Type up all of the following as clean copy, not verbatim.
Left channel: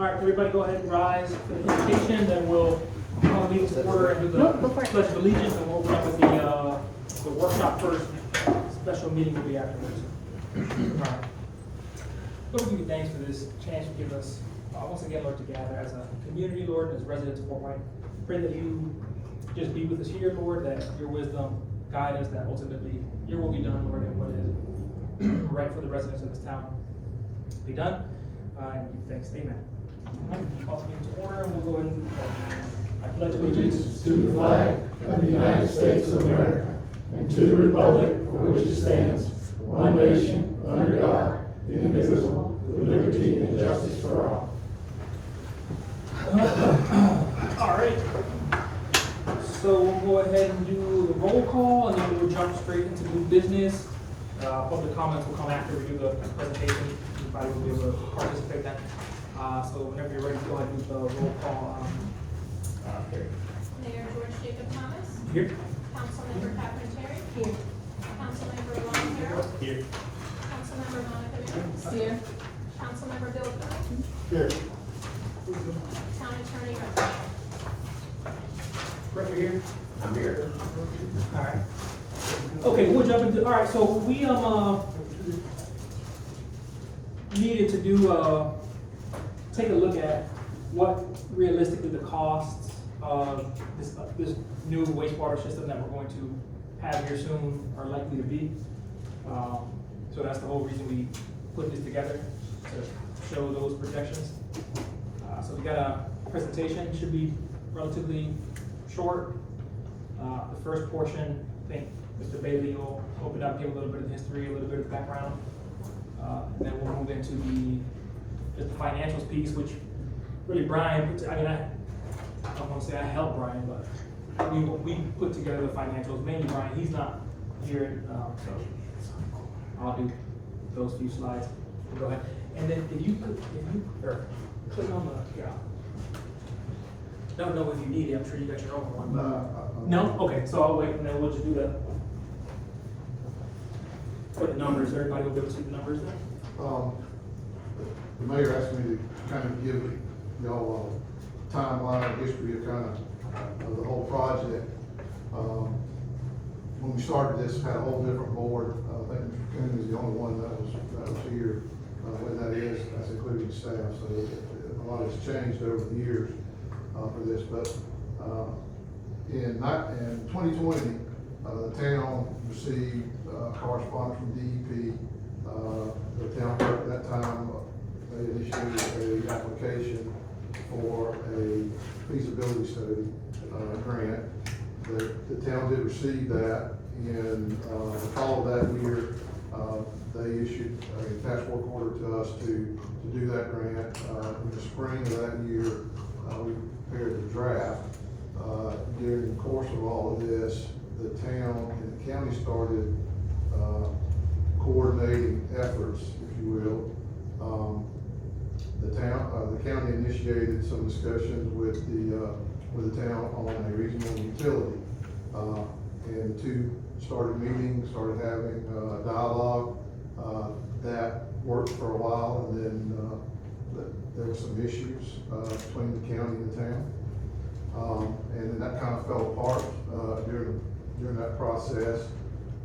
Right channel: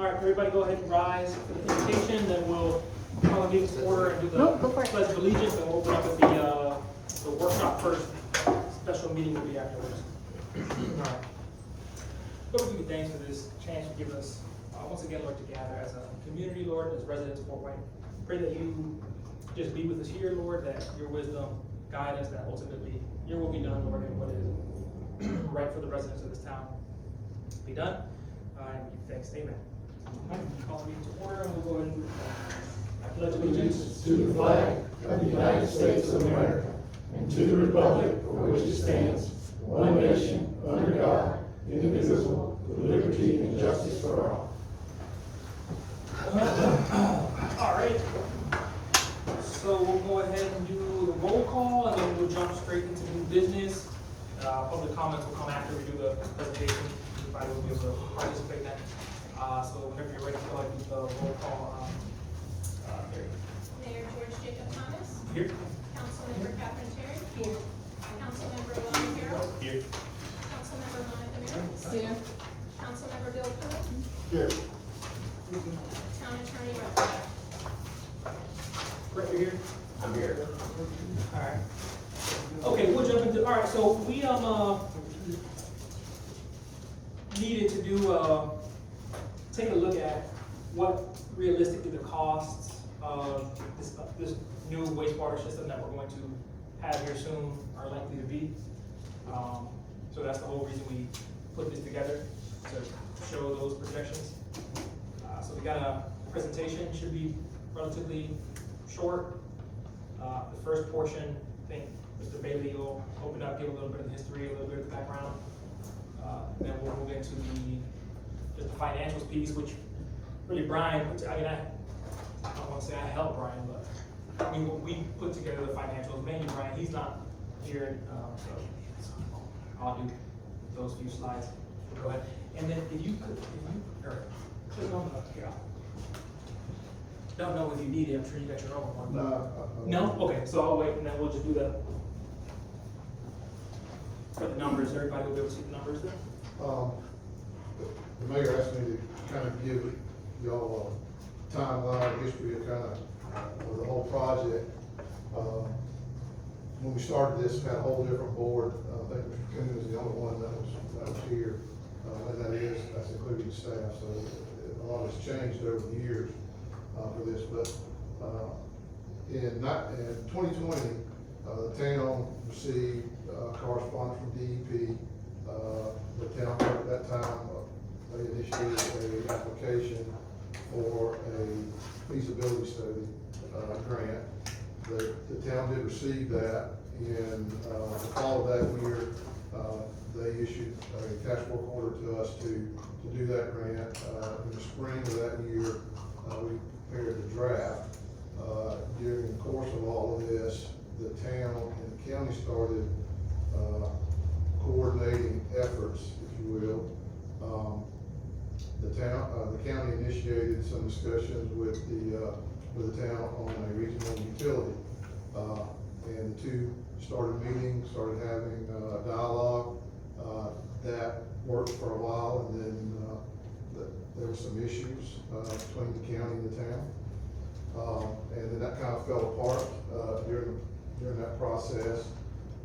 All right, everybody go ahead and rise for the presentation, then we'll call the meeting to order and do the pledge of allegiance, and we'll run with the workshop first. Special meeting will be afterwards. All right. Lord, we give you thanks for this chance you give us, once again, Lord, to gather as a community, Lord, as residents of Fort White. Pray that you just be with us here, Lord, that your wisdom guide us, that ultimately your will be done, Lord, and what is right for the residents of this town be done. And give thanks, amen. All right, call the meeting to order, and we'll go ahead and I pledge allegiance to the flag of the United States of America and to the republic for which it stands, one nation, under God, indivisible, with liberty and justice for all. All right. So we'll go ahead and do the roll call, and then we'll jump straight into new business. Public comments will come after we do the presentation. Everybody will be able to participate then. So whenever you're ready, go ahead and do the roll call. Mayor George Jacob Thomas. Here. Councilmember Catherine Terry. Here. Councilmember Ron Harrell. Here. Councilmember Monica Ricks. Here. Councilmember Bill Coon. Here. Town Attorney Russ. Right here. I'm here. All right. Okay, we'll jump into, all right, so we, needed to do, take a look at what realistically the costs of this new wastewater system that we're going to have here soon are likely to be. So that's the whole reason we put this together, to show those projections. So we got a presentation, should be relatively short. The first portion, I think Mr. Bailey will open up, give a little bit of history, a little bit of background. And then we'll move into just the financials piece, which really Brian, I don't want to say I helped Brian, but we put together the financials, mainly Brian, he's not here, so I'll do those few slides. Go ahead. And then if you click on the, don't know if you need it, I'm sure you got your own one, but. No? Okay, so I'll wait and then we'll just do that. For the numbers, everybody will be able to see the numbers. The mayor asked me to kind of give y'all a timeline of history of kind of the whole project. When we started this, had a whole different board. I think Mr. Coon is the only one that was here. When that is, that's including staff. So a lot has changed over the years for this. But in 2020, the town received correspondence from DEP. The town clerk at that time, they initiated an application for a feasibility study grant. The town did receive that, and the fall of that year, they issued a task work order to us to do that grant. In the spring of that year, we prepared the draft. During the course of all of this, the town and the county started coordinating efforts, if you will. The county initiated some discussions with the town on a regional utility, and the two started meeting, started having dialogue. That worked for a while, and then there were some issues between the county and the town, and then that kind of fell apart during that process.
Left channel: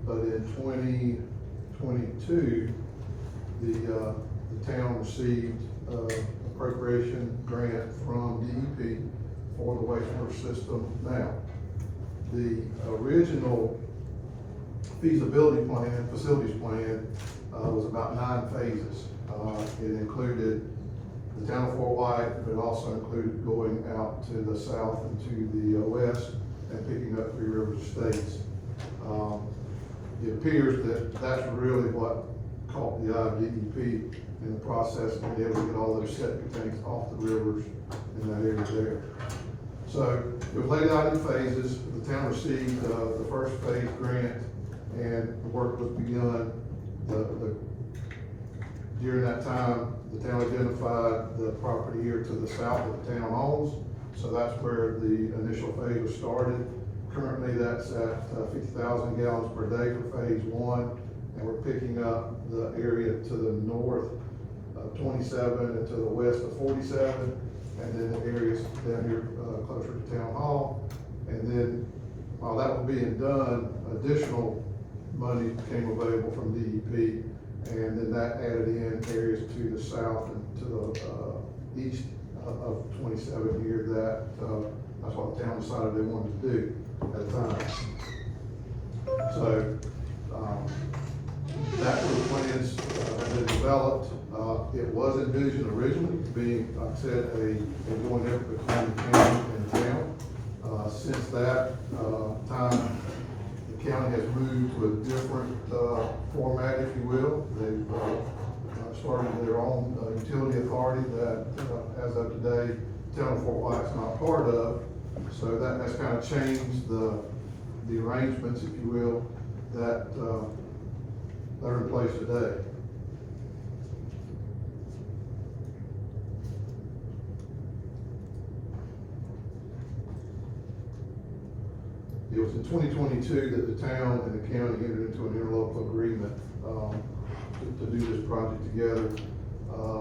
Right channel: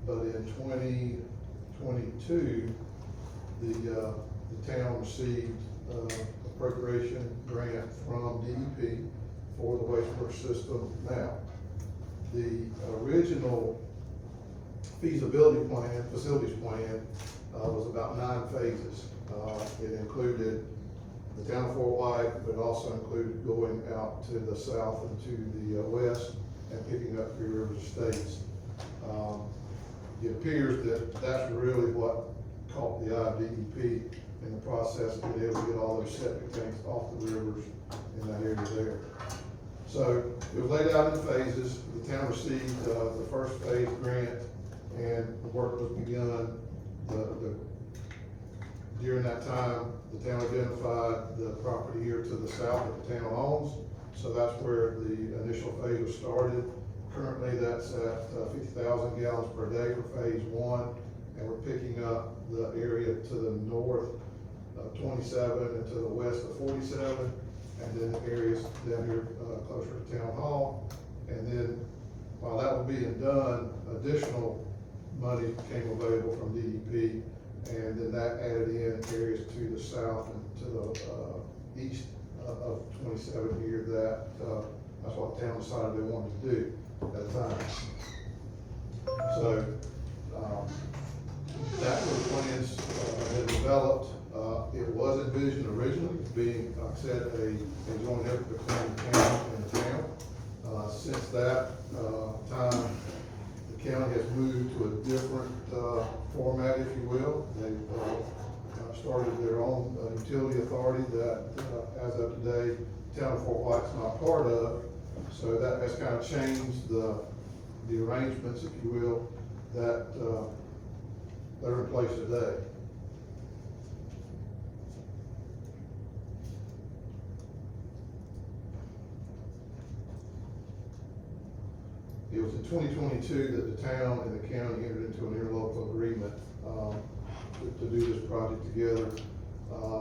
But in 2022, the town received appropriation grant from DEP for the wastewater system now. The original feasibility plan, facilities plan, was about 9 phases. It included the town of Fort White, but it also included going out to the south and to the west and picking up Three Rivers Estates. It appears that that's really what caught the eye of DEP in the process of being able to get all those septic tanks off the rivers in that area there. So it was laid out in phases. The town received the first phase grant, and the work was begun. During that time, the town identified the property here to the south that the town owns. So that's where the initial phase was started. Currently, that's at 50,000 gallons per day for phase 1, and we're picking up the area to the north 27 and to the west of 47, and then the areas down here, closer to Town Hall. And then, while that was being done, additional money became available from DEP, and then that added in areas to the south and to the east of 27 here that's what the town decided they wanted to do at the time. So, that were the plans that been developed. It was envisioned originally being, like I said, a joint effort between the county and the town. Since that time, the county has moved to a different format, if you will. They've started their own utility authority that, as of today, town of Fort White's not part of. So that's kind of changed the arrangements, if you will, that are in place today. It was in 2022 that the town and the county entered into an interlocal agreement to do this project together.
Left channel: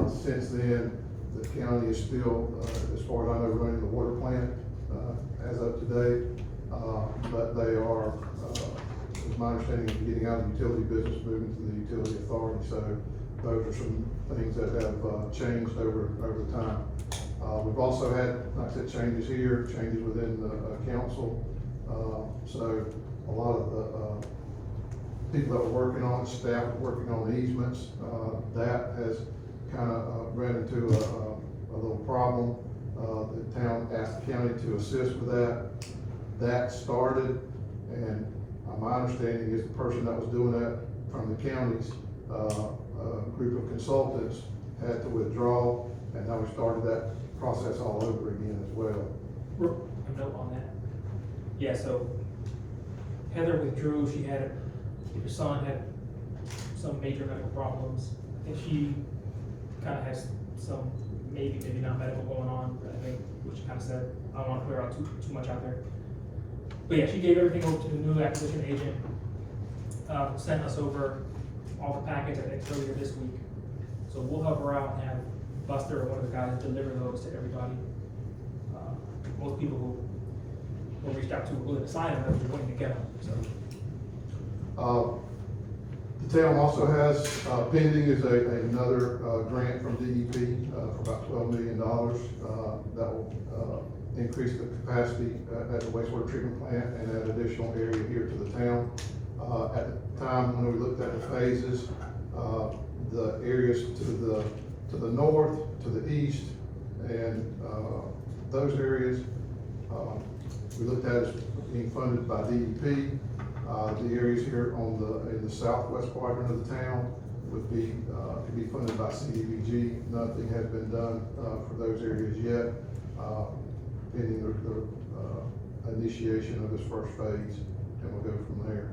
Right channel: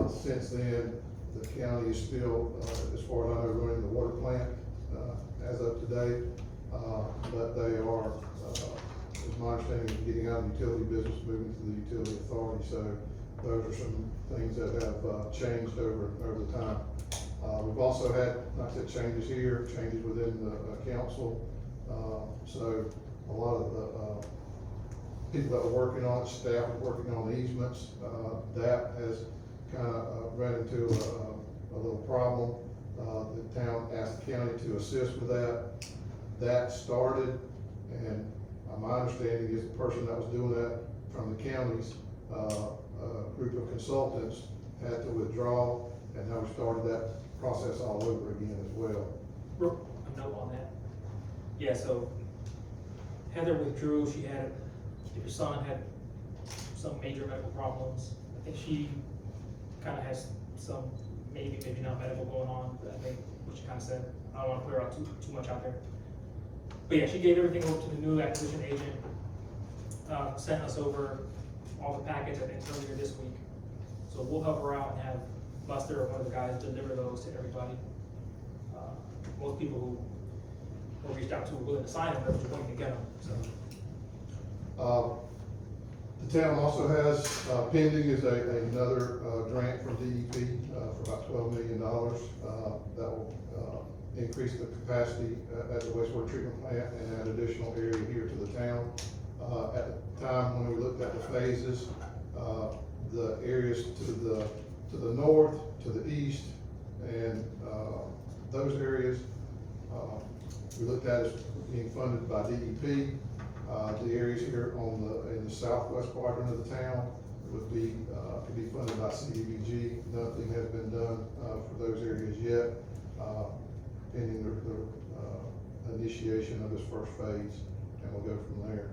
Since then, the county is still, as far as I know, running the water plant as of today, but they are, as my understanding, is getting out of the utility business, moving to the utility authority. So those are some things that have changed over time. We've also had, like I said, changes here, changes within the council. So a lot of the people that were working on it, staff working on the easements, that has kind of ran into a little problem. The town asked the county to assist with that. That started, and my understanding is the person that was doing that from the county's group of consultants had to withdraw, and now we started that process all over again as well. A note on that. Yeah, so Heather withdrew. She had, her son had some major medical problems, and she kind of has some maybe not medical going on, I think, which she kind of said. I don't want to clear out too much out there. But yeah, she gave everything over to the new acquisition agent, sent us over all the packets, I think, earlier this week. So we'll help her out and have Buster or one of the guys deliver those to everybody. Most people who reached out to were willing to sign them, but we're going to get them, so. The town also has, pending is another grant from DEP for about $12 million that will increase the capacity at the wastewater treatment plant and add additional area here to the town. At the time when we looked at the phases, the areas to the north, to the east, and those areas we looked at as being funded by DEP. The areas here in the southwest quadrant of the town would be, could be funded by CDBG. Nothing has been done for those areas yet, pending the initiation of this first phase, and we'll go from there.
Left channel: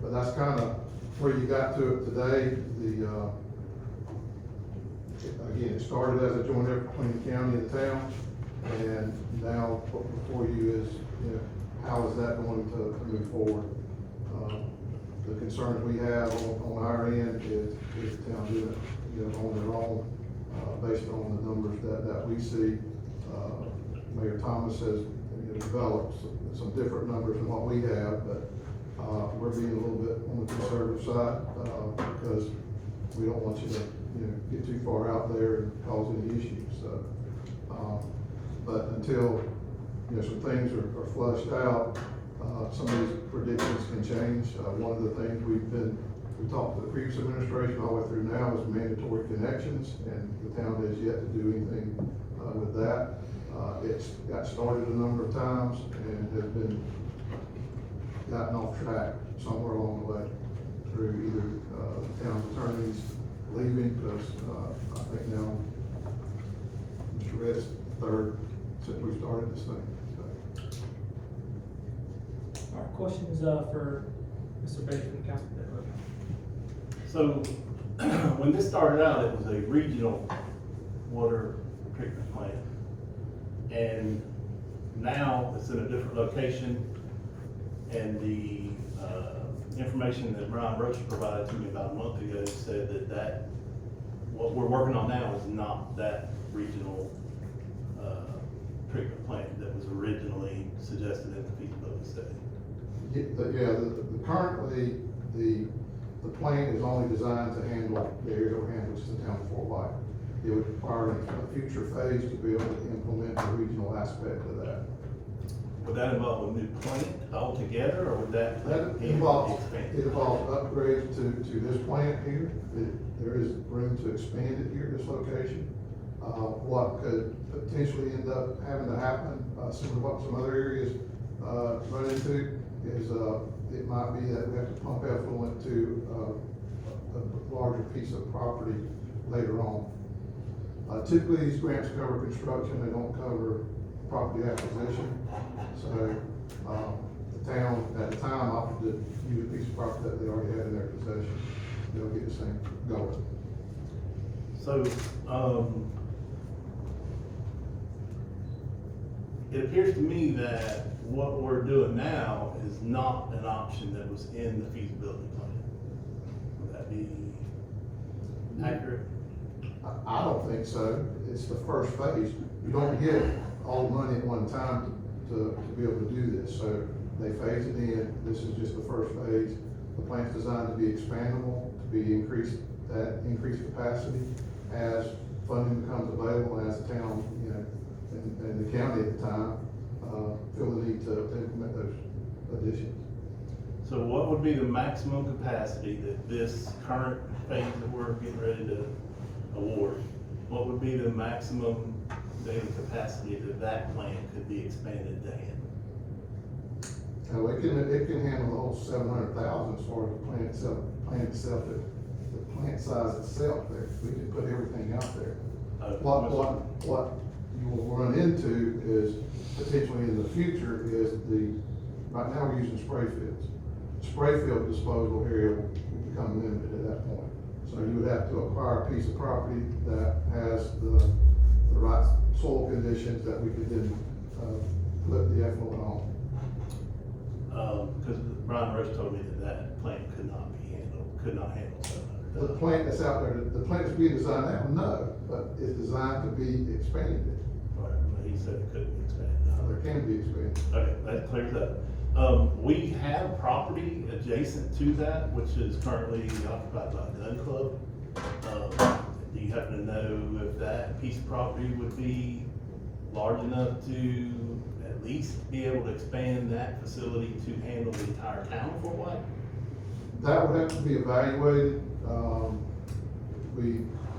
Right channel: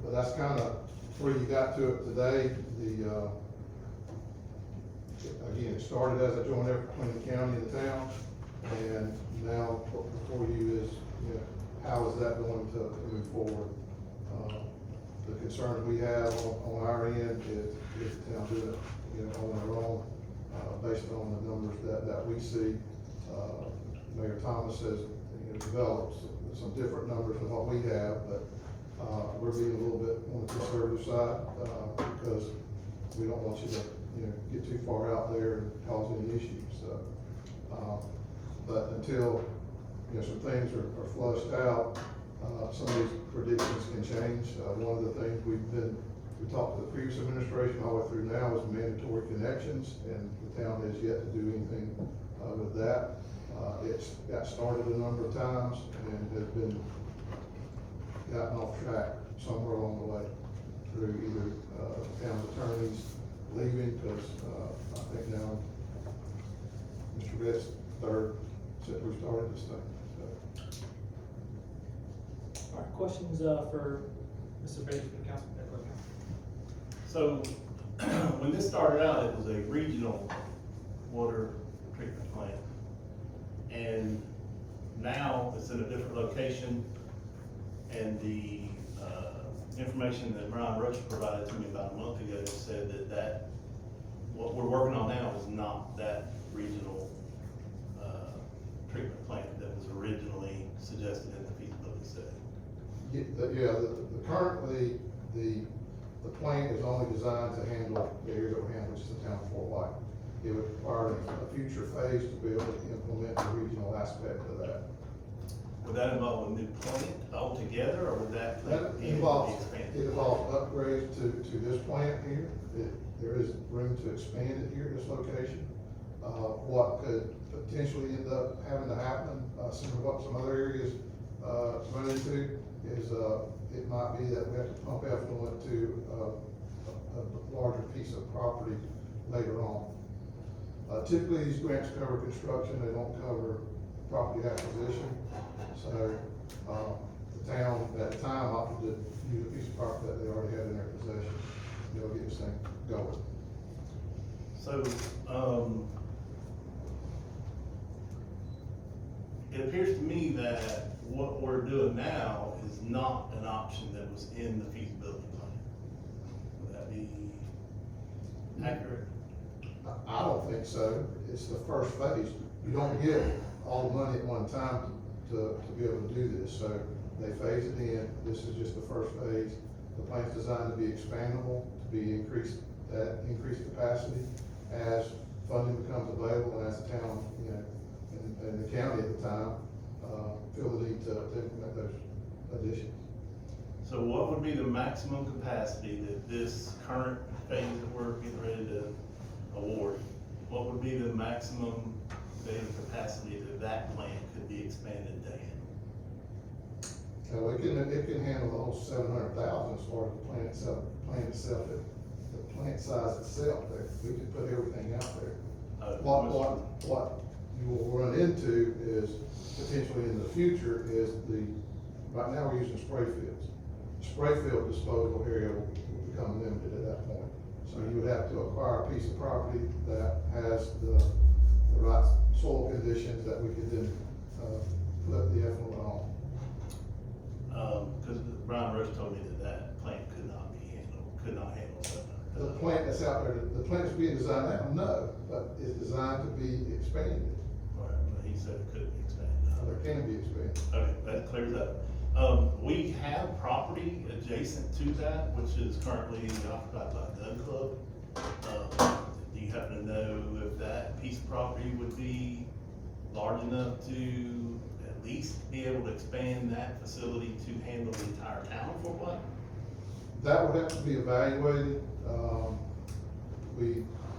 But that's kind of where you got to it today. Again, it started as a joint effort between the county and the town, and now before you is, how is that going to move forward? The concerns we have on our end is the town doing it, on their own, based on the numbers that we see. Mayor Thomas has developed some different numbers than what we have, but we're being a little bit on the conservative side because we don't want you to get too far out there and cause any issues. So, but until some things are flushed out, some of these predictions can change. One of the things we talked to the previous administration all the way through now was mandatory connections, and the town has yet to do anything with that. It's got started a number of times and has been gotten off track somewhere along the way through either town attorneys leaving, because I think now Mr. Redd's third since we started this thing. All right, questions for Mr. Bates from the council? So, when this started out, it was a regional water treatment plant. And now it's in a different location. And the information that Brian Roach provided to me about a month ago said that what we're working on now is not that regional, treatment plant that was originally suggested in the feasibility study. Currently, the plant is only designed to handle the area we're handling, which is the town of Fort White. It would require a future phase to be able to implement the regional aspect of that. Would that involve a new plant altogether, or would that That plant be involves, expanded? it involves upgrades to this plant here. There is room to expand it here at this location. What could potentially end up having to happen, similar to what some other areas, run into, is, it might be that we have to pump effluent to, a larger piece of property later on. Typically, these grants cover construction, they don't cover property acquisition. So, the town at the time opted to use a piece of property that they already had in their possession. They'll get this thing going. So, it appears to me that what we're doing now is not an option that was in the feasibility plan. Would that be accurate? I don't think so. It's the first phase. You don't get all the money at one time to be able to do this. So they phase it in. This is just the first phase. The plant's designed to be expandable, to be increased capacity as funding becomes available, as the town, and the county at the time, feel the need to implement those additions. So what would be the maximum capacity that this current phase that we're getting ready to award, what would be the maximum daily capacity that that plant could be expanded to handle? It can handle the whole 700,000 as far as the plant itself, the plant size itself there. We can put everything out there. What you will run into is potentially in the future is right now we're using spray fields. Spray field disposal area will become limited at that point. So you would have to acquire a piece of property that has the right soil conditions that we could then, put the effluent on. Cause Brian Roach told me that plant could not handle 700. The plant that's out there, the plant that's being designed now, no, but it's designed to be expanded. Right, he said it couldn't be expanded. There can be expanded. Okay, that clears that. We have property adjacent to that, which is currently occupied by a gun club. Do you happen to know if that piece of property would be large enough to at least be able to expand that facility to handle the entire town of Fort White? That would have to be evaluated.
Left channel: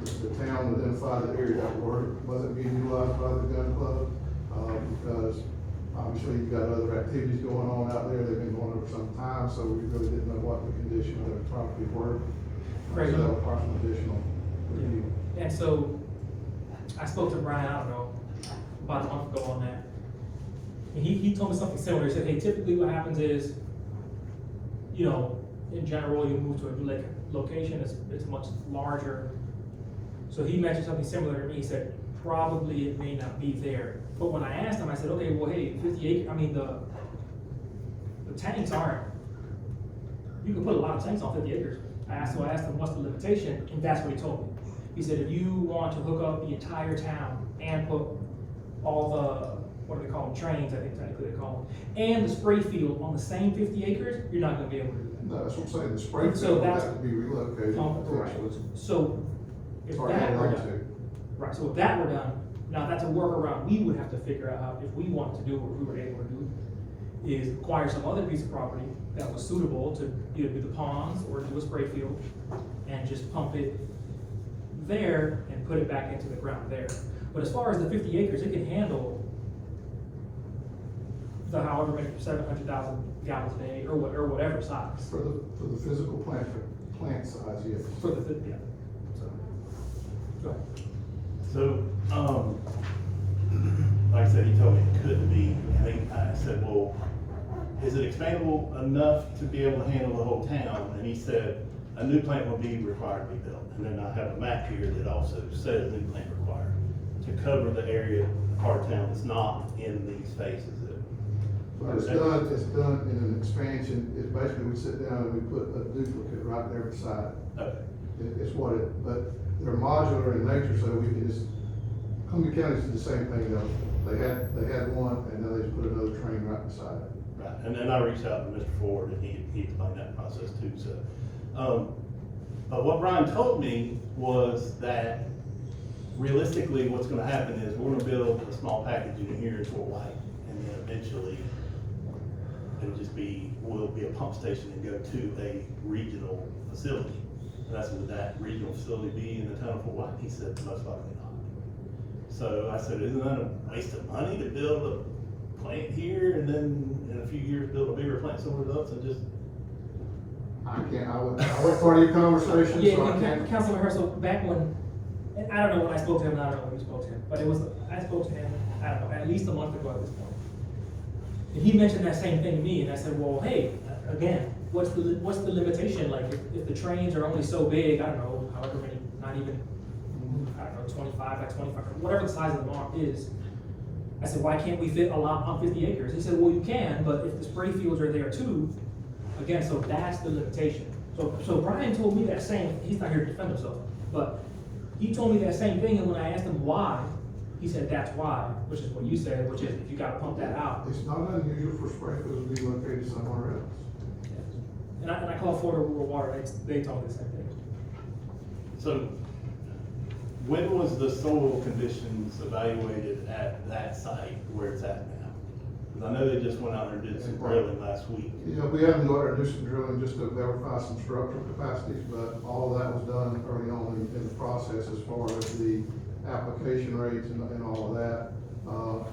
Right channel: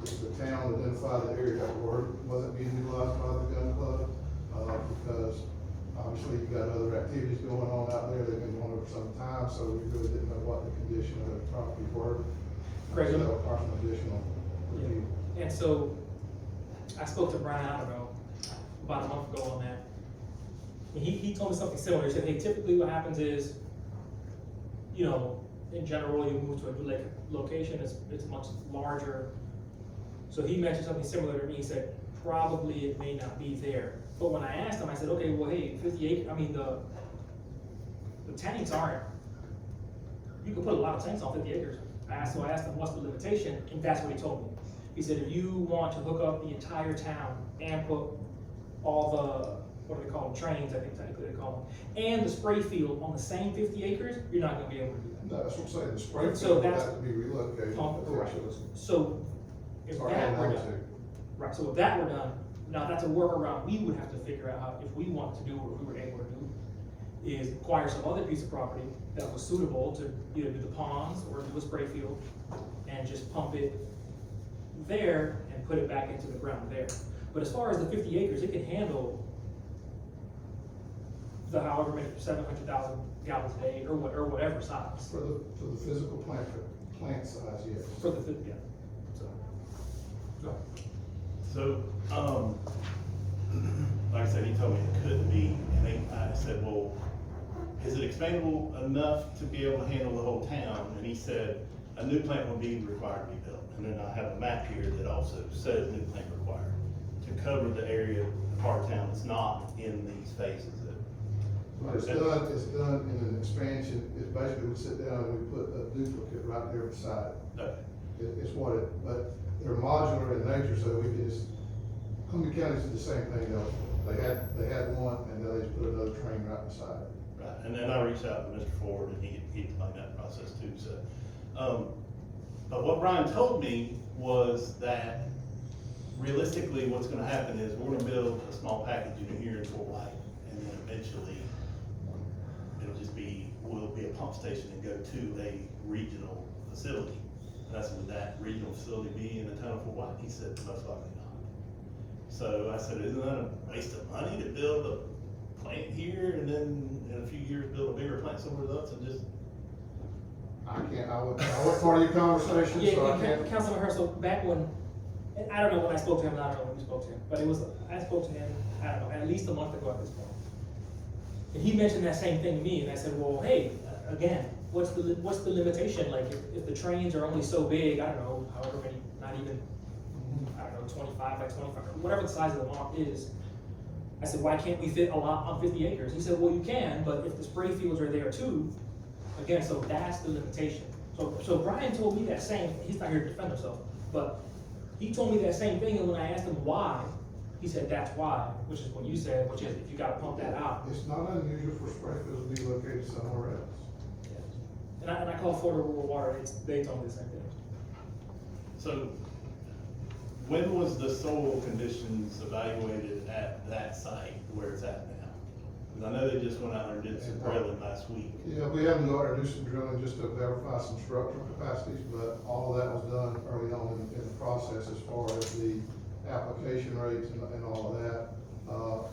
The town identified the area that wasn't being utilized by the gun club, because obviously you've got other activities going on out there. They've been going on for some time, so we really didn't know what the condition of those properties were. Great. So that would require some additional review. And so, I spoke to Brian, I don't know, about a month ago on that. And he told me something similar. He said, hey, typically what happens is, in general, you move to a new location, it's much larger. So he mentioned something similar to me. He said, probably it may not be there. But when I asked him, I said, okay, well, hey, 50 acre, the tanks aren't, you can put a lot of tanks on 50 acres. I asked him, what's the limitation? And that's what he told me. He said, if you want to hook up the entire town and put all the, what do they call them, trains, I think technically they call them, and the spray field on the same 50 acres, you're not gonna be able to do that. No, that's what I'm saying. The spray So field would that's- have to be relocated. Correct. potentially. So, if It's already that had were done done, too. right, so if that were done, now that's a workaround we would have to figure out how, if we wanted to do what we were able to do, is acquire some other piece of property that was suitable to either do the ponds or do a spray field, and just pump it there and put it back into the ground there. But as far as the 50 acres, it can handle the however many, 700,000 gallons a day, or whatever size. For the physical plant size, yes. For the, yeah, so. Go. So, like I said, he told me it couldn't be, and then I said, well, is it expandable enough to be able to handle the whole town? And he said, a new plant will be required to be built. And then I have a map here that also says new plant required to cover the area, the part of town that's not in these phases. But it's done in an expansion. It's basically, we sit down and we put a duplicate right there beside. Okay, It's what but they're modular in nature, so we can just, Columbia County did the same thing though. They had one, and now they just put another train right beside it. Right, and then I reached out to Mr. Ford, and he explained that process too, so. But what Brian told me was that realistically, what's gonna happen is we're gonna build a small package unit here in Fort White, and then eventually it'll just be, will be a pump station and go to a regional facility. And I said, would that regional facility be in the town of Fort White? He said, most likely not. So I said, isn't that a waste of money to build a plant here and then in a few years build a bigger plant somewhere else and just? I was part of your conversation, Yeah, so I yeah, can't. Councilman Herzl, back when, and I don't know when I spoke to him, I don't know when we spoke to him, but it was, I spoke to him, I don't know, at least a month ago at this point. And he mentioned that same thing to me, and I said, well, hey, again, what's the limitation, like, if the trains are only so big, I don't know, however many, not even, I don't know, 25 by 25, whatever the size of the lot is. I said, why can't we fit a lot on 50 acres? He said, well, you can, but if the spray fields are there too, again, so that's the limitation. So Brian told me that same, he's not here to defend himself, but he told me that same thing, and when I asked him why, he said that's why, which is what you said, which is if you gotta pump that out. It's not unusual for spray fields to be located somewhere else. And I called Florida Rural Water, they told me the same thing. So, when was the soil conditions evaluated at that site where it's at now? Because I know they just went out there and did some drilling last week. You know, we haven't got our do some drilling just to verify some structural capacities, but all of that was done early on in the process as far as the application rates and all of that.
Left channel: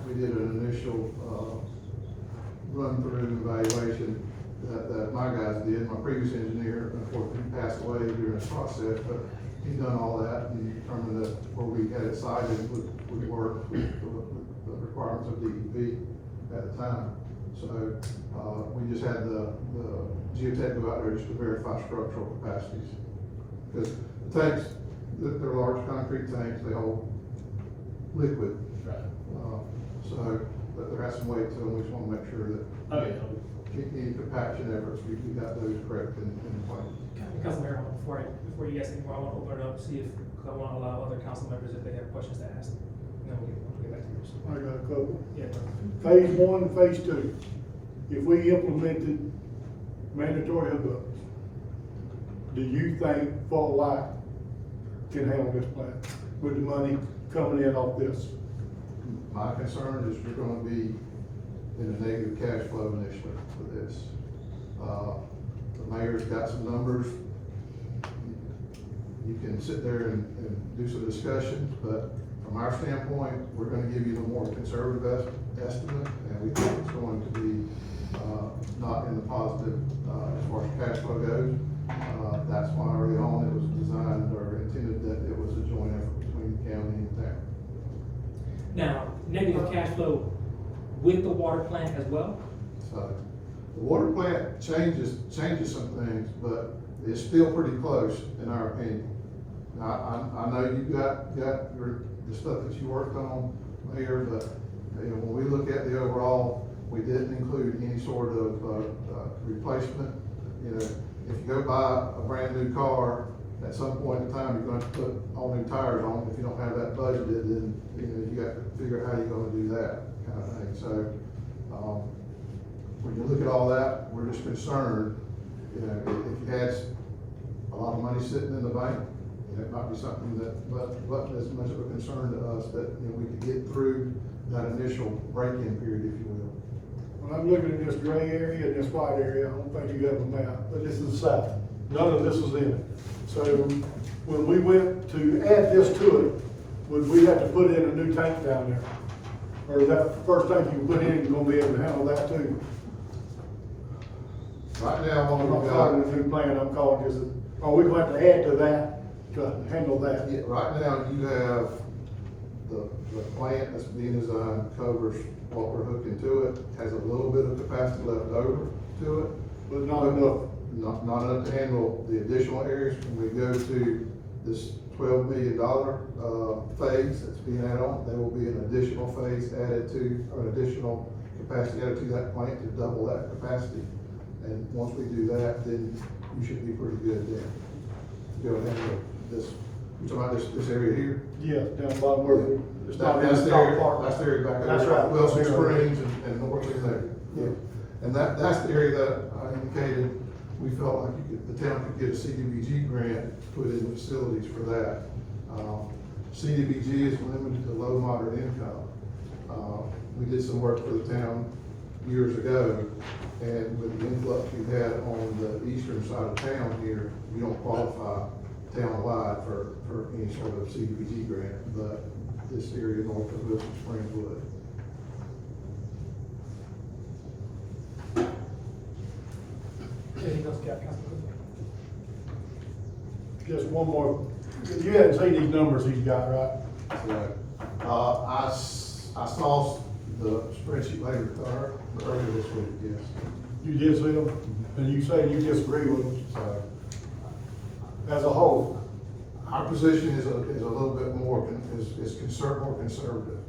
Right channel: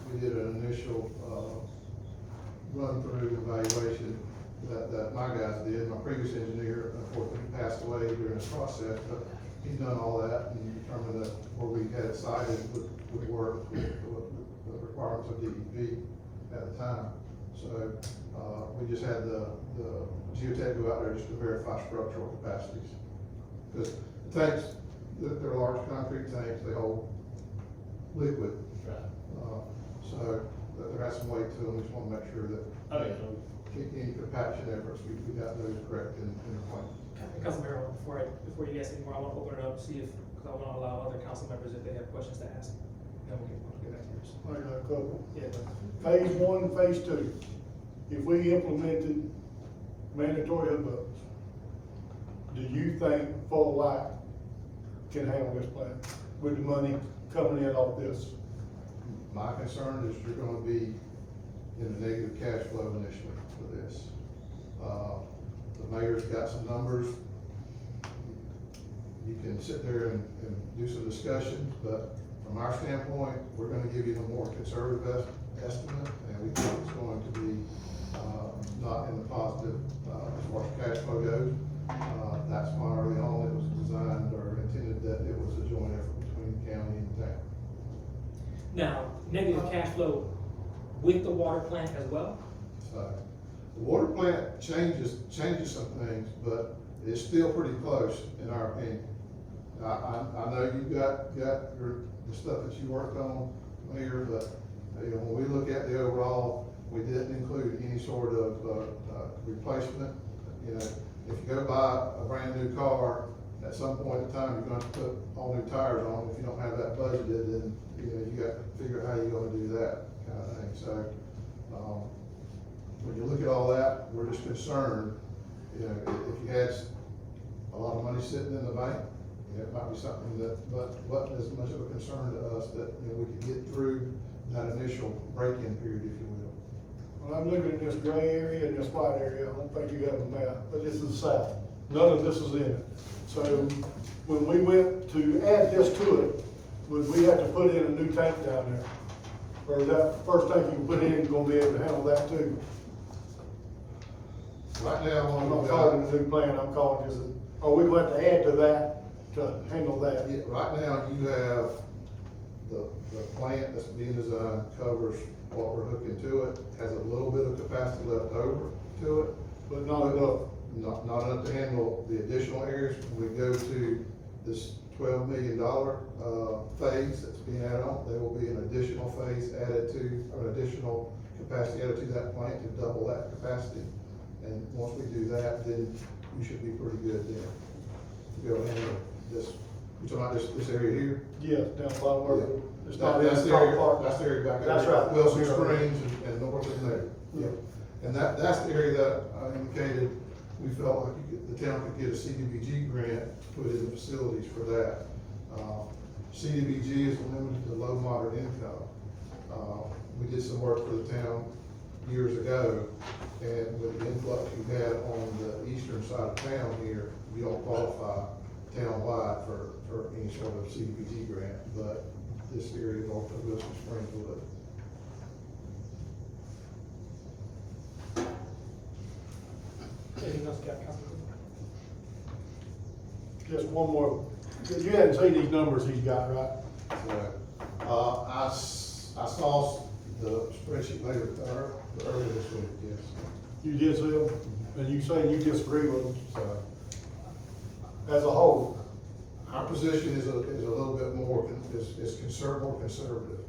We did an initial, run-through evaluation that my guys did. My previous engineer, unfortunately, passed away during the process, but he's done all that and determined that where we had it sited would work with the requirements of DEP at the time. So, we just had the geotech go out there just to verify structural capacities. Because the tanks, they're large concrete tanks, they hold liquid. Right. So, but there has some weight to them, we just wanna make sure that Oh, yeah. any compaction efforts, we got those correct in the plan. Councilman Herzl, before you guys think more, I want to open it up, see if, I want to allow other council members if they have questions to ask. And then we'll get back to yours. I got a couple. Yeah. Phase one and phase two, if we implemented mandatory hookups, do you think Fort White can handle this plan with the money coming in off this? My concern is you're gonna be in a negative cash flow initially for this. The mayor's got some numbers. You can sit there and do some discussions, but from our standpoint, we're gonna give you the more conservative estimate, and we think it's going to be, not in the positive, as far as cash flow goes. That's why early on it was designed or intended that it was a joint effort between the county and town. Now, negative cash flow with the water plant as well? So, the water plant changes some things, but it's still pretty close, in our opinion. I know you got the stuff that you worked on here, but, you know, when we look at the overall, we didn't include any sort of, replacement. You know, if you go buy a brand new car, at some point in time, you're going to put all new tires on. If you don't have that budgeted, then, you know, you got to figure out how you're gonna do that kind of thing. So, when you look at all that, we're just concerned, you know, if you had a lot of money sitting in the bank, and it might be something that wasn't as much of a concern to us, that, you know, we could get through that initial break-in period, if you will. When I'm looking at this gray area and this white area, I don't think you got a map, but this is the south. None of this is in it. So when we went to add this to it, would we have to put in a new tank down there? Or is that the first tank you put in, you're gonna be able to handle that too? Right now, what I'm not we've calling got, it a new plan, I'm calling this, are we going to add to that to handle that? yeah, right now, you have the plant that's being designed covers what we're hooking to it, has a little bit of capacity left over to it. But not enough. Not enough to handle the additional areas. When we go to this $12 million, phase that's being added on, there will be an additional phase added to, or an additional capacity added to that plant to double that capacity. And once we do that, then you should be pretty good then, to be able to handle this You talking about this area here? Yeah, down the bottom where it's not That's really the area, park. that's the area back That's there, right. Wilson Springs and north of there. Yeah. And that's the area that I indicated, we felt like the town could get a CDBG grant, put in the facilities for that. CDBG is limited to low moderate income. We did some work for the town years ago, and with the influx you had on the eastern side of town here, you don't qualify town-wide for any sort of CDBG grant, but this area north of Wilson Springs would. Anything else, Councilman? Just one more, you hadn't seen these numbers he's got, right? Right. I saw the spreadsheet later, earlier this week, yes. You did see them, and you say you disagree with them, So, as a whole. our position is a little bit more, more conservative.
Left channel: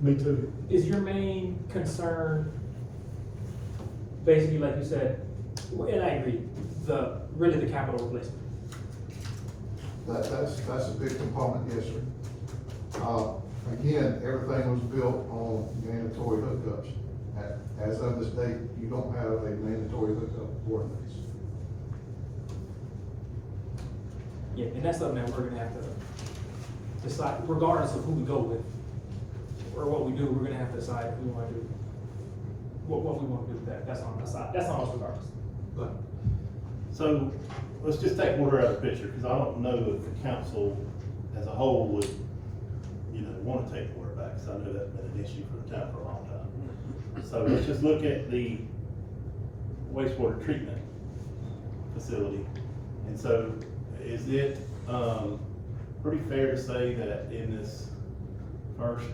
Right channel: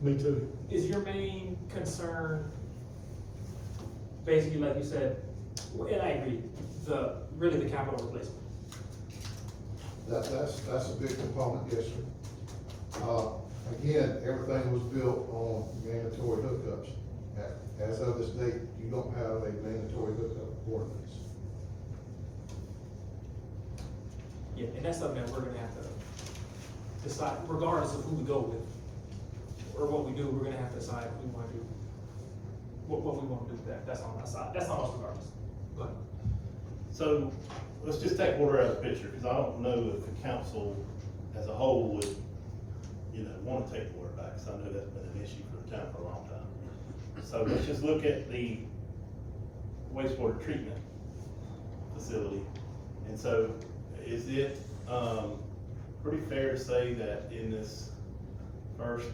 Me too. Is your main concern, basically, like you said, and I agree, really the capital replacement? That's a big component, yes, sir. Again, everything was built on mandatory hookups. As of this date, you don't have a mandatory hookup ordinance. Yeah, and that's something that we're gonna have to decide, regardless of who we go with, or what we do, we're gonna have to decide if we wanna do, what we wanna do with that, that's on us regardless. So, let's just take water out of the picture, because I don't know if the council as a whole would, want to take water back, because I know that's been an issue for the town for a long time. So let's just look at the wastewater treatment facility. And so, is it, pretty fair to say that in this first,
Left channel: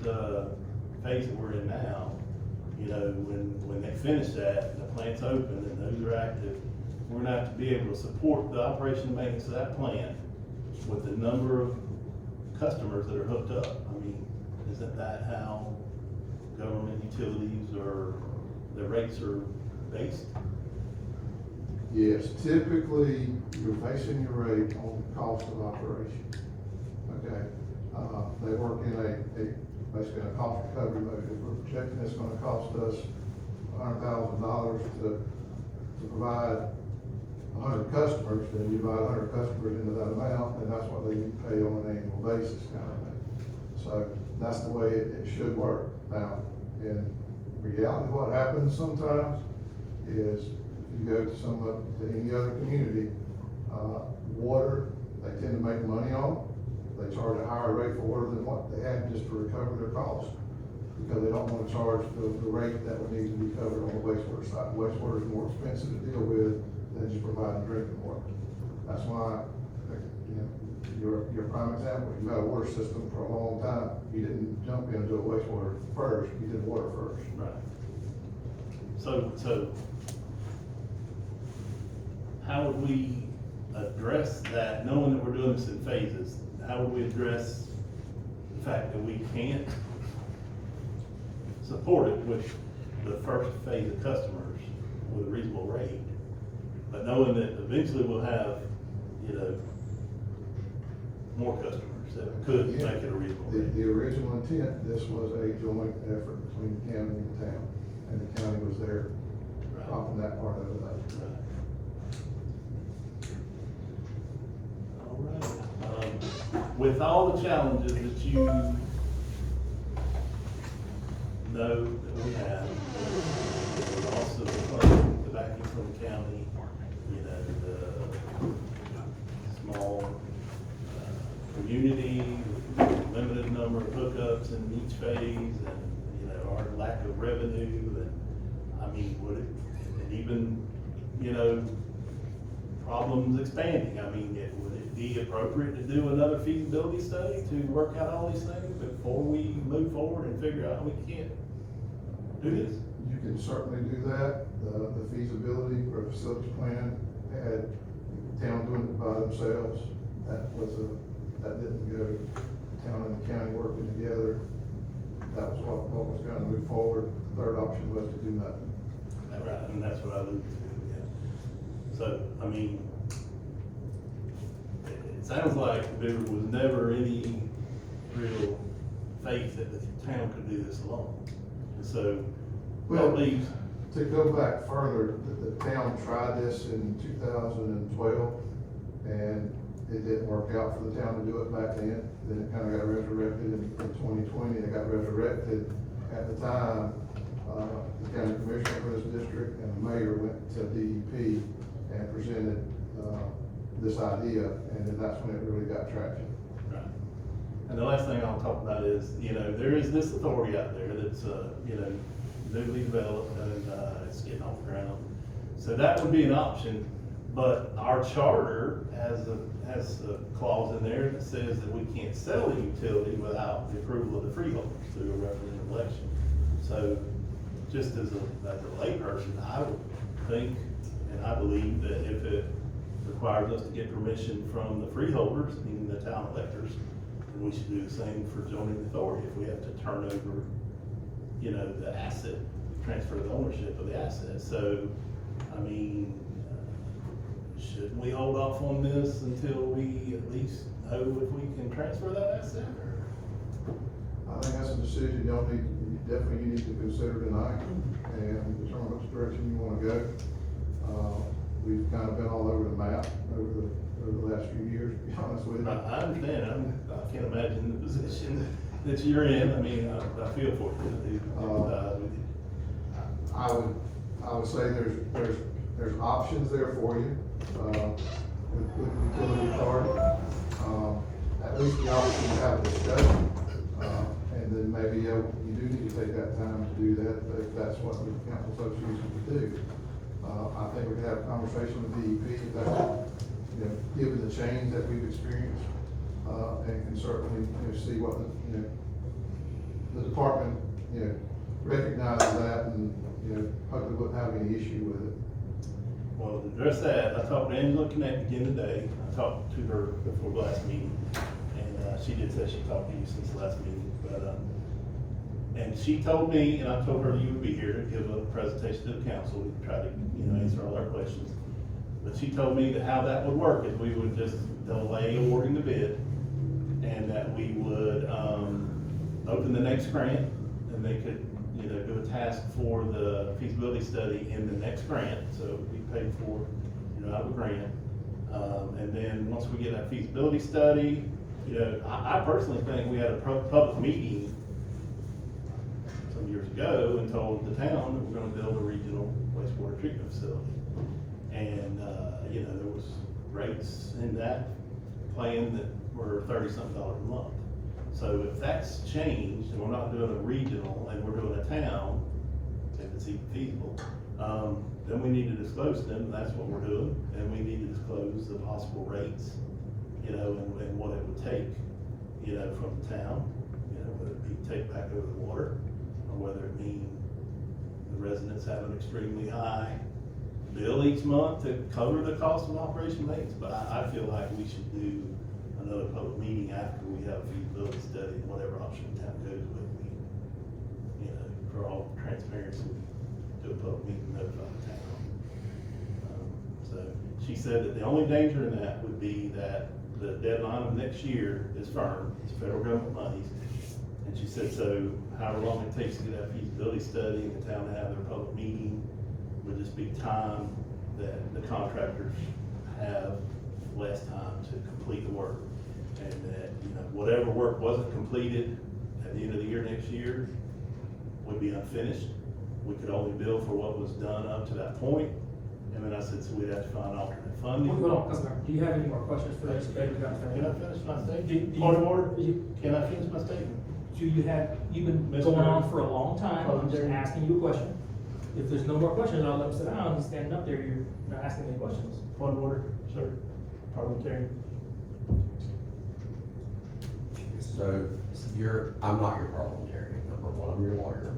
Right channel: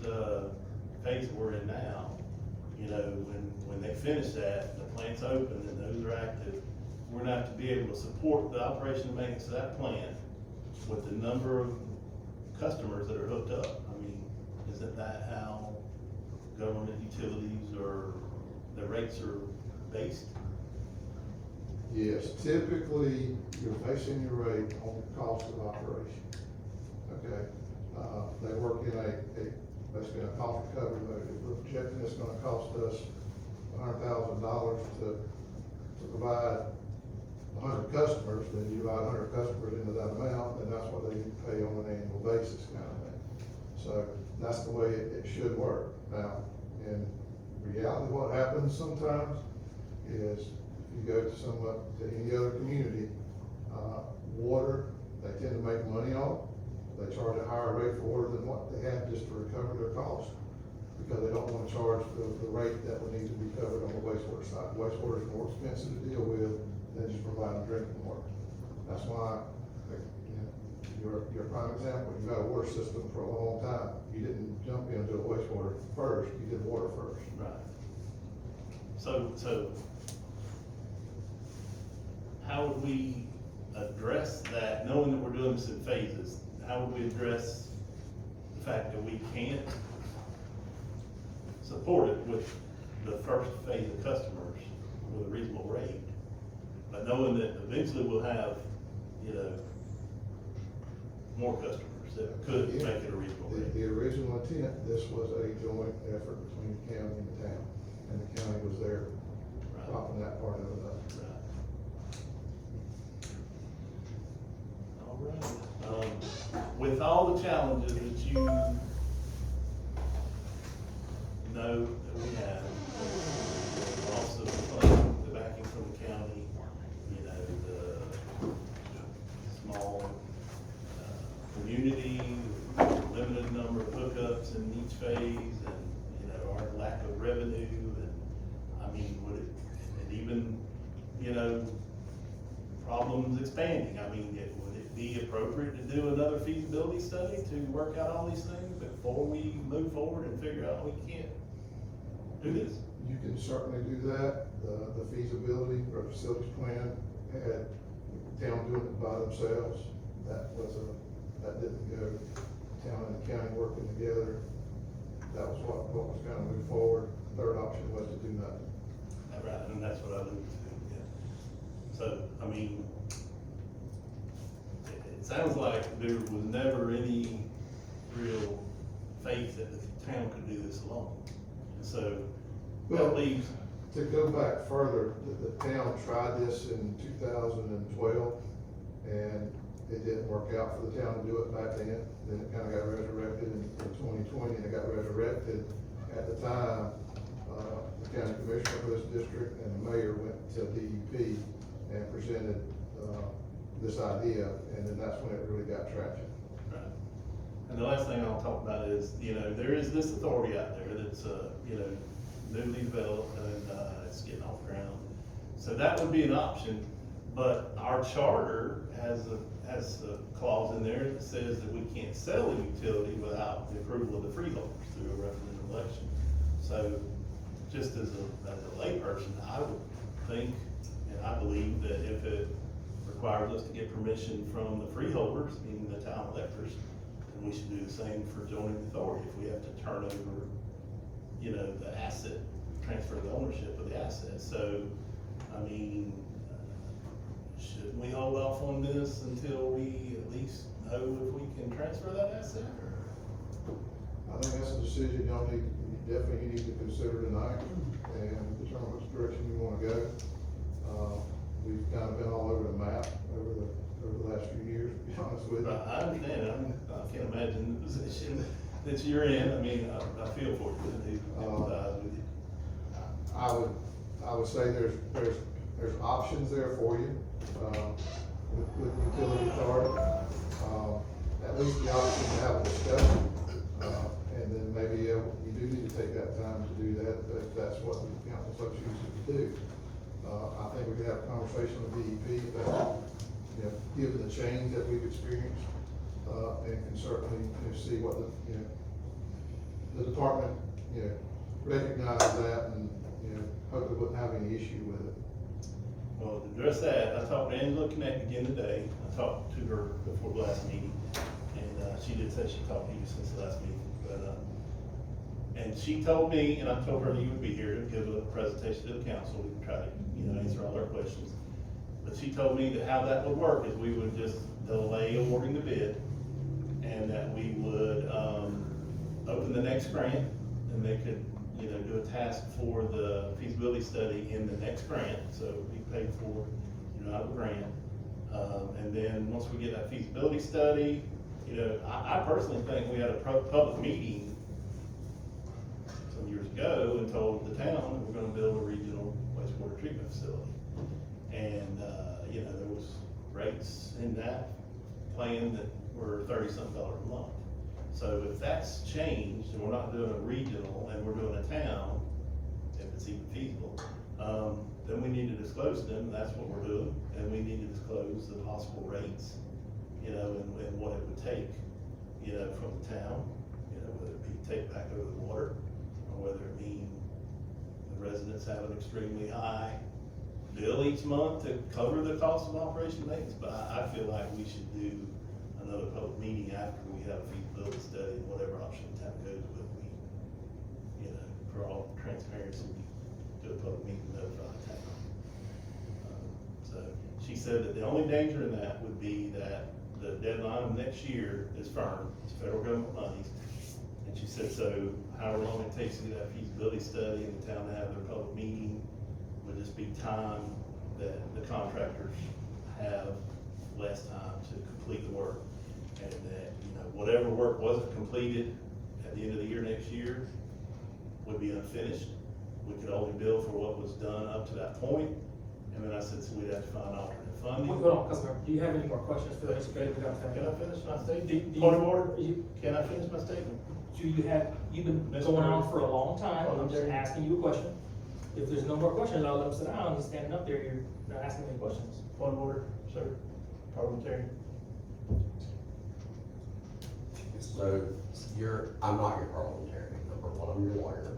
phase that we're in now, when they finish that, the plant's open and those are active, we're gonna have to be able to support the operation and maintenance of that plant with the number of customers that are hooked up. I mean, isn't that how government utilities or the rates are based? Yes, typically, you're basing your rate on the cost of operation. Okay, they work in basically a cost recovery mode. If we're projecting it's gonna cost us $100,000 to provide 100 customers, then you divide 100 customers into that amount, and that's what they pay on an annual basis kind of thing. So that's the way it should work. Now, in reality, what happens sometimes is you go to any other community, water, they tend to make money on. They charge a higher rate for water than what they have just to recover their cost, because they don't want to charge the rate that would need to be covered on the wastewater side. Wastewater is more expensive to deal with than just providing drinking water. That's why, your prime example, you had a water system for a long time. You didn't jump into a wastewater first, you did water first. Right. So how would we address that, knowing that we're doing this in phases? How would we address the fact that we can't support it with the first phase of customers with a reasonable rate? But knowing that eventually we'll have, more customers that could make it a reasonable rate. The original intent, this was a joint effort between the county and the town, and the county was there propping that part of it up. All right. With all the challenges that you know that we have, the loss of the funding, the backing from the county, the small community, limited number of hookups in each phase, and, our lack of revenue, and, I mean, would it, and even, problems expanding, I mean, would it be appropriate to do another feasibility study to work out all these things before we move forward and figure out we can't do this? You can certainly do that. The feasibility for a facilities plan had town doing it by themselves. That didn't go, town and the county working together. That was what was gonna move forward. The third option was to do nothing. Right, and that's what I alluded to, yeah. So, I mean, it's sounds like there was never any real faith that the town could do this alone. And so, Well, that leaves, To go back further, the town tried this in 2012, and it didn't work out for the town to do it back then. Then it kind of got resurrected in 2020, it got resurrected. At the time, the county commissioner for this district and the mayor went to DEP and presented, this idea, and then that's when it really got traction. right. And the last thing I'll talk about is, there is this authority out there that's, newly developed and, it's getting off the ground. So that would be an option, but our charter has a clause in there that says that we can't sell a utility without the approval of the freeholders through a referendum election. So, just as a layperson, I would think, and I believe that if it requires us to get permission from the freeholders, meaning the town electors, then we should do the same for joining the authority if we have to turn over, the asset, transfer the ownership of the asset. So, I mean, shouldn't we hold off on this until we at least know if we can transfer that asset? I think that's a decision you need to consider tonight and determine which direction you wanna go. We've kind of been all over the map over the last few years, to be honest with you. I understand, I can't imagine the position that you're in, I mean, I feel for you. I would say there's options there for you, with utility authority. At least the option to have a discussion, and then maybe you do need to take that time to do that, if that's what the council association would do. I think we could have a conversation with DEP about, given the change that we've experienced, and certainly, see what the department, recognizes that and, hopefully wouldn't have any issue with it. Well, to address that, I talked to Angela Connect again today, I talked to her before the last meeting, and, she did say she talked to you since the last meeting, but, and she told me, and I told her that you would be here to give a presentation to the council, we could try to, answer all our questions. But she told me that how that would work is we would just delay awarding the bid, and that we would, open the next grant, and they could, do a task for the feasibility study in the next grant, so it would be paid for, out of the grant. And then, once we get that feasibility study, I personally think we had a public meeting some years ago and told the town that we're gonna build a regional wastewater treatment facility. And, there was rates in that plan that were $30-something a month. So if that's changed, and we're not doing a regional, and we're doing a town, if it's even feasible, then we need to disclose them, and that's what we're doing, and we need to disclose the possible rates, and what it would take, from the town, whether it be take back over the water, or whether it mean the residents have an extremely high bill each month to cover the cost of operation maintenance. But I feel like we should do another public meeting after we have a feasibility study, and whatever option the town goes with, we, for all transparency, do a public meeting, notify the town. So she said that the only danger in that would be that the deadline of next year is firm, it's federal government monies. And she said, so however long it takes to get that feasibility study and the town to have their public meeting would just be time that the contractors have less time to complete the work. And that, whatever work wasn't completed at the end of the year next year would be unfinished. We could only bill for what was done up to that point. And then I said, so we'd have to find alternate funding. Hold on, Councilmember, do you have any more questions for this? Can I finish my Do statement? you- Point of order? you- Can I finish my statement? You've been Mr. going on Mayor. for a long time, I'm just asking you a question. If there's no more questions, I'll let them sit down and standing up there, you're not asking any questions. Point of order, sir, parliamentarian. So, I'm not your parliamentarian, number one, I'm your lawyer.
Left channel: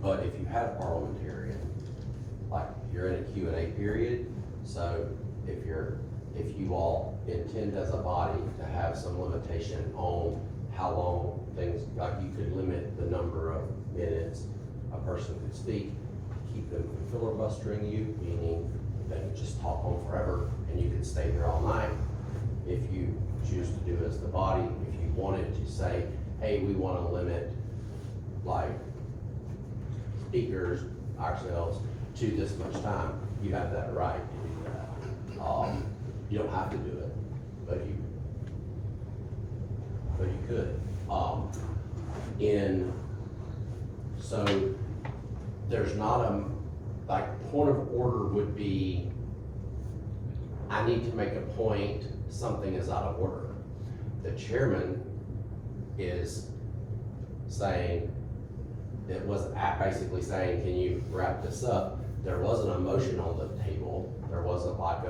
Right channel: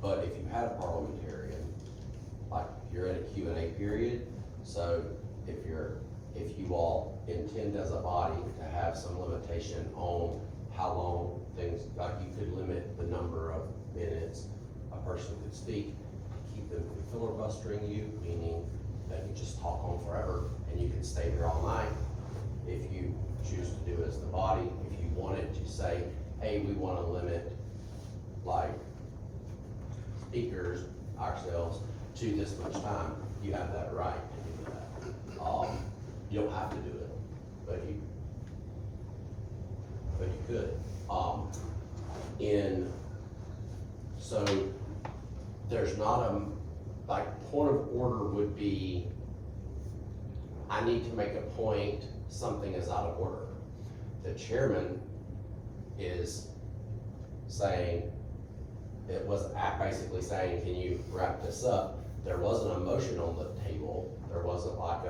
But if you had a parliamentarian, like, you're in a Q&A period, so if you all intend as a body to have some limitation on how long things, like you could limit the number of minutes a person could speak, keep them from filibustering you, meaning they can just talk on forever, and you can stay there all night. If you choose to do as the body, if you wanted to say, hey, we wanna limit, like, speakers, ourselves, to this much time, you have that right to do that. You don't have to do it, but you could. So there's not a, like, point of order would be, I need to make a point, something is out of order. The chairman is saying, it was basically saying, can you wrap this up? There wasn't a motion on the table, there wasn't like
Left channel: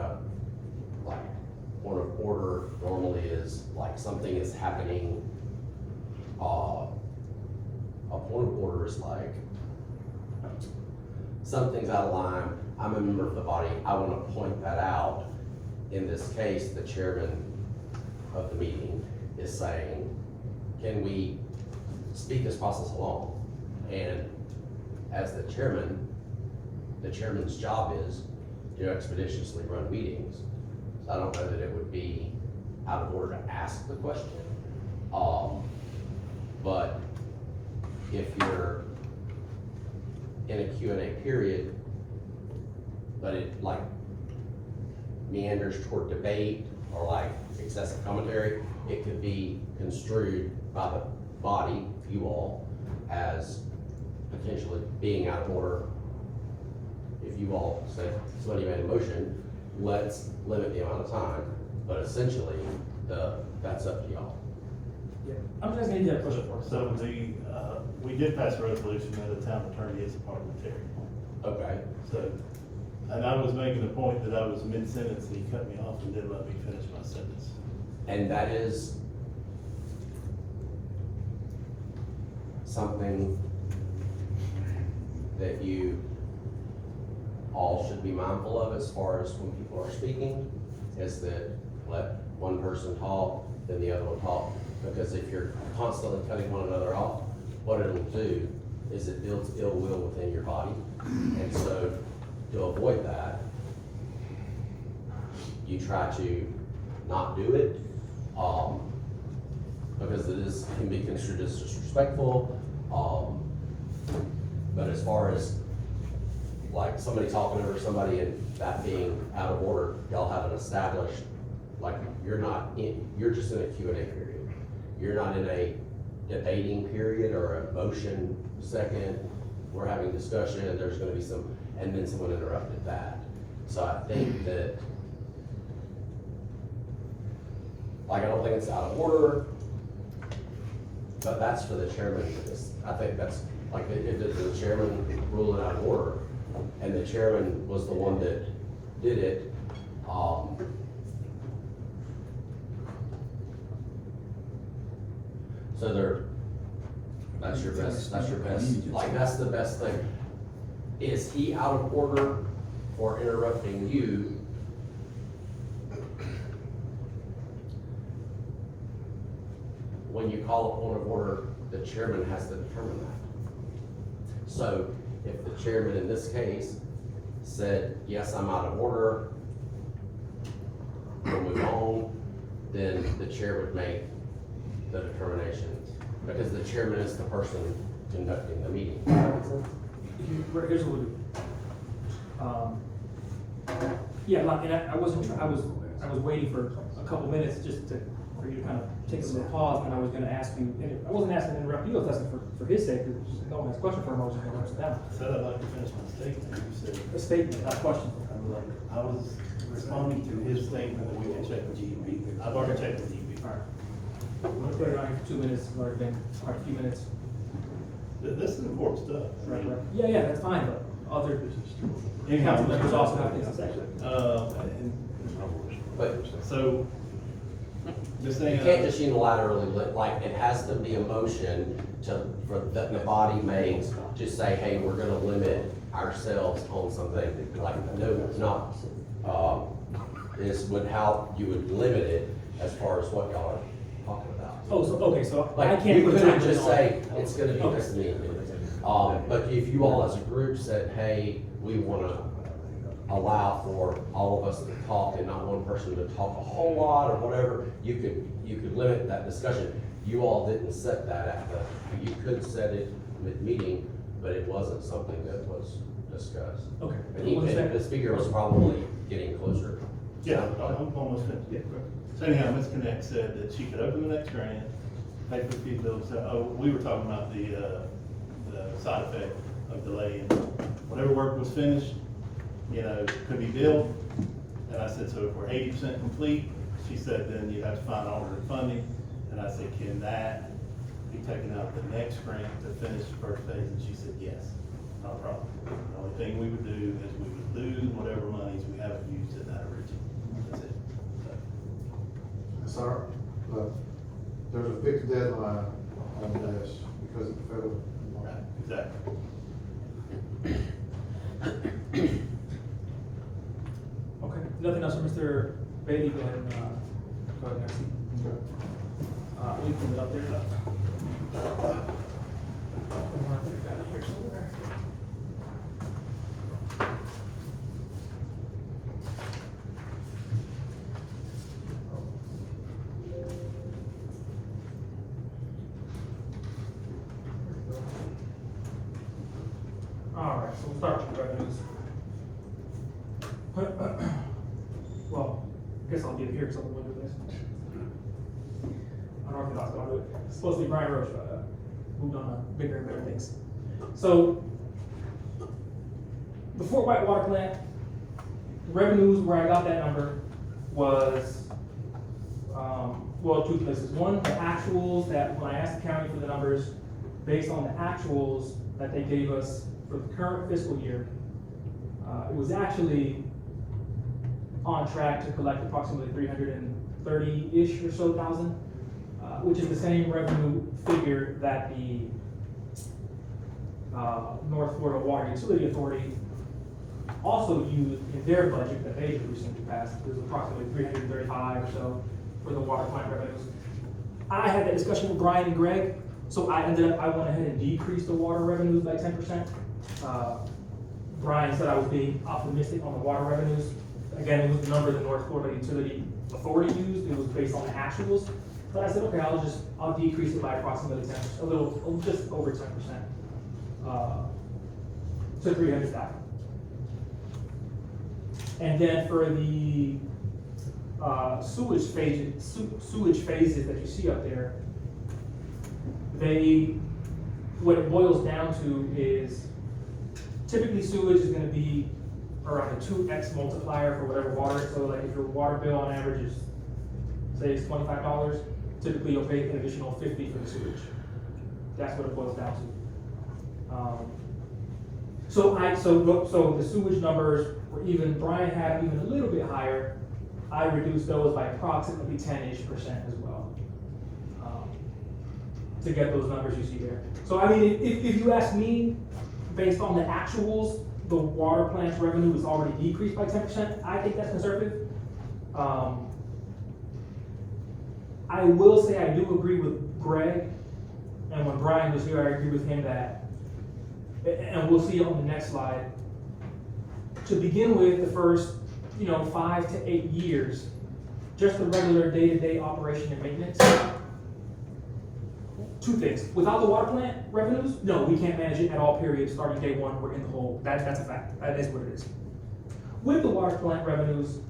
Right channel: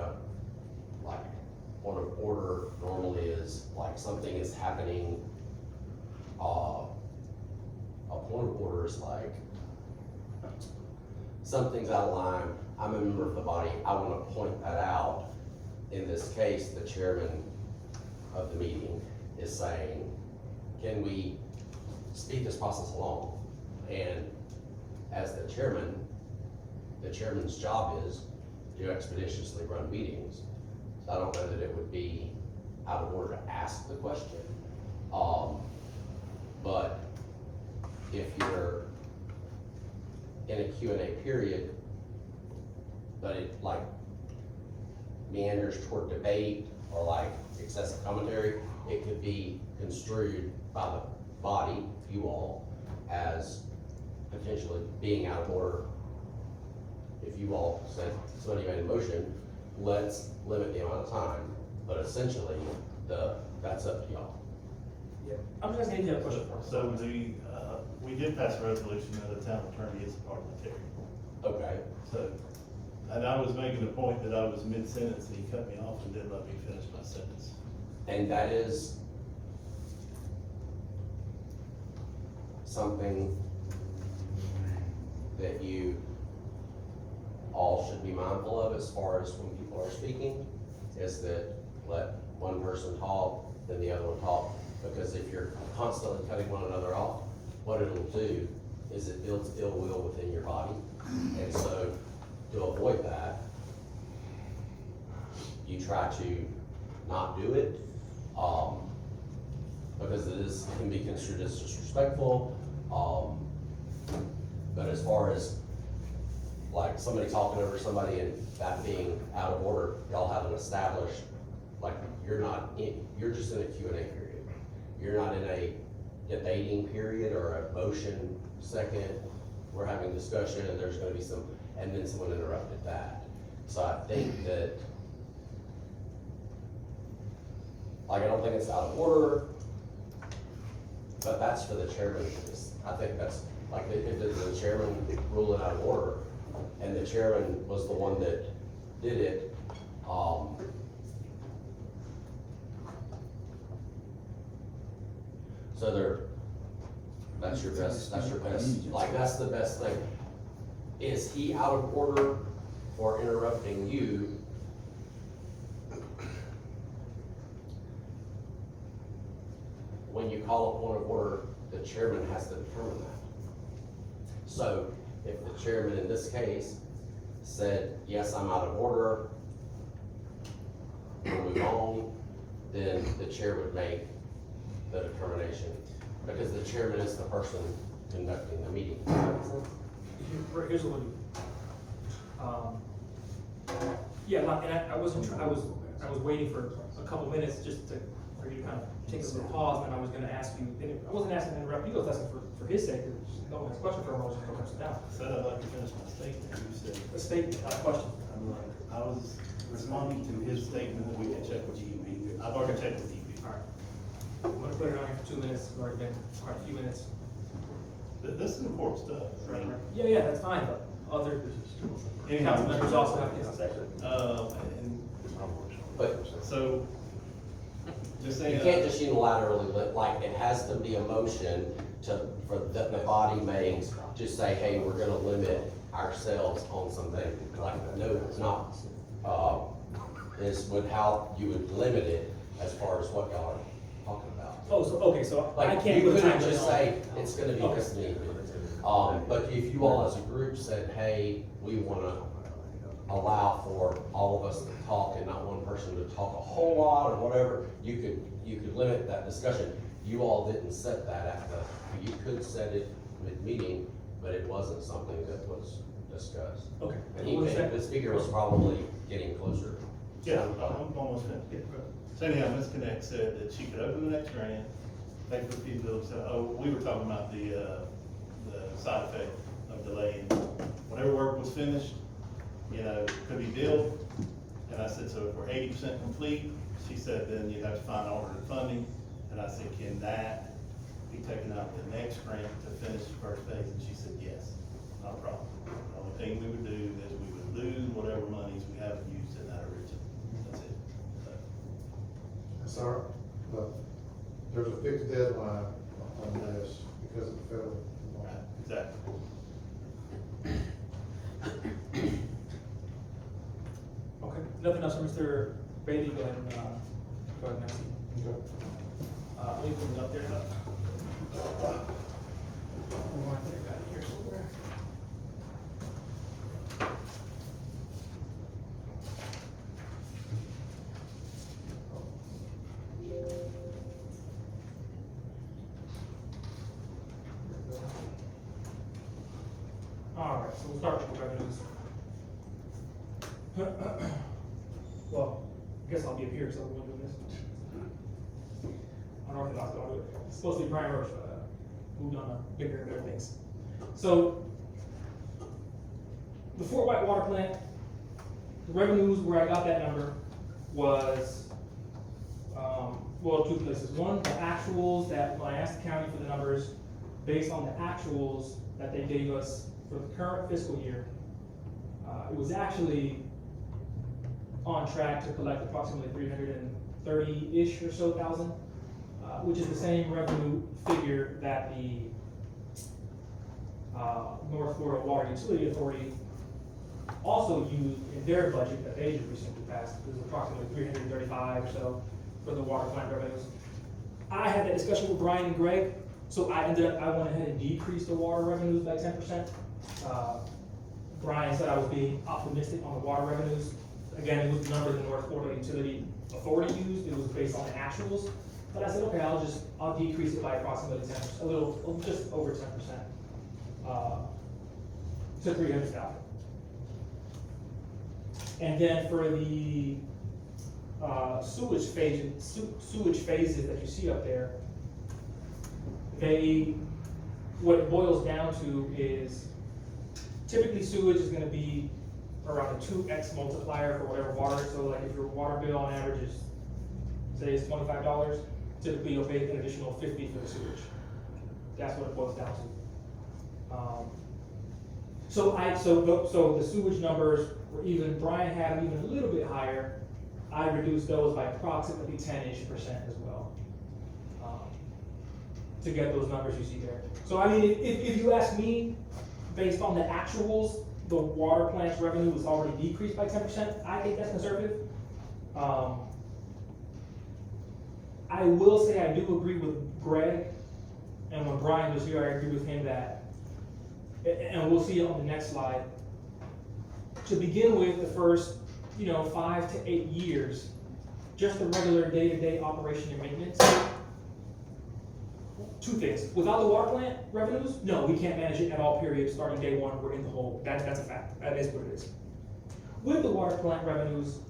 point of order normally is like something is happening. A point of order is like, something's out of line, I'm a member of the body, I wanna point that out. In this case, the chairman of the meeting is saying, can we speed this process along? And as the chairman's job is to expeditiously run meetings. So I don't know that it would be out of order to ask the question. But if you're in a Q&A period, but it like meanders toward debate or like excessive commentary, it could be construed by the body, you all, as potentially being out of order. If you all said, somebody made a motion, let's limit the amount of time, but essentially, that's up to y'all. Yeah, I'm just gonna get that question first. So we did pass a resolution that the town attorney is parliamentary. Okay, So, and I was making a point that I was mid-sentence and he cut me off and didn't let me finish my sentence. and that is something that you all should be mindful of as far as when people are speaking, is that let one person talk, then the other one talk, because if you're constantly cutting one another off, what it'll do is it builds ill will within your body. And so, to avoid that, you try to not do it, because it can be construed as disrespectful. But as far as like somebody talking over somebody and that being out of order, y'all haven't established, like, you're just in a Q&A period. You're not in a debating period or a motion second, we're having discussion and there's gonna be and then someone interrupted that. So I think that, like, I don't think it's out of order, but that's for the chairman to I think that's, like, if the chairman ruled it out of order, and the chairman was the one that did it, so that's your best, like, that's the best thing. Is he out of order for interrupting you? When you call a point of order, the chairman has to determine that. So if the chairman in this case said, yes, I'm out of order, we'll move on, then the chair would make the determination, because the chairman is the person conducting the meeting. Here's what we'll do. Yeah, like, and I wasn't, I was waiting for a couple minutes just for you to kind of take a little pause, and I was gonna ask you, and I wasn't asking to interrupt you, I was asking for his sake, because no one has a question for him, I was just gonna sit down. I said I'd like to finish my statement, you said. A statement, not a question. I was responding to his statement that we can check with GEP. I've already checked with GEP. Alright. I'm gonna put it on here for 2 minutes, it's already been quite a few minutes. This is important stuff. I mean, Yeah, that's fine, but other anyhow, council members also have to. But So, just you saying. can't just unilaterally, like, it has to be a motion that the body makes to say, hey, we're gonna limit ourselves on something, like, no, it's not. This would help, you would limit it as far as what y'all are talking about. Oh, so, okay, so I Like, can't you put a couldn't time just on. say, it's gonna be this meeting. But if you all as a group said, hey, we wanna, allow for all of us to talk and not one person to talk a whole lot or whatever, you could limit that discussion. You all didn't set that at the, you could set it mid-meeting, but it wasn't something that was discussed. Okay. And the speaker was probably getting closer. Yeah, I'm almost finished. Yeah. So anyhow, Ms. Connect said that she could open the next grant, pay for the feasibility study. Oh, we were talking about the side effect of delaying. Whenever work was finished, you know, could be billed. And I said, so if we're 80% complete, she said, then you'd have to find alternate funding. And I said, can that be taken out the next grant to finish the first phase? And she said, yes, not a problem. The only thing we would do is we would lose whatever monies we haven't used in that original. That's it. So, That's all right, but there's a fixed deadline on this because of the federal. right, exactly. Okay, nothing else from Mr. Beatty, then, go ahead next. We can up there. All right, so we'll start with the revenues. Well, I guess I'll be here because I'm doing this. Unorthodox, I'll do it. It's supposed to be Brian Roach, but moved on to bigger and better things. So, the Fort White Water Plant, revenues where I got that number was, well, two places. One, the actuals that when I asked the county for the numbers, based on the actuals that they gave us for the current fiscal year, it was actually on track to collect approximately 330-ish or so thousand, which is the same revenue figure that the North Florida Water Utility Authority also used in their budget that they recently passed. It was approximately 335 or so for the water plant revenues. I had that discussion with Brian and Greg, so I went ahead and decreased the water revenues by 10%. Brian said I was being optimistic on the water revenues. Again, it was the number the North Florida Utility Authority used. It was based on the actuals. But I said, okay, I'll decrease it by approximately 10%, just over 10%, to 300,000. And then for the sewage phases that you see up there, what it boils down to is typically sewage is going to be around a 2x multiplier for whatever water. So like if your water bill on average is, say it's $25, typically you'll pay an additional $50 for the sewage. That's what it boils down to. So the sewage numbers were even, Brian had even a little bit higher. I reduced those by approximately 10-ish% as well, to get those numbers you see there. So I mean, if you ask me, based on the actuals, the water plant's revenue is already decreased by 10%. I think that's conservative. I will say I do agree with Greg, and when Brian was here, I agree with him that, and we'll see on the next slide, to begin with, the first 5 to 8 years, just the regular day-to-day operation and maintenance. Two things. Without the water plant revenues, no, we can't manage it at all, period. Starting day one, we're in the hole. That's a fact. That is what it is. With the water plant revenues,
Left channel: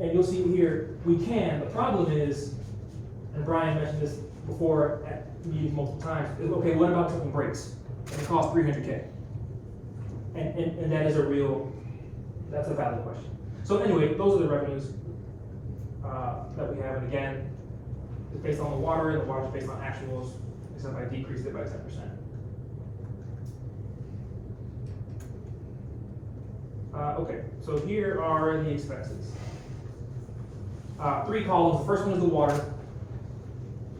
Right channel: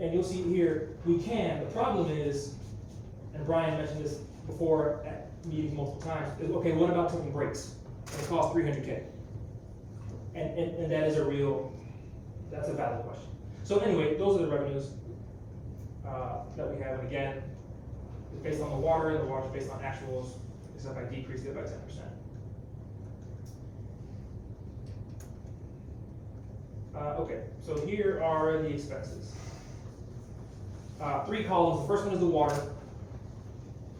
and you'll see here, we can. The problem is, and Brian mentioned this before at meetings multiple times, is, okay, what about taking breaks? And it costs $300K. And that is that's a valid question. So anyway, those are the revenues that we have. And again, it's based on the water, and the water is based on actuals, except I decreased it by 10%. Okay, so here are the expenses. 3 columns. The first one is the water.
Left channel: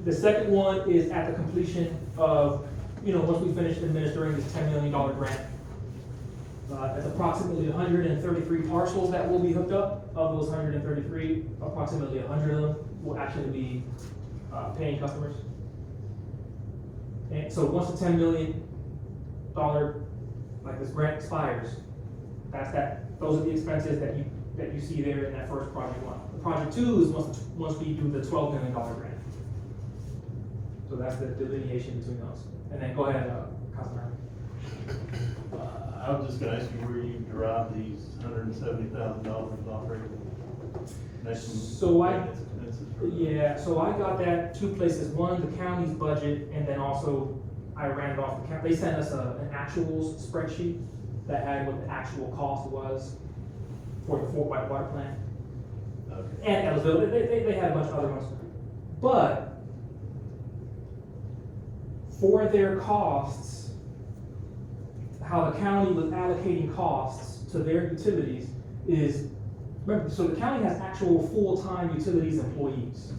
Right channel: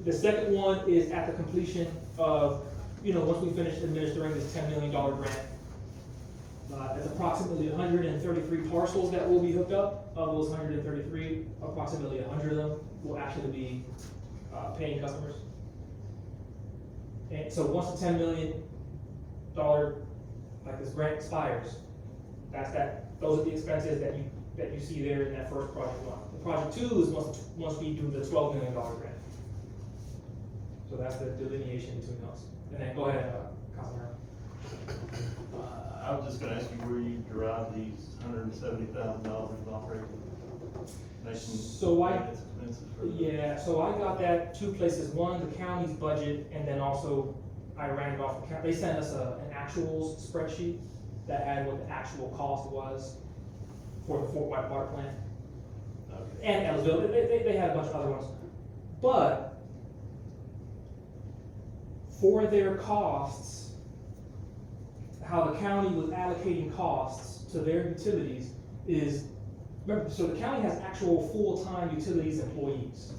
The second one is at the completion of, once we finish administering this $10 million grant. That's approximately 133 parcels that will be hooked up. Of those 133, approximately 100 of them will actually be paying customers. And so once the $10 million, like this grant expires, that's that those are the expenses that you see there in that first project one. The project two is once we do the $12 million grant. So that's the delineation between those. And then go ahead, Councilman. I was just gonna ask you where you derive these $170,000 of operating So I- expenses. Yeah, so I got that two places. One, the county's budget, and then also I ran it off the county. They sent us an actuals spreadsheet that had what the actual cost was for the Fort White water plant. Okay. And Ellisville, they had a bunch of other ones. But for their costs, how the county was allocating costs to their utilities is, remember, so the county has actual full-time utilities employees,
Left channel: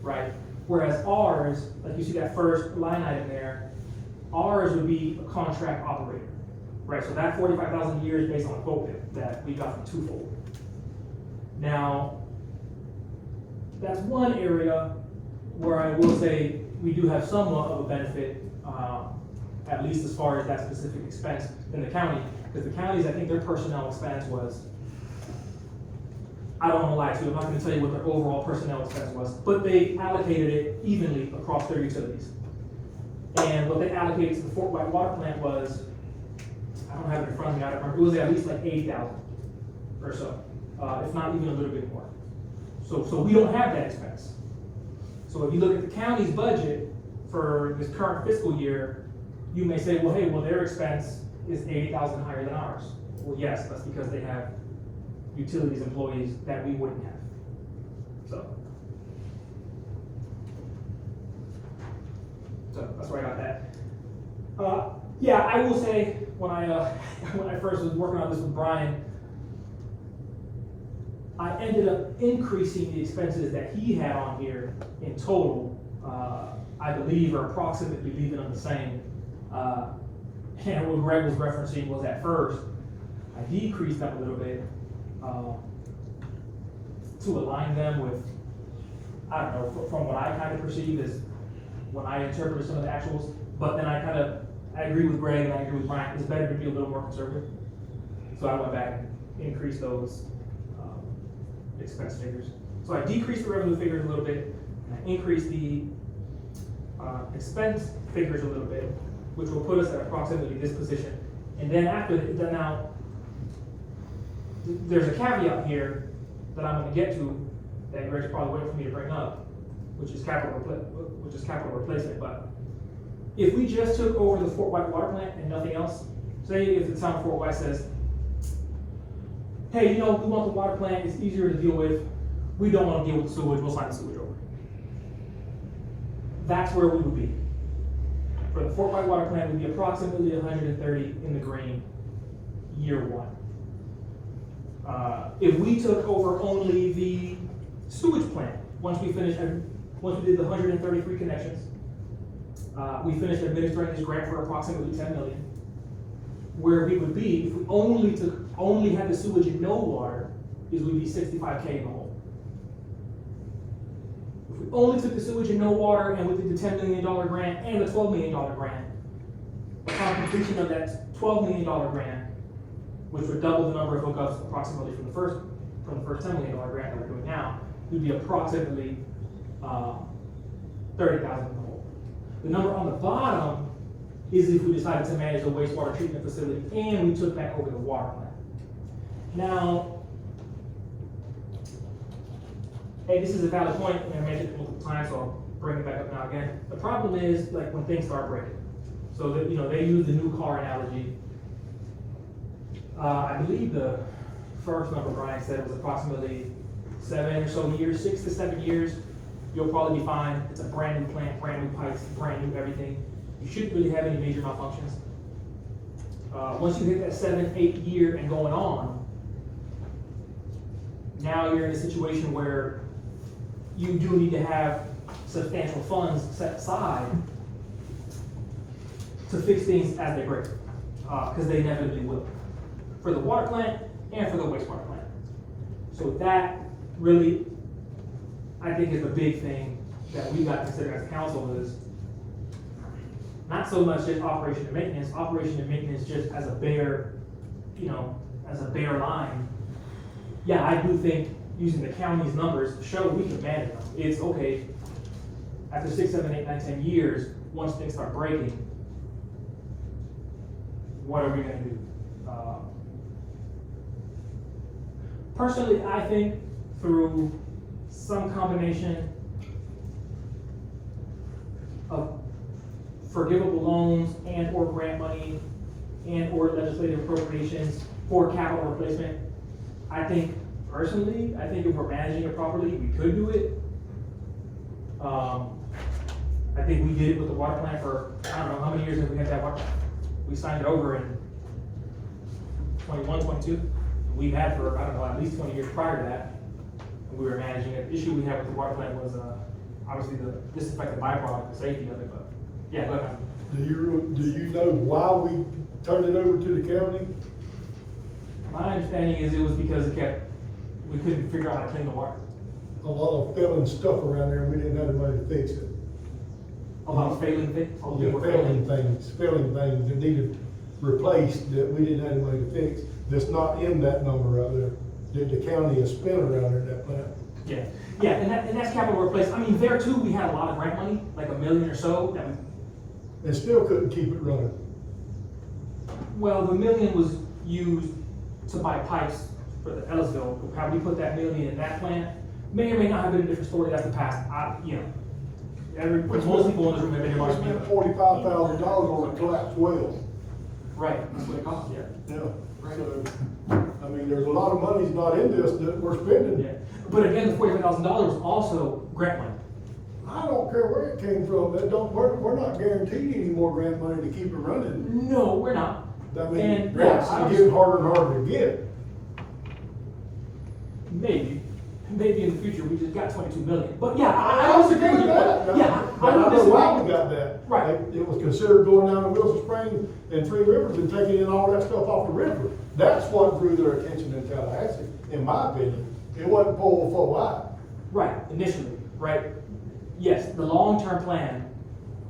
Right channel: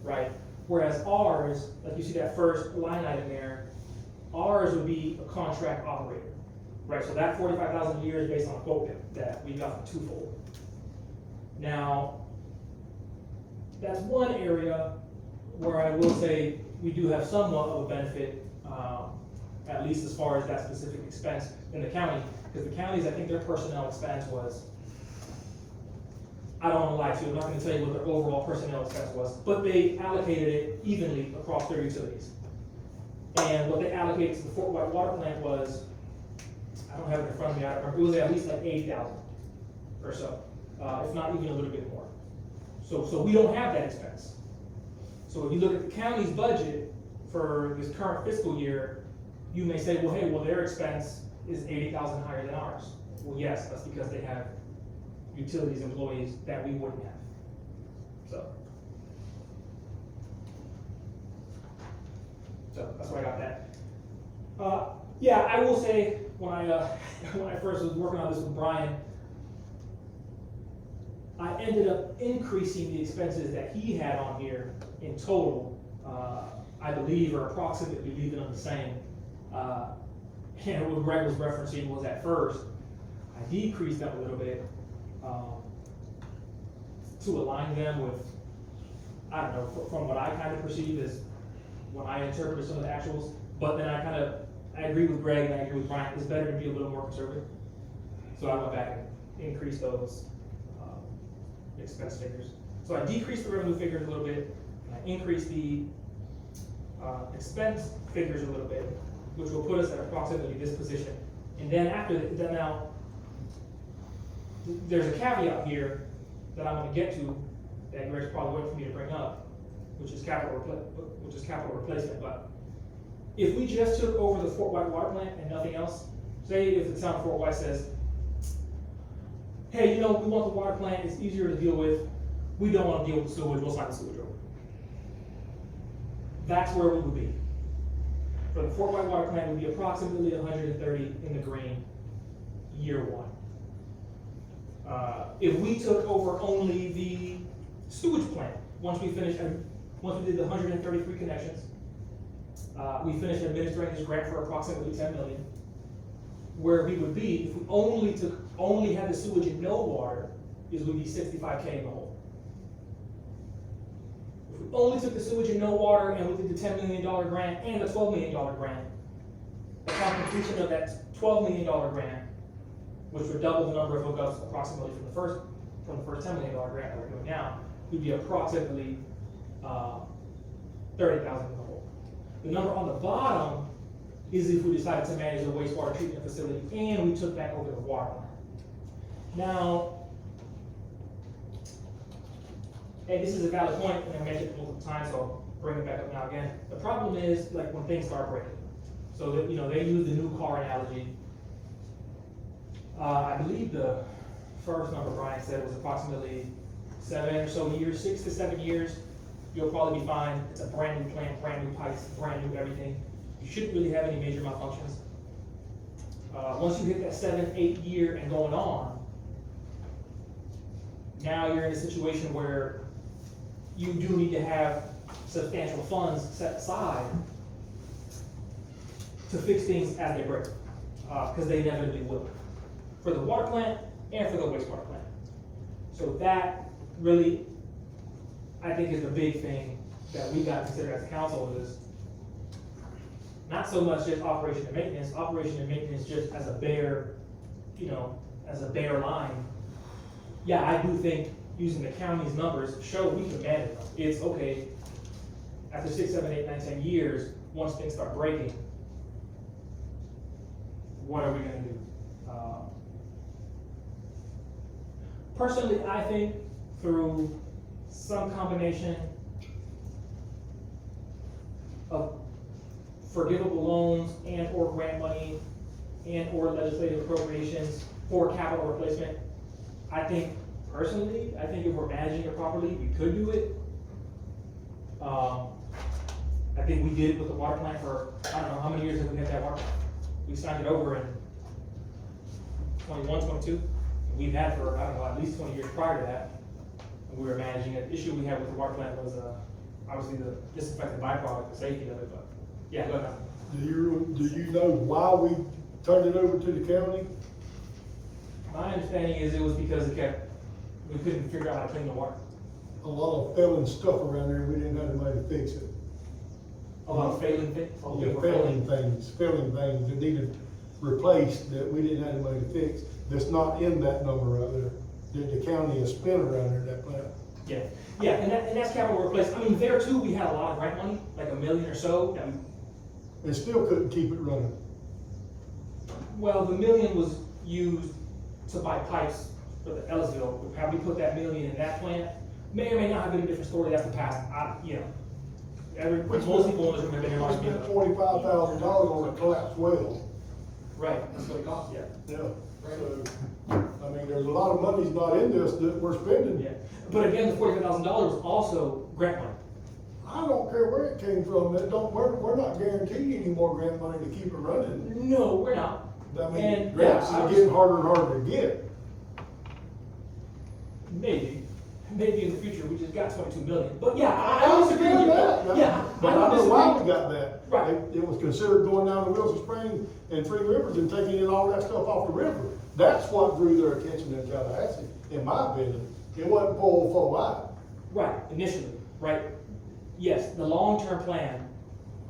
right? Whereas ours, like you see that first line item there, ours would be a contract operator, right? So that 45,000 a year is based on a quote that we got from Twofold. Now, that's one area where I will say we do have somewhat of a benefit, at least as far as that specific expense in the county, because the counties, I think their personnel expense was, I don't wanna lie to you, I'm not gonna tell you what their overall personnel expense was, but they allocated it evenly across their utilities. And what they allocated to the Fort White water plant was, I don't have it in front of me, I don't remember, it was at least like 80,000 or so, if not even a little bit more. So we don't have that expense. So if you look at the county's budget for this current fiscal year, you may say, well, hey, their expense is 80,000 higher than ours. Well, yes, that's because they have utilities employees that we wouldn't have. So that's where I got that. Yeah, I will say, when I first was working on this with Brian, I ended up increasing the expenses that he had on here in total, I believe, or approximately leaving them the same. And what Greg was referencing was at first, I decreased them a little bit, to align them with, I don't know, from what I kind of perceived as when I interpreted some of the actuals, but then I agree with Greg and I agree with Brian, it's better to be a little more conservative. So I went back and increased those, expense figures. So I decreased the revenue figures a little bit, and I increased the, expense figures a little bit, which will put us at approximately this position. And then after that, now, there's a caveat here that I'm gonna get to, that Greg's probably waiting for me to bring up, which is capital replacement. But if we just took over the Fort White water plant and nothing else, say if the town of Fort White says, hey, we want the water plant, it's easier to deal with, we don't wanna deal with the sewage, we'll sign the sewage over. That's where we would be. For the Fort White water plant, we'd be approximately 130 in the green, year one. If we took over only the sewage plant, once we did the 133 connections, we finished administering this grant for approximately 10 million. Where we would be, if we only had the sewage and no water, is we'd be 65K in the hole. If we only took the sewage and no water, and we did the $10 million grant and the $12 million grant, upon completion of that $12 million grant, which would double the number of hookups approximately from the first $10 million grant that we're doing now, we'd be approximately 30,000 in the hole. The number on the bottom is if we decided to manage a wastewater treatment facility and we took back over the water plant. Now, hey, this is a valid point, and I mentioned it multiple times, so I'll bring it back up now again. The problem is, like, when things start breaking. So that, they use the new car analogy. I believe the first number Brian said was approximately 7 or so years, 6 to 7 years. You'll probably be fine. It's a brand new plant, brand new pipes, brand new everything. You shouldn't really have any major malfunctions. Once you hit that 7, 8 year and going on, now you're in a situation where you do need to have substantial funds set aside to fix things as they break, because they inevitably will, for the water plant and for the wastewater plant. So that really, I think, is the big thing that we got to consider as a council, is not so much just operation and maintenance just as a bare, as a bare line, yeah, I do think using the county's numbers show we can manage them. It's okay, after 6, 7, 8, 9, 10 years, once things start breaking, what are we gonna do? Personally, I think through some combination of forgivable loans and or grant money and or legislative appropriations for capital replacement, I think personally, I think if we're managing it properly, we could do it. I think we did it with the water plant for, I don't know, how many years have we had that water plant? We signed it over in 21, 22. We've had for, I don't know, at least 20 years prior to that. We were managing it. The issue we had with the water plant was, obviously the disinfectant byproduct, the safety of it, but, yeah, go ahead. Do you know why we turned it over to the county? My understanding is it was because we couldn't figure out how to clean the water. A lot of failing stuff around there, we didn't have a way to fix it. About failing things. Yeah, failing things that needed replaced that we didn't have a way to fix. That's not in that number right there, that the county has spent around there in that plant. Yeah, and that's capital replacement. I mean, there too, we had a lot of grant money, like $1 million or so, that we, And still couldn't keep it running. well, the $1 million was used to buy pipes for the Ellisville. How we put that $1 million in that plant may or may not have been a different story, that's the past, most people in this room have been watching me. $45,000 on a collapsed well. Right, that's what it costs, Yeah, so, I mean, there's a lot of money's not in this that we're spending. yeah. But again, the $45,000 was also grant money. I don't care where it came from, we're not guaranteed any more grant money to keep it running. No, we're not. I mean, And, grants yeah, are getting harder and harder to get. Maybe in the future, we just got 22 million, but yeah, I disagree with you. Yeah, But I I know disagree. why we got that. Right. It was considered going down to Wilson Springs and Three Rivers and taking in all that stuff off the river. That's what drew their attention in Tallahassee, in my opinion. It wasn't Pole Four Wide. Right, initially, right? Yes, the long-term plan,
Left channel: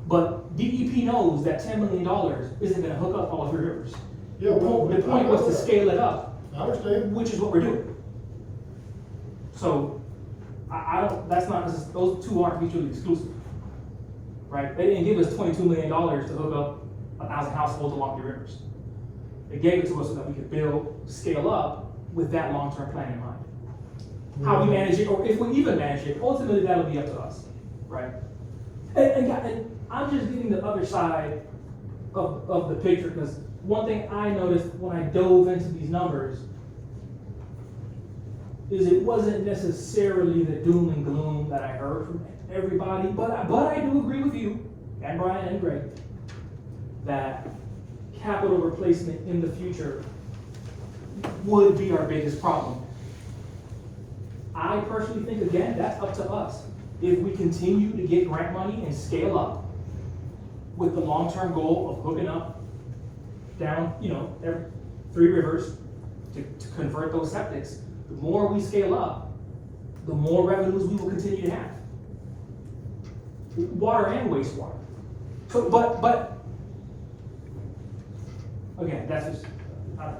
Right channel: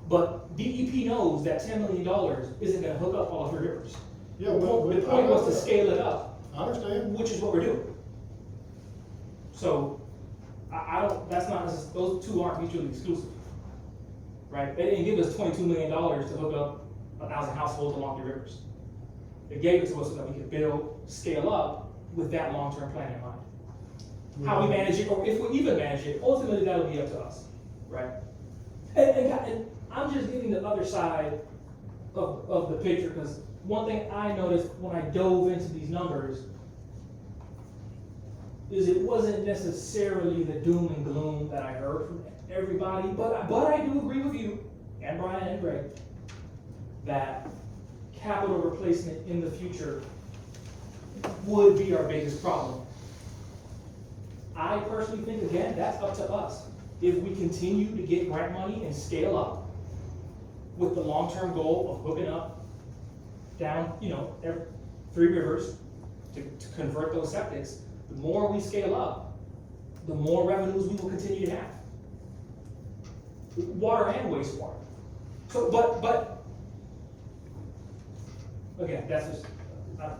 but DEP knows that $10 million isn't gonna hook up all 3 rivers. Yeah, The point was to scale it up, I understand. which is what we're doing. So, I don't, that's not, those two aren't mutually exclusive. Right? They didn't give us $22 million to hook up 1,000 households along the rivers. They gave it to us so that we could build, scale up with that long-term plan in mind. How we manage it, or if we even manage it, ultimately that'll be up to us, right? And I'm just getting the other side of the picture, because one thing I noticed when I dove into these numbers is it wasn't necessarily the doom and gloom that I heard from everybody, but I do agree with you, and Brian and Greg, that capital replacement in the future would be our biggest problem. I personally think, again, that's up to us. If we continue to get grant money and scale up with the long-term goal of hooking up down, every 3 rivers to convert those septics, the more we scale up, the more revenues we will continue to have. Water and wastewater. So, but, again, that's just,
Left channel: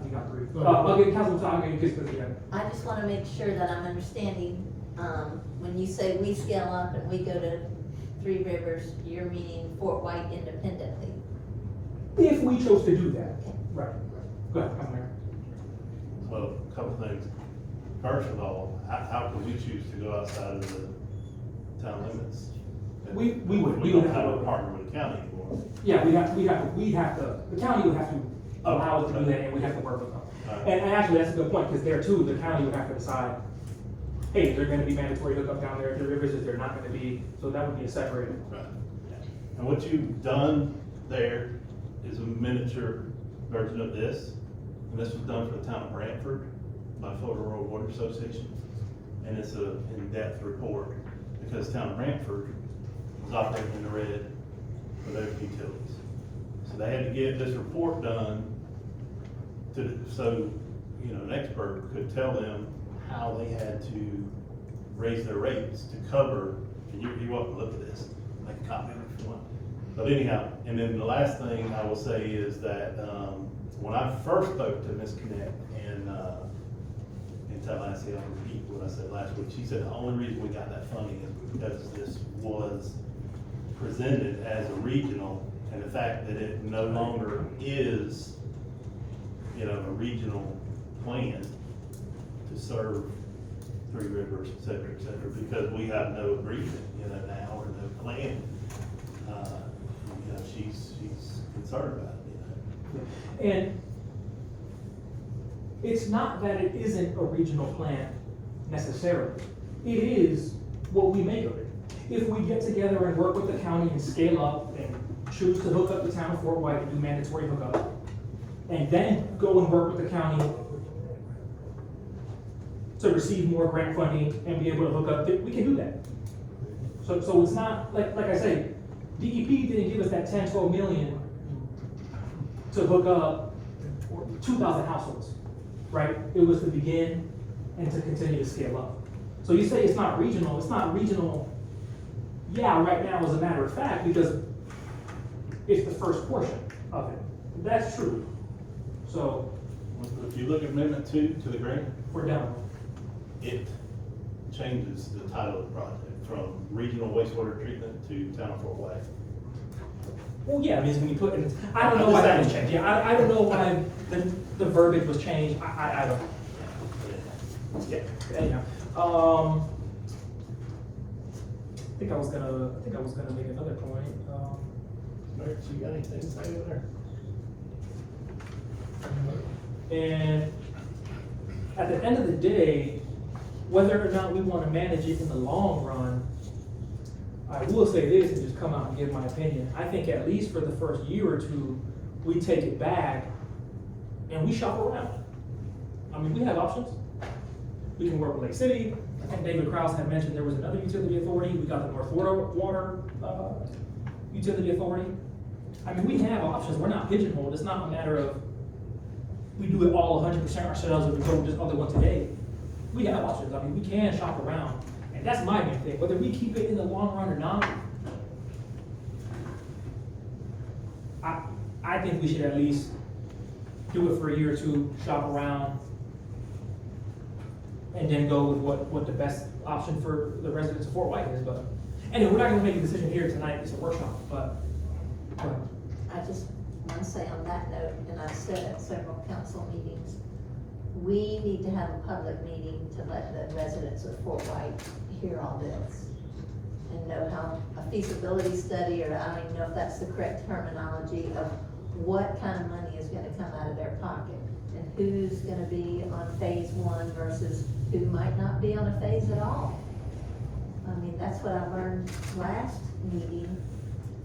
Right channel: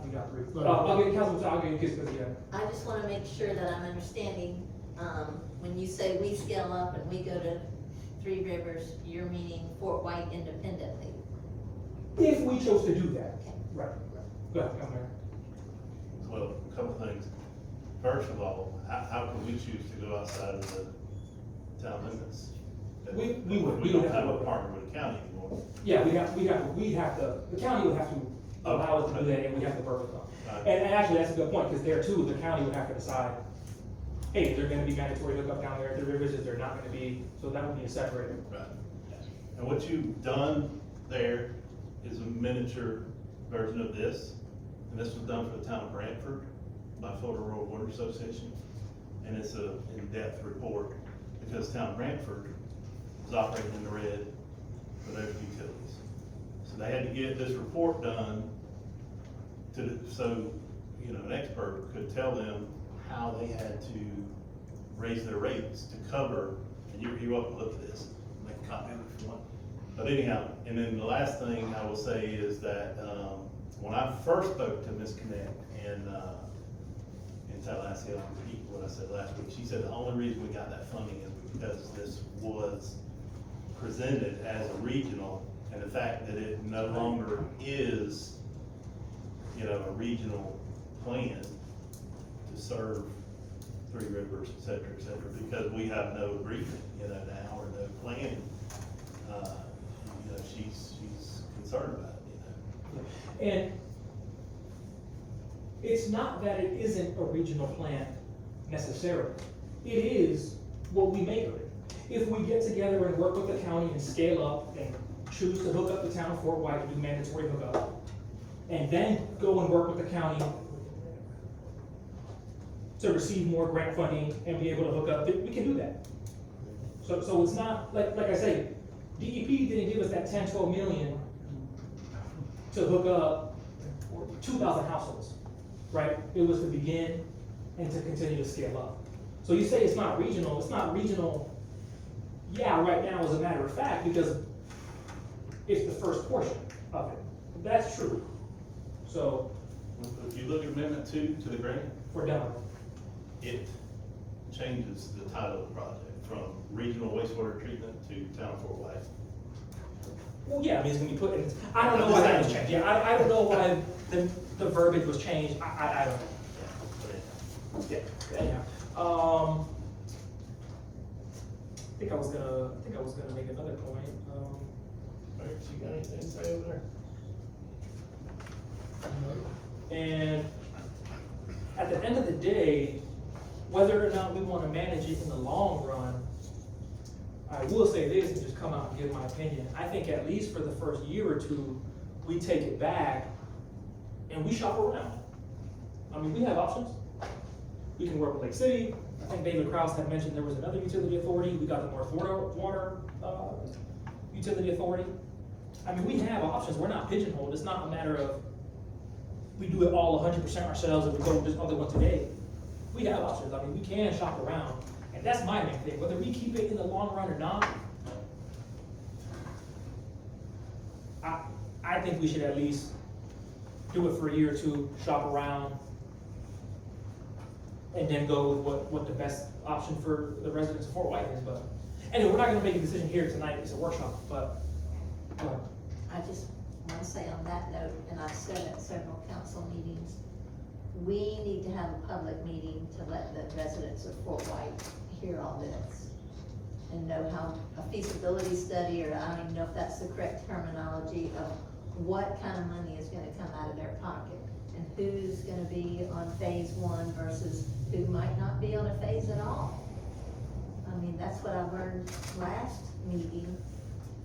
we got 3. I'll get Councilman, I'll get you kids, I just wanna make sure that I'm understanding, when you say we scale up and we go to 3 Rivers, you're meaning Fort White independently. if we chose to do that, right. Go ahead, Councilman. Well, a couple things. First of all, how can we choose to go outside of the town limits? We would. We don't have a partner with the county anymore. Yeah, we have to, the county would have to allow us to do that, and we have to work with them. Right. And actually, that's a good point, because there too, the county would have to decide, hey, is there gonna be mandatory hookup down there at the rivers, is there not gonna be, so that would be a separate. Right. And what you've done there is a miniature version of this, and this was done for the town of Brantford by Florida Rural Water Association. And it's a in-depth report, because town of Brantford was operating in the red for their utilities. So they had to get this report done so an expert could tell them how they had to raise their rates to cover, and you're welcome to look at this, make a copy if you want. But anyhow, and then the last thing I will say is that, when I first spoke to Ms. Connect in Tallahassee, I'll repeat what I said last week, she said the only reason we got that funding is because this was presented as a regional, and the fact that it no longer is, you know, a regional plan to serve Three Rivers, et cetera, because we have no agreement, you know, now, or no planning. You know, she's concerned about it, you know. And it's not that it isn't a regional plan necessarily. It is what we make of it. If we get together and work with the county and scale up and choose to hook up the town of Fort White and do mandatory hookup, and then go and work with the county to receive more grant funding and be able to hook up, we can do that. So it's not, like I say, DEP didn't give us that 10, 12 million to hook up 2,000 households, right? It was to begin and to continue to scale up. So you say it's not regional, yeah, right now as a matter of fact, because it's the first portion of it. That's true. So If you look at Amendment 2 to the grant, we're done. it changes the title of the project from regional wastewater treatment to town of Fort White. Well, yeah, I mean, it's gonna be put in, I don't know why that was changed. Yeah, I don't know why the verbiage was changed. I don't know. Yeah, anyhow, I think I was gonna make another point. Alright, so you got anything to say over there? And at the end of the day, whether or not we wanna manage it in the long run, I will say this and just come out and give my opinion. I think at least for the first year or two, we take it back and we shop around. I mean, we have options. We can work with Lake City. I think David Krause had mentioned there was another utility authority. We got the North Florida Water Utility Authority. I mean, we have options. We're not pigeonholed. It's not a matter of we do it all 100% ourselves and we go with this other one today. We have options. I mean, we can shop around. And that's my main thing. Whether we keep it in the long run or not, I think we should at least do it for a year or two, shop around, and then go with what the best option for the residents of Fort White is. But anyway, we're not gonna make a decision here tonight. It's a workshop, but I just want to say on that note, and I've said at several council meetings, we need to have a public meeting to let the residents of Fort White hear all this and know how a feasibility study, or I don't even know if that's the correct terminology, of what kind of money is gonna come out of their pocket and who's gonna be on phase one versus who might not be on a phase at all. I mean, that's what I learned last meeting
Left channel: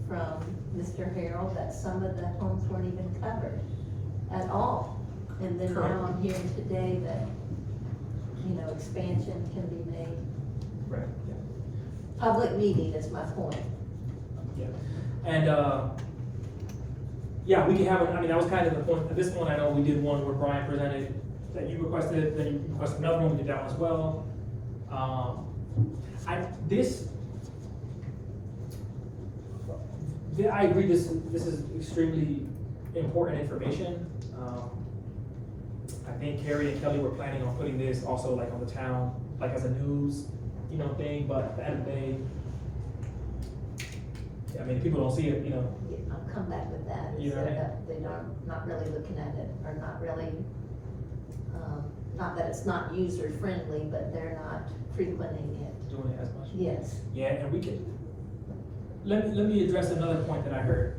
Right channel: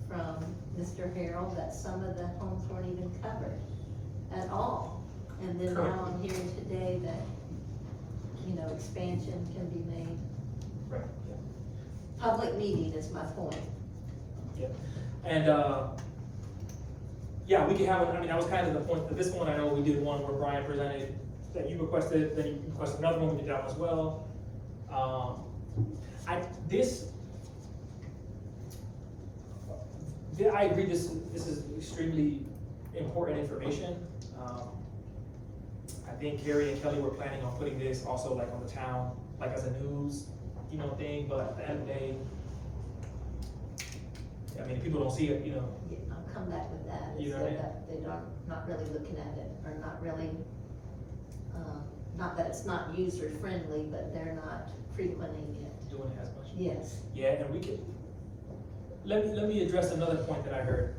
from Mr. Harold, that some of the homes weren't even covered at all. And then now I'm hearing today that, you know, expansion can be made. right, Public meeting is my point. yeah. And yeah, we can have. I mean, that was kind of the point. At this one, I know we did one where Brian presented that you requested. Then you requested another one. We did that one as well. I agree. This is extremely important information. I think Carrie and Kelly were planning on putting this also like on the town, like as a news, you know, thing. But at the end of the day, I mean, if people don't see it, you know. I'll come back with that, is You're right. that they don't, not really looking at it, or not really, not that it's not user friendly, but they're not frequenting it. Doing it as much. Yes. Yeah, and we can, let me address another point that I heard.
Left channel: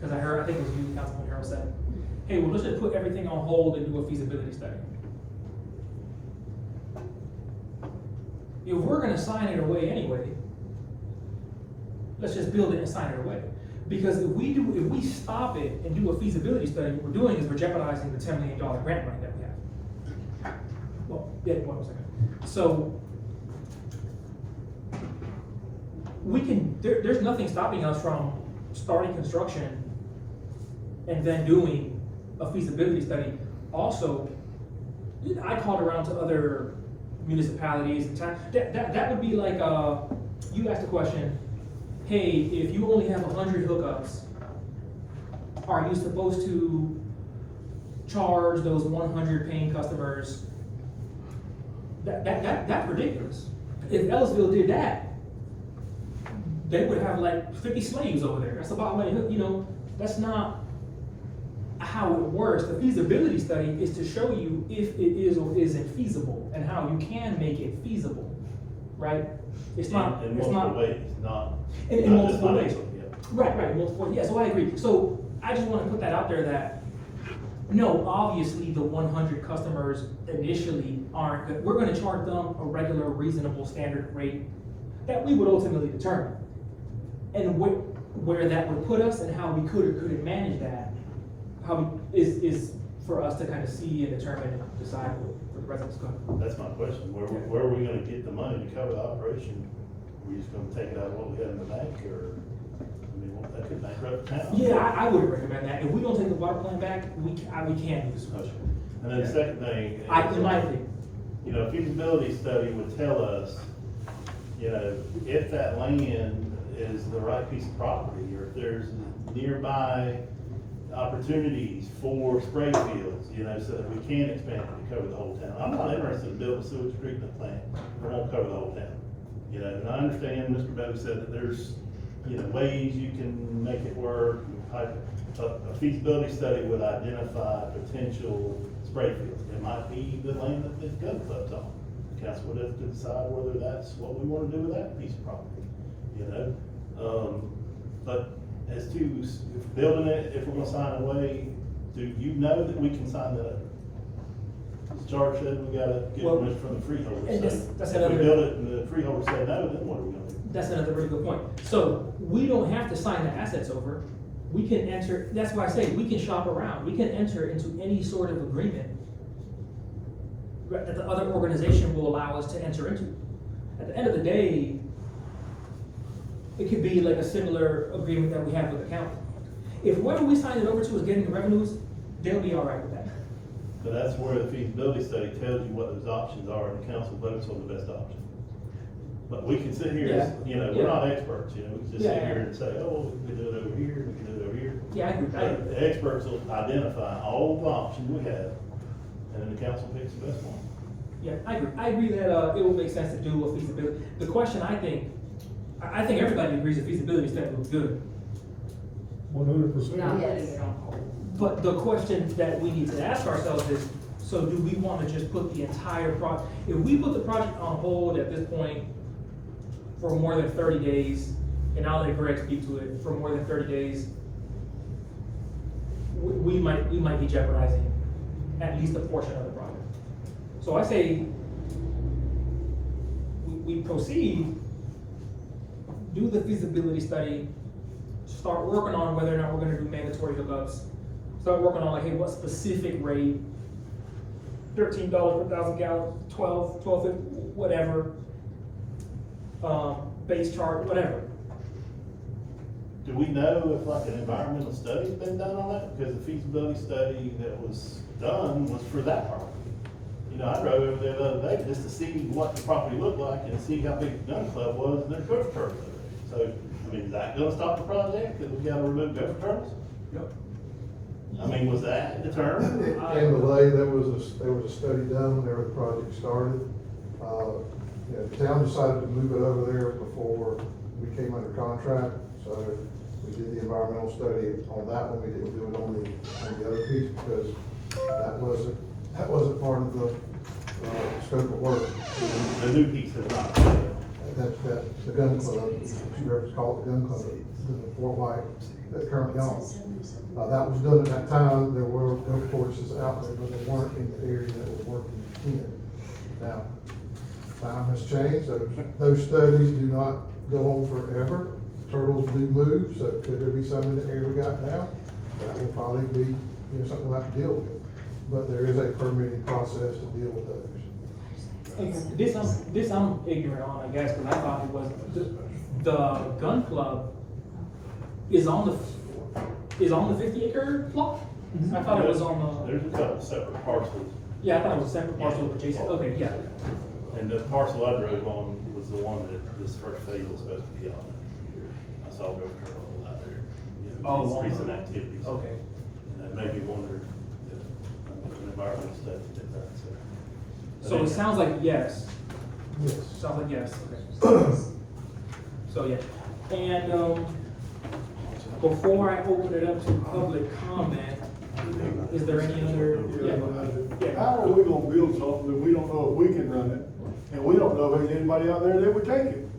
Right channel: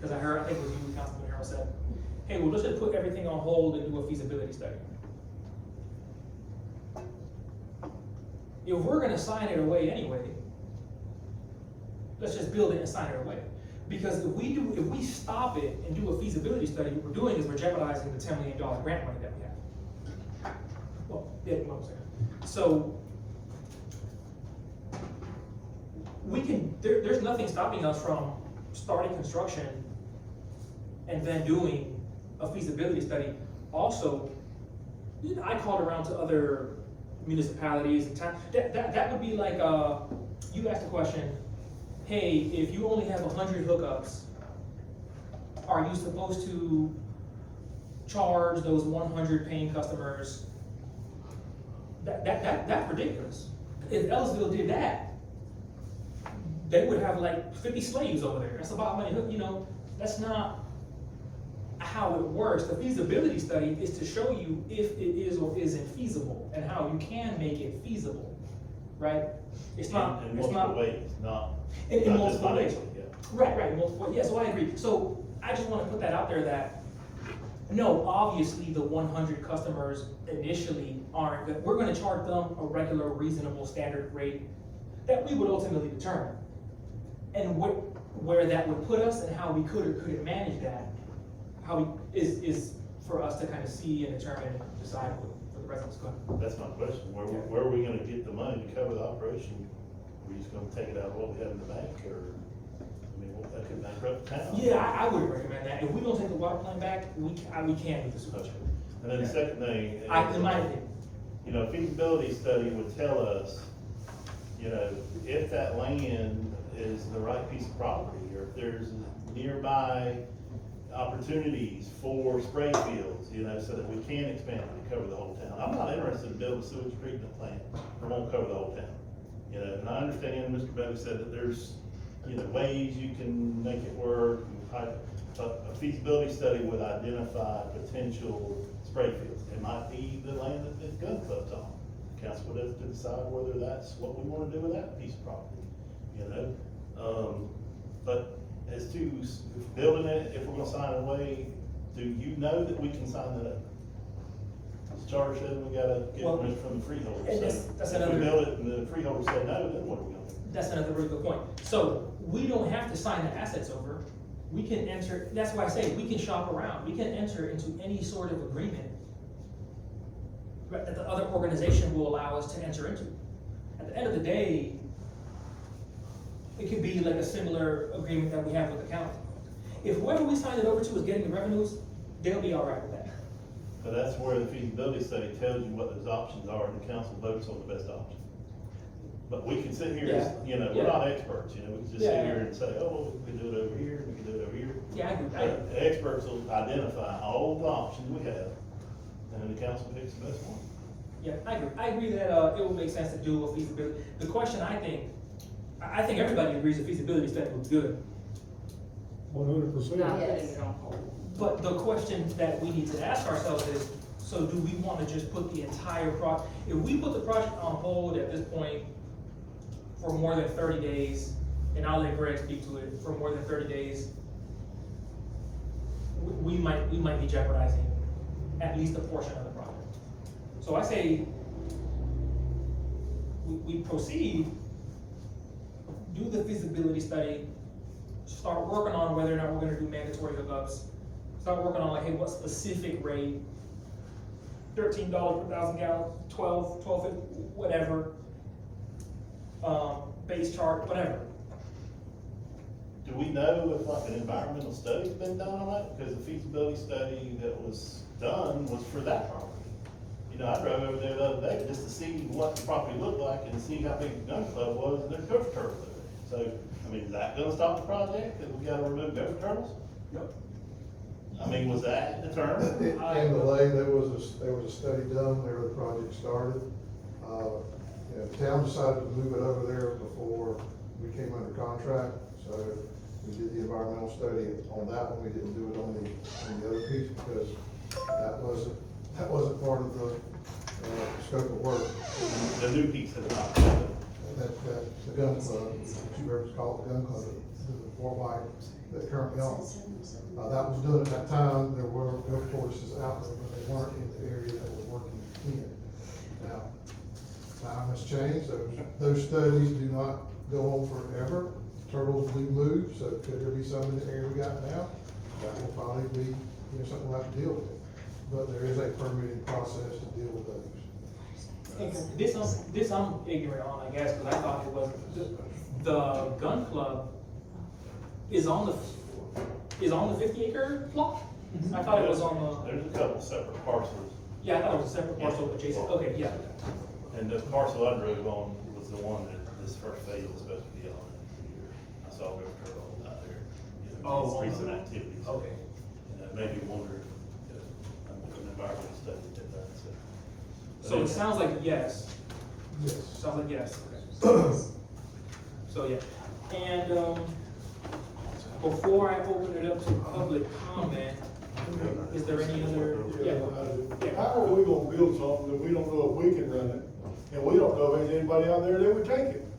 Cause I think it was you, Councilman Harold said, hey, well, let's just put everything on hold and do a feasibility study. If we're gonna sign it away anyway, let's just build it and sign it away. Because if we stop it and do a feasibility study, what we're doing is we're jeopardizing the $10 million grant money that we have. Well, yeah, 1 second. So, we can, there's nothing stopping us from starting construction and then doing a feasibility study. Also, I called around to other municipalities and that would be like, you asked the question, hey, if you only have 100 hookups, are you supposed to charge those 100 paying customers? That's ridiculous. If Ellisville did that, they would have like 50 slaves over there. That's about money, you know, that's not how it works. The feasibility study is to show you if it is or isn't feasible and how you can make it feasible, right? It's not, In it's not. multiple ways, not, In not just multiple ways. financially, yeah. Right, multiple, yeah, so I agree. So I just wanna put that out there that, no, obviously the 100 customers initially aren't, we're gonna charge them a regular, reasonable, standard rate that we would ultimately determine. And where that would put us and how we could or couldn't manage that, how we, is for us to kind of see and determine and decide what the residents go. That's my question, where are we gonna get the money to cover the operation? Are we just gonna take it out of what we have in the bank, or, I mean, that could bankrupt the town. Yeah, I would recommend that. If we don't take the water plant back, we can't do this. Okay. And then the second thing. In my opinion. You know, feasibility study would tell us, you know, if that land is the right piece of property, or if there's nearby opportunities for spray fields, you know, so that we can expand it to cover the whole town. I'm not interested in building a sewage treatment plant that won't cover the whole town. You know, and I understand Mr. Bell said that there's, you know, ways you can make it work. A feasibility study would identify potential spray fields. It might be the land that the gun club's on. The council would have to decide whether that's what we wanna do with that piece of property, you know? But as to building it, if we're gonna sign away, do you know that we can sign that up? As Charles said, we gotta get Well, permission from the freeholder. and So that's if we another- build it and the freeholder said no, then what are we gonna do? That's another really good point. So we don't have to sign the assets over. We can enter, that's why I say we can shop around. We can enter into any sort of agreement that the other organization will allow us to enter into. At the end of the day, it could be like a similar agreement that we have with the county. If whoever we sign it over to is getting the revenues, they'll be all right with that. But that's where the feasibility study tells you what those options are, and the council votes on the best option. But we can sit here, as, you know, we're not experts, you know, we can just sit Yeah. here and say, oh, we can do it over here, we can do it over here. Yeah, I agree. But the experts will identify all the options we have, and then the council picks the best one. Yeah, I agree. I agree that, it will make sense to do a feasibility. The question I think everybody agrees a feasibility study was good. 100%. Yes. But the question that we need to ask ourselves is, so do we want to just put the entire project, if we put the project on hold at this point for more than 30 days, and I'll let Greg speak to it, for more than 30 days, we might be jeopardizing at least a portion of the project. So I say, we proceed, do the feasibility study, start working on whether or not we're gonna do mandatory hookups, start working on like, hey, what specific rate, $13 per 1,000 gallons, 12, whatever, base charge, whatever. Do we know if like an environmental study's been done on that? Because the feasibility study that was done was for that property. You know, I drove over there the other day just to see what the property looked like and see how big the gun club was and their gopher turtles over there. So, I mean, is that gonna stop the project, because we gotta remove gopher turtles? Yep. I mean, was that determined? In Malay, there was a study done whenever the project started. You know, the town decided to move it over there before we came under contract, so we did the environmental study on that one. We didn't do it on the other piece because that wasn't part of the scope of work. The new piece is not. That's the gun club, you ever call it the gun club, the Fort White, that's currently on. That was done at that time. There were golf courses out there, but they weren't in the area that we're working in. Now, time has changed. Those studies do not go on forever. Turtles do move, so could there be some in the area we got now? That will probably be, something we'll have to deal with. But there is a permitting process to deal with those. This I'm ignorant on, I guess, because I thought it was, the gun club is on the 50-acre plot? I thought it was on the, There's a couple separate parcels, yeah, I thought it was a separate parcel adjacent, okay, yeah. and the parcel I drove on was the one that this first phase was supposed to be on. saw Governor Roll out there. You know, Oh, his on recent the- activities. Okay. And that made me wonder, an environmental study did that, so. So it sounds like yes, Yes. sounds like yes, okay. So, yeah, and, before I open it up to public comment, is there any other, yeah, How are we gonna build something that we don't know if we can run it, and we don't know if there's anybody out there that would take it?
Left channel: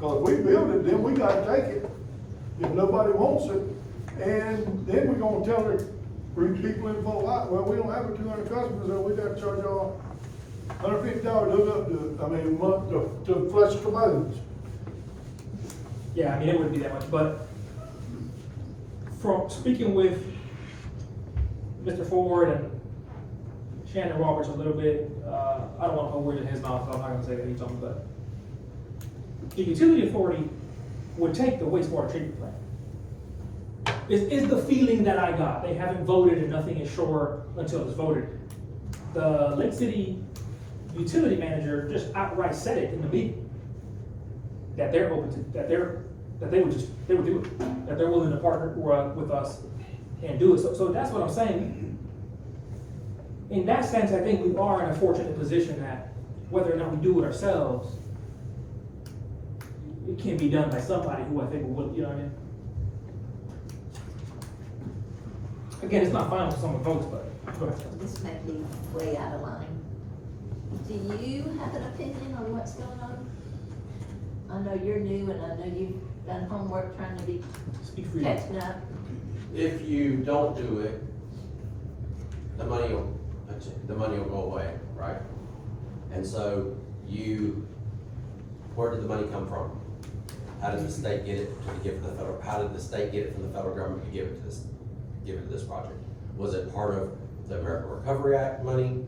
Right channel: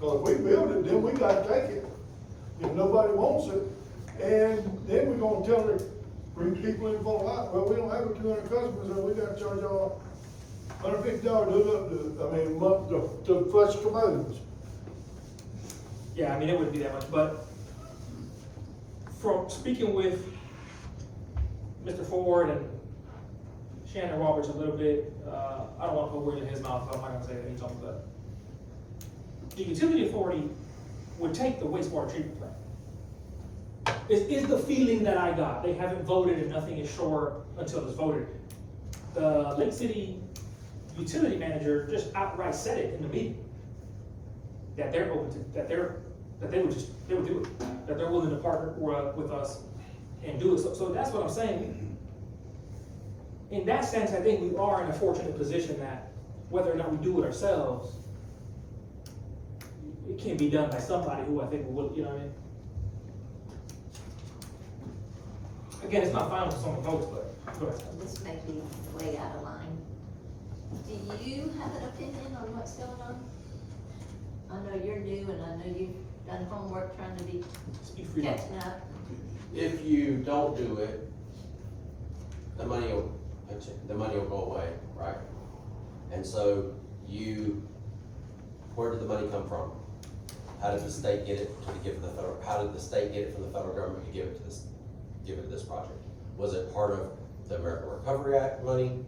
Cause if we build it, then we gotta take it, if nobody wants it, and then we gonna tell the people in Fort White, well, we don't have 200 customers, and we gotta charge y'all $150 hook up to, a month to flush tomatoes. yeah, I mean, it wouldn't be that much, but from speaking with Mr. Ford and Shannon Roberts a little bit, I don't wanna put words in his mouth, so I'm not gonna say that he told me, but the utility authority would take the wastewater treatment plant. Is the feeling that I got. They haven't voted and nothing is sure until it's voted. The Lake City utility manager just outright said it in the meeting. That they're open to, that they would do it, that they're willing to partner with us and do it. So that's what I'm saying. In that sense, I think we are in a fortunate position that whether or not we do it ourselves, it can be done by somebody who I think will, you know what I mean? Again, it's not final if someone votes, but go ahead. This may be way out of line. Do you have an opinion on what's going on? I know you're new and I know you've done homework trying to be Speak for you. catching up. If you don't do it, the money will go away, right? And so where did the money come from? How did the state get it to give to the federal, how did the state get it from the federal government to give it to this project? Was it part of the American Recovery Act money?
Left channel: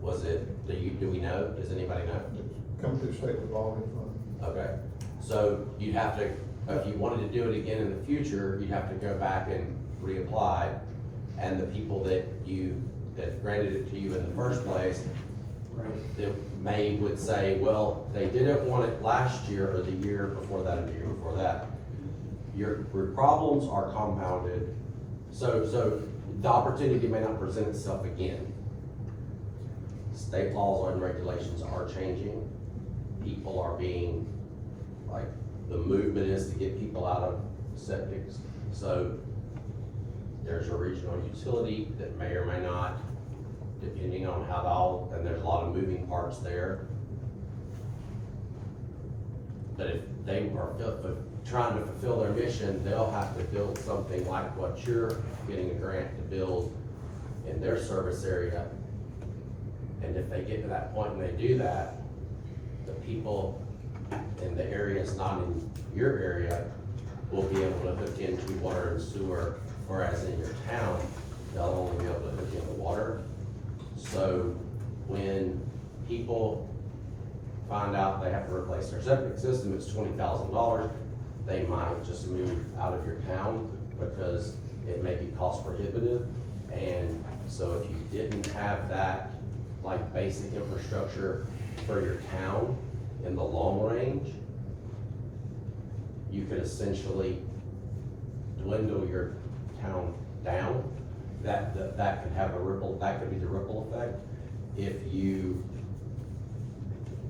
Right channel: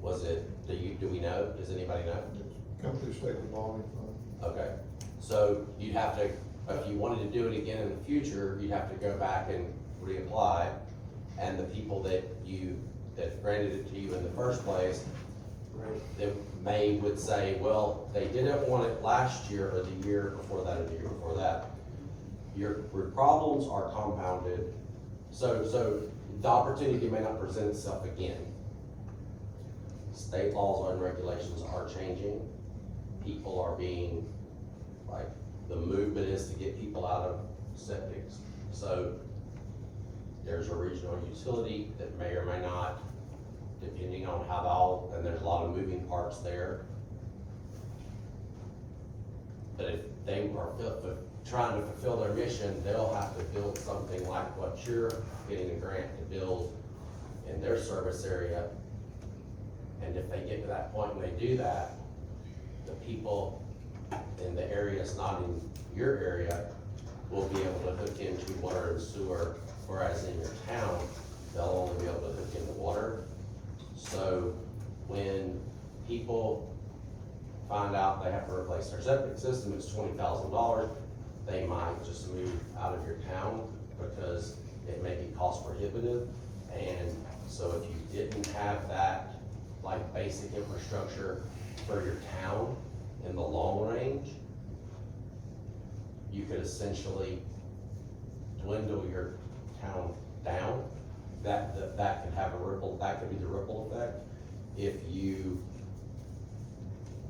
Was it, do we know? Does anybody know? Come through state revolving fund. Okay, so you'd have to, if you wanted to do it again in the future, you'd have to go back and reapply. And the people that granted it to you in the first place, would say, well, they didn't want it last year or the year before that or the year before that. Your problems are compounded, so the opportunity may not present itself again. State laws and regulations are changing. People are being, like, the movement is to get people out of septics. So there's a regional utility that may or may not, depending on how and there's a lot of moving parts there. But if they are trying to fulfill their mission, they'll have to build something like what you're getting a grant to build in their service area. And if they get to that point and they do that, the people in the areas not in your area will be able to hook into water and sewer, whereas in your town, they'll only be able to hook into water. So when people find out they have to replace their septic system, it's $20,000, they might just move out of your town because it may be cost prohibitive. And so if you didn't have that, like, basic infrastructure for your town in the long range, you could essentially dwindle your town down. That could have that could be the ripple effect. If you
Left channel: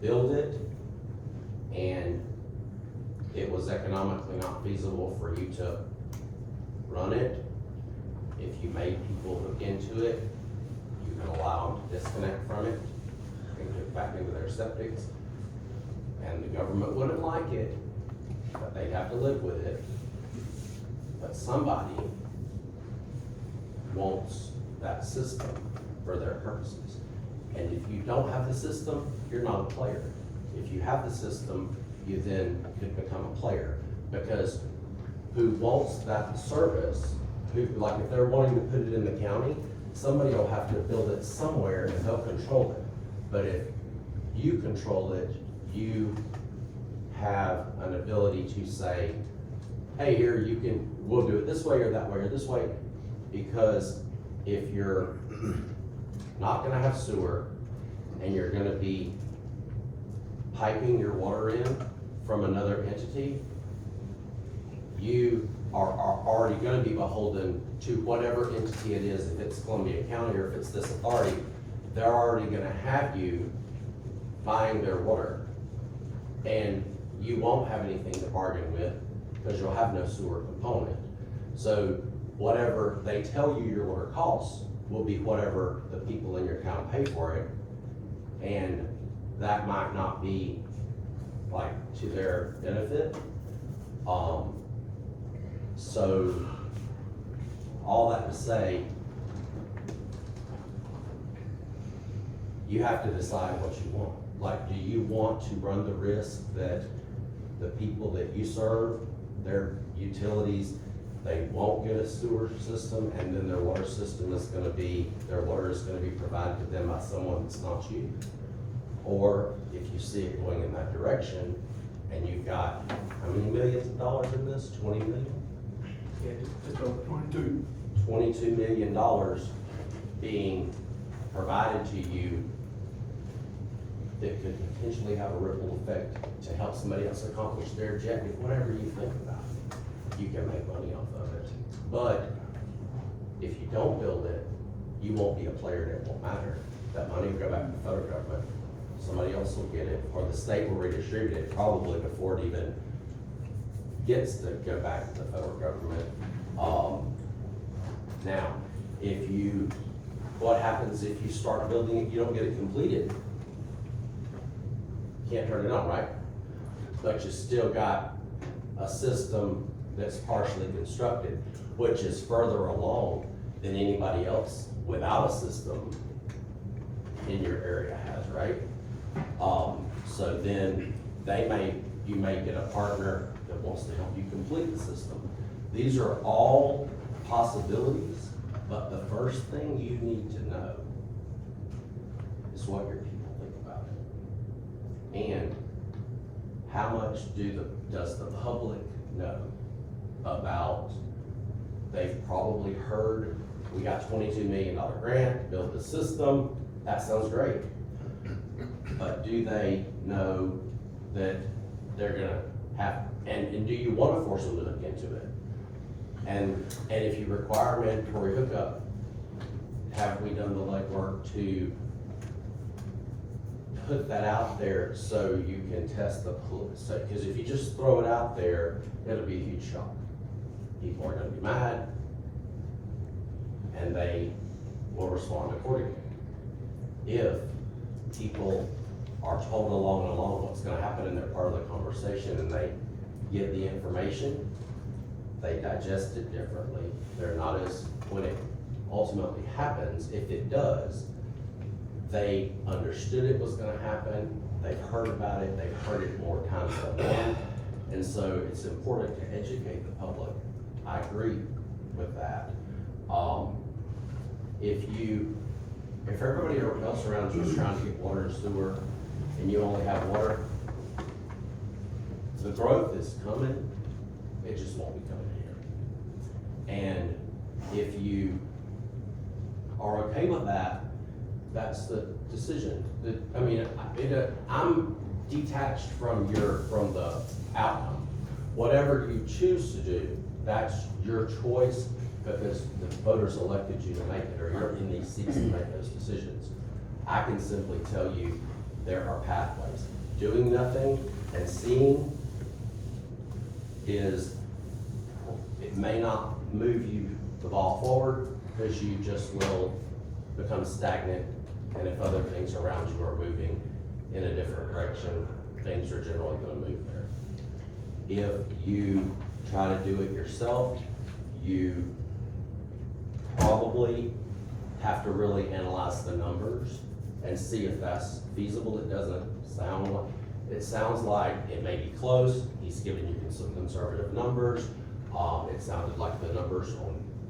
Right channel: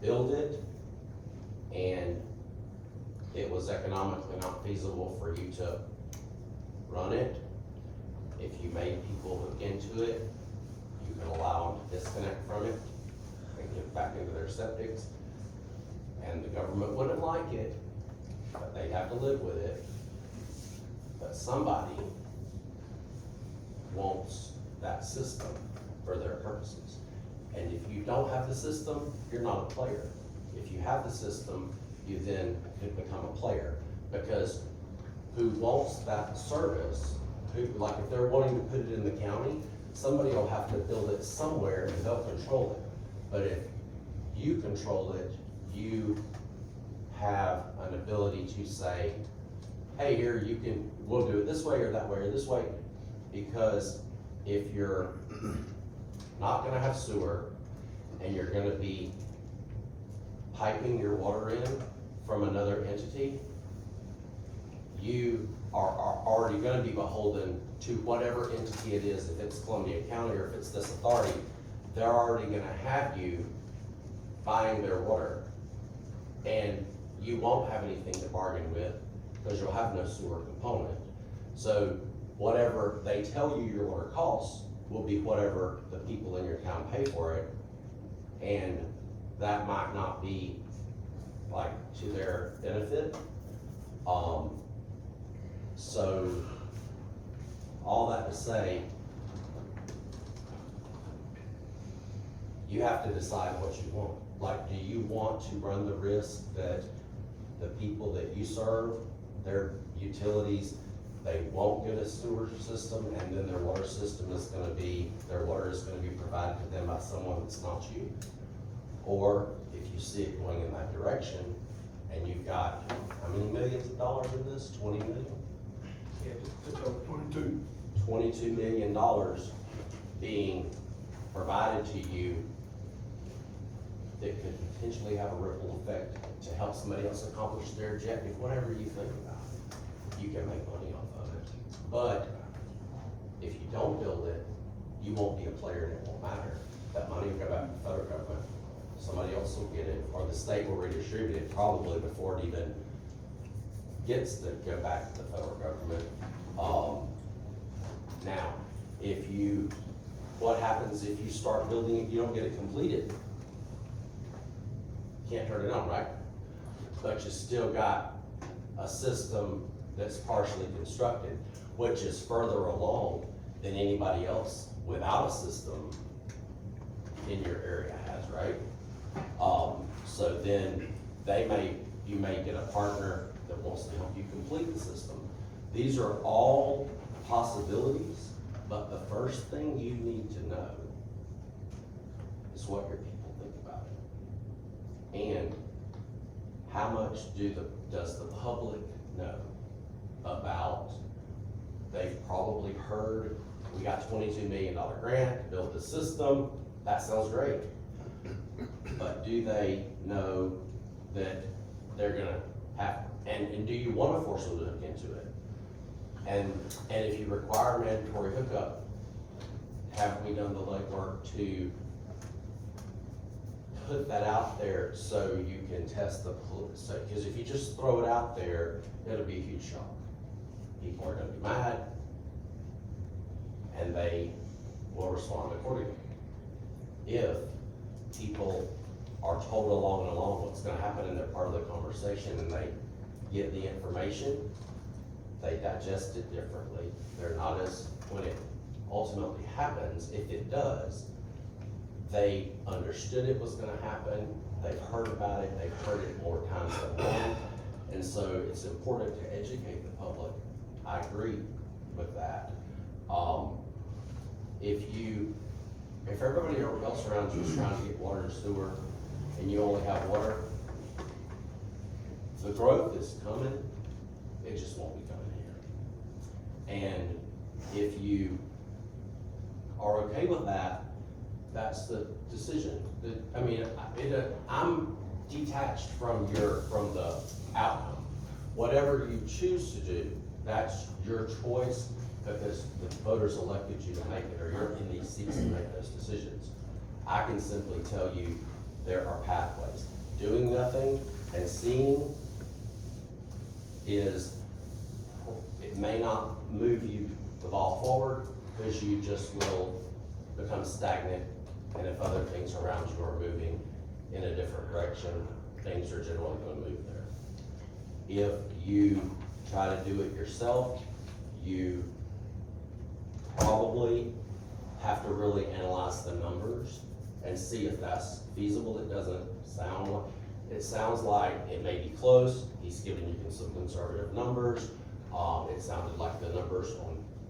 build it and it was economically not feasible for you to run it, if you made people hook into it, you can allow them to disconnect from it and get back into their septics. And the government wouldn't like it, but they have to live with it. But somebody wants that system for their purposes. And if you don't have the system, you're not a player. If you have the system, you then could become a player, because who wants that service, like if they're wanting to put it in the county, somebody will have to build it somewhere and they'll control it. But if you control it, you have an ability to say, hey, here, we'll do it this way or that way or this way. Because if you're not gonna have sewer and you're gonna be piping your water in from another entity, are already gonna be beholden to whatever entity it is, if it's Columbia County or if it's this authority, they're already gonna have you buying their water. And you won't have anything to bargain with, because you'll have no sewer component. So whatever they tell you your water costs will be whatever the people in your town pay for it. And that might not be like to their benefit. So all that to say, you have to decide what you want. Like, do you want to run the risk that the people that you serve, their utilities, they won't get a sewer system, and then their water system is gonna be, their water is gonna be provided to them by someone that's not you? Or if you see it going in that direction, and you've got, how many millions of dollars in this, 20 million? Yeah, just over 22. $22 million being provided to you that could potentially have a ripple effect to help somebody else accomplish their objective, whatever you think about it. You can make money off of it. But if you don't build it, you won't be a player and it won't matter. That money will go back to the federal government. Somebody else will get it, or the state will redistribute it probably before it even gets to go back to the federal government. Now, what happens if you start building it, you don't get it completed? Can't turn it on, right? But you still got a system that's partially constructed, which is further along than anybody else without a system in your area has, right? So then you may get a partner that wants to help you complete the system. These are all possibilities, but the first thing you need to know is what your people think about it. And how much does the public know about, they've probably heard, we got $22 million grant to build the system, that sounds great. But do they know that they're gonna have, and do you wanna force them to look into it? And if you require mandatory hookup, have we done the legwork to put that out there so you can test the, so, because if you just throw it out there, it'll be a huge shock. People are gonna be mad, and they will respond accordingly. If people are told along what's gonna happen in their part of the conversation and they get the information, they digest it differently. They're not as, when it ultimately happens, if it does, they understood it was gonna happen, they've heard about it, they've heard it more times than one, and so it's important to educate the public. I agree with that. If everybody else around you is trying to get water and sewer, and you only have water, the growth is coming, it just won't be coming here. And if you are okay with that, that's the decision. I'm detached from the outcome. Whatever you choose to do, that's your choice, because the voters elected you to make it, or you're in these seats to make those decisions. I can simply tell you, there are pathways. Doing nothing and seeing it may not move the ball forward, because you just will become stagnant, and if other things around you are moving in a different direction, things are generally gonna move there. If you try to do it yourself, you probably have to really analyze the numbers and see if that's feasible. It doesn't sound like, it sounds like it may be close. He's giving you some conservative numbers. It sounded like the numbers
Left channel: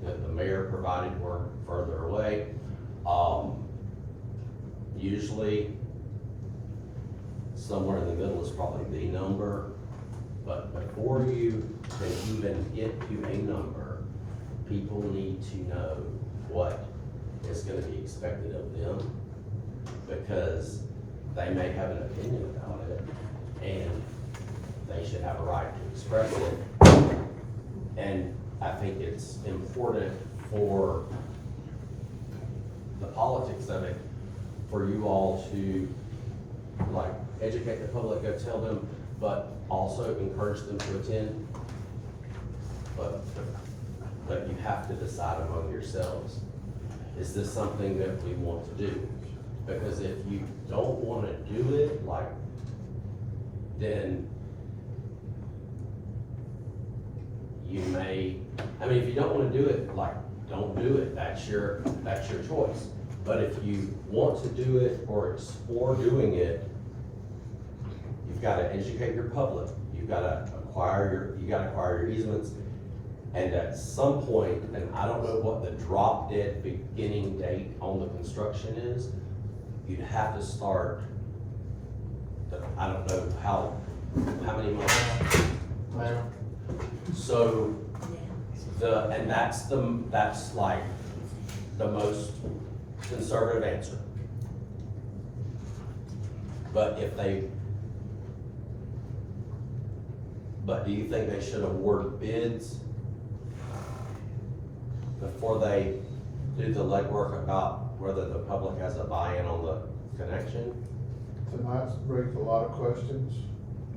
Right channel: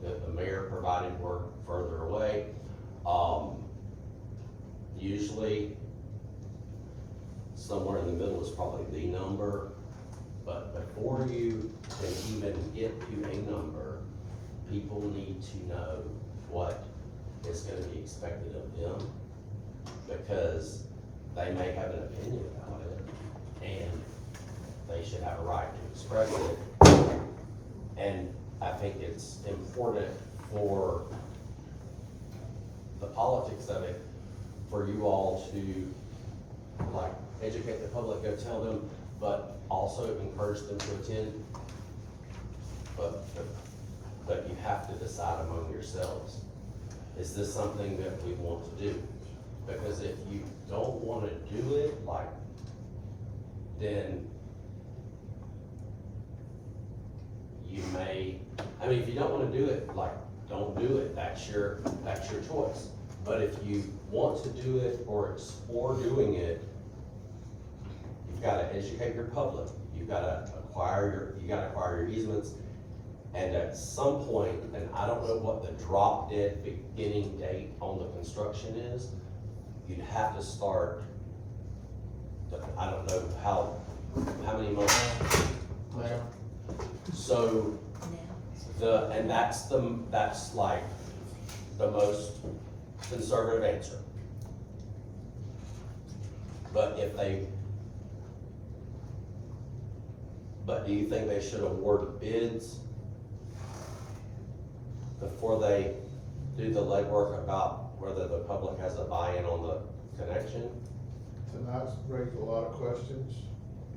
that the mayor provided were further away. Usually somewhere in the middle is probably the number, but before you can even get to a number, people need to know what is gonna be expected of them, because they may have an opinion about it, and they should have a right to express it. And I think it's important for the politics of it, for you all to, like, educate the public, go tell them, but also encourage them to attend. But you have to decide among yourselves, is this something that we want to do? Because if you don't wanna do it, like, then you may, I mean, if you don't wanna do it, like, don't do it, that's your choice. But if you want to do it or explore doing it, you've gotta educate your public, you gotta acquire your easements. And at some point, and I don't know what the drop dead beginning date on the construction is, you'd have to start, I don't know how many months? So, that's like the most conservative answer. But do you think they should award bids before they do the legwork about whether the public has a buy-in on the connection? Tonight's raised a lot of questions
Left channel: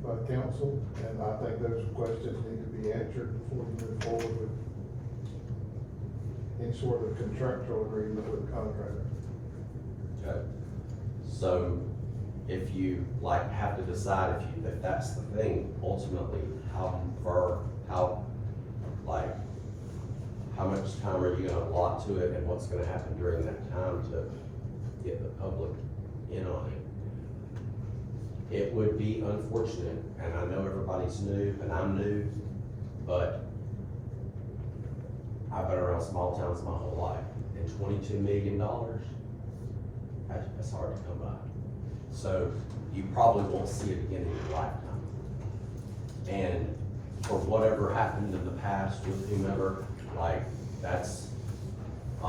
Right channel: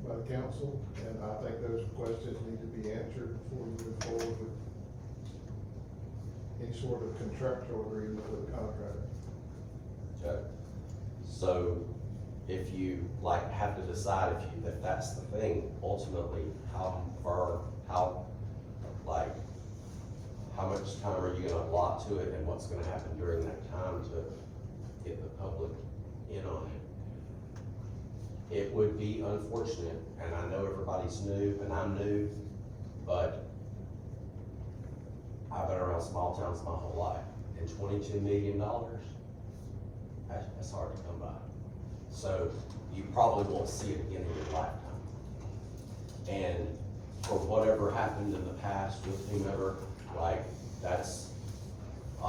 by the council, and I think those questions need to be answered before you move forward with any sort of contractual agreement with the contractor. Okay. So if you like have to decide if that's the thing, ultimately, how much time are you gonna allot to it, and what's gonna happen during that time to get the public in on it? It would be unfortunate, and I know everybody's new, and I'm new, but I've been around small towns my whole life, and $22 million, that's hard to come by. So you probably won't see it again in your lifetime. And for whatever happened in the past with whomever, like, that's, I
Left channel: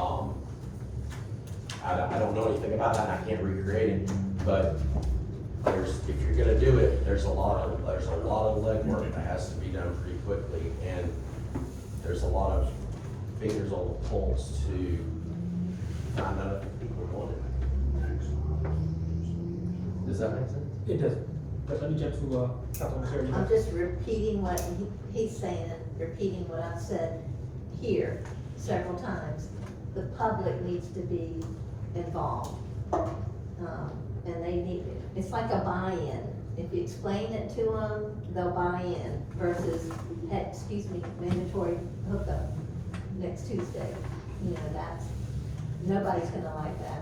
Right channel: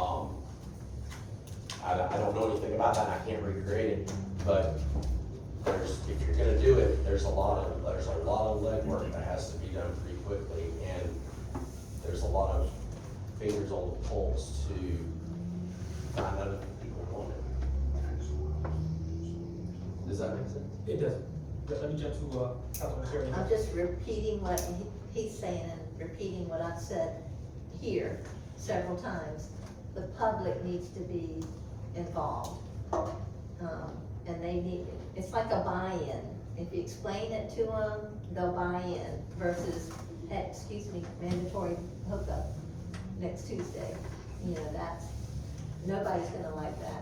don't know anything about that, and I can't recreate it, but if you're gonna do it, there's a lot of legwork that has to be done pretty quickly, and there's a lot of fingers on the pulse to find out if people want it. Does that make sense? It does. But let me jump to, Councilman Terry. I'm just repeating what he's saying, repeating what I've said here several times. The public needs to be involved. And they need, it's like a buy-in. If you explain it to them, they'll buy in versus, mandatory hookup next Tuesday. You know, nobody's gonna like that.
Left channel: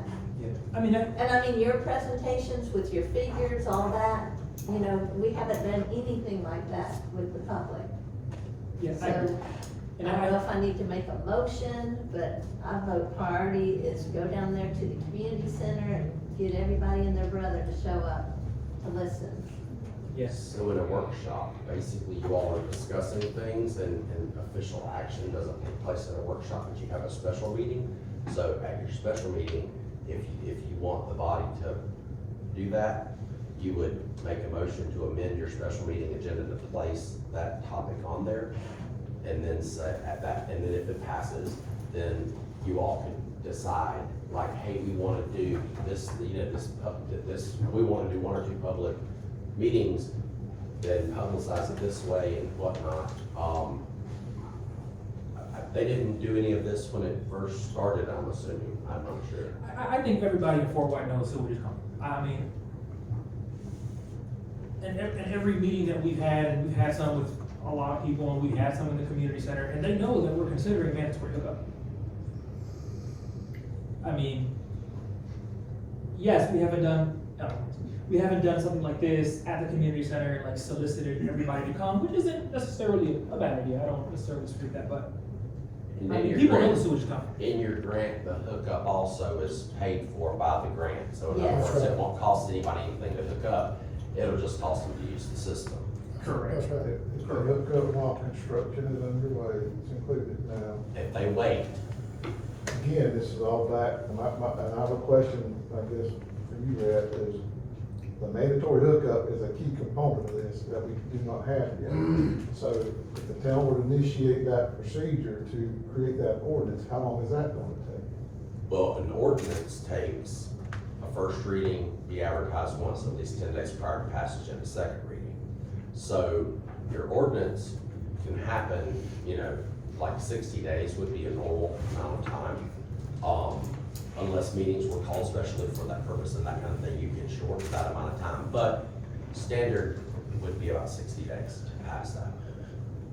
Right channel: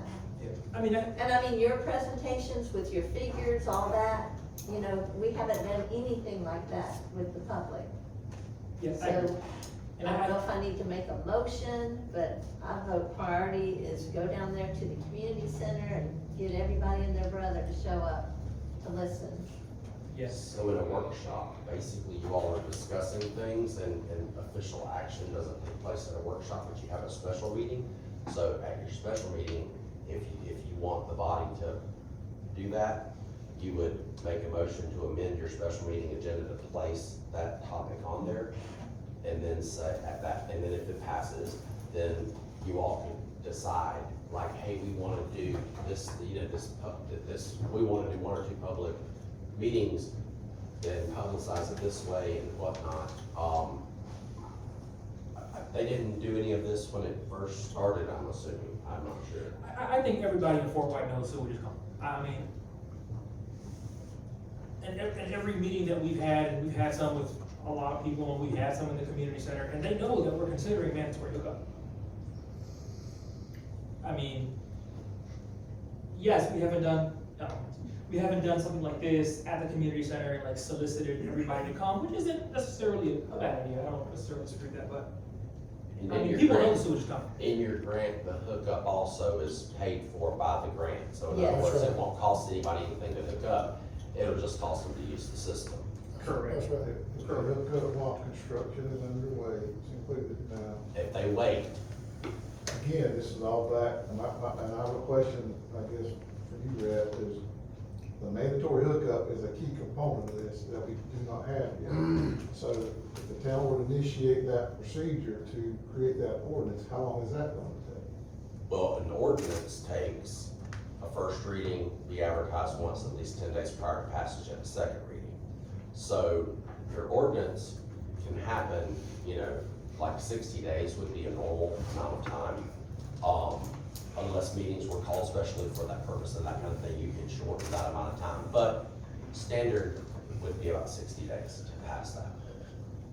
I mean, And I mean, your presentations with your figures, all that, you know, we haven't done anything like that with the public. yeah, So, I agree. I And don't know if I need to make a motion, but I vote priority is go down there to the community center and get everybody and their brother to show up to listen. yes, So in a workshop, basically you all are discussing things and official action doesn't take place in a workshop, but you have a special meeting. So at your special meeting, if you want the body to do that, you would make a motion to amend your special meeting agenda to place that topic on there. And then say at that, and then if it passes, then you all can decide, like, hey, we wanna do this, you know, we wanna do 1 or 2 public meetings, then publicize it this way and whatnot. They didn't do any of this when it first started, I'm assuming, I'm not sure. I think everybody in Fort White knows sewage is coming. I mean, and every meeting that we've had, and we've had some with a lot of people, and we've had some in the community center, and they know that we're considering mandatory hookup. I mean, yes, we haven't done something like this at the community center, and like solicited everybody to come, which isn't necessarily a bad idea, I don't necessarily disagree with that, but And I in mean, your people know the grant- sewage is coming. In your grant, the hookup also is paid for by the grant, so in other Yes. words, it won't cost anybody anything to hook up, it'll just cost them to use the system. Correct. That's right, it's been hooked up while construction is underway, it's included now. If they wait, Again, this is all back, and I have a question, I guess, for you, Brad, is The mandatory hookup is a key component of this that we do not have yet. So if the town would initiate that procedure to create that ordinance, how long is that going to take? Well, an ordinance takes a first reading, be advertised once at least 10 days prior to passage and a second reading. So your ordinance can happen, you know, like 60 days would be a normal amount of time. Unless meetings were called specially for that purpose and that kind of thing, you can shorten that amount of time. But standard would be about 60 days to pass that.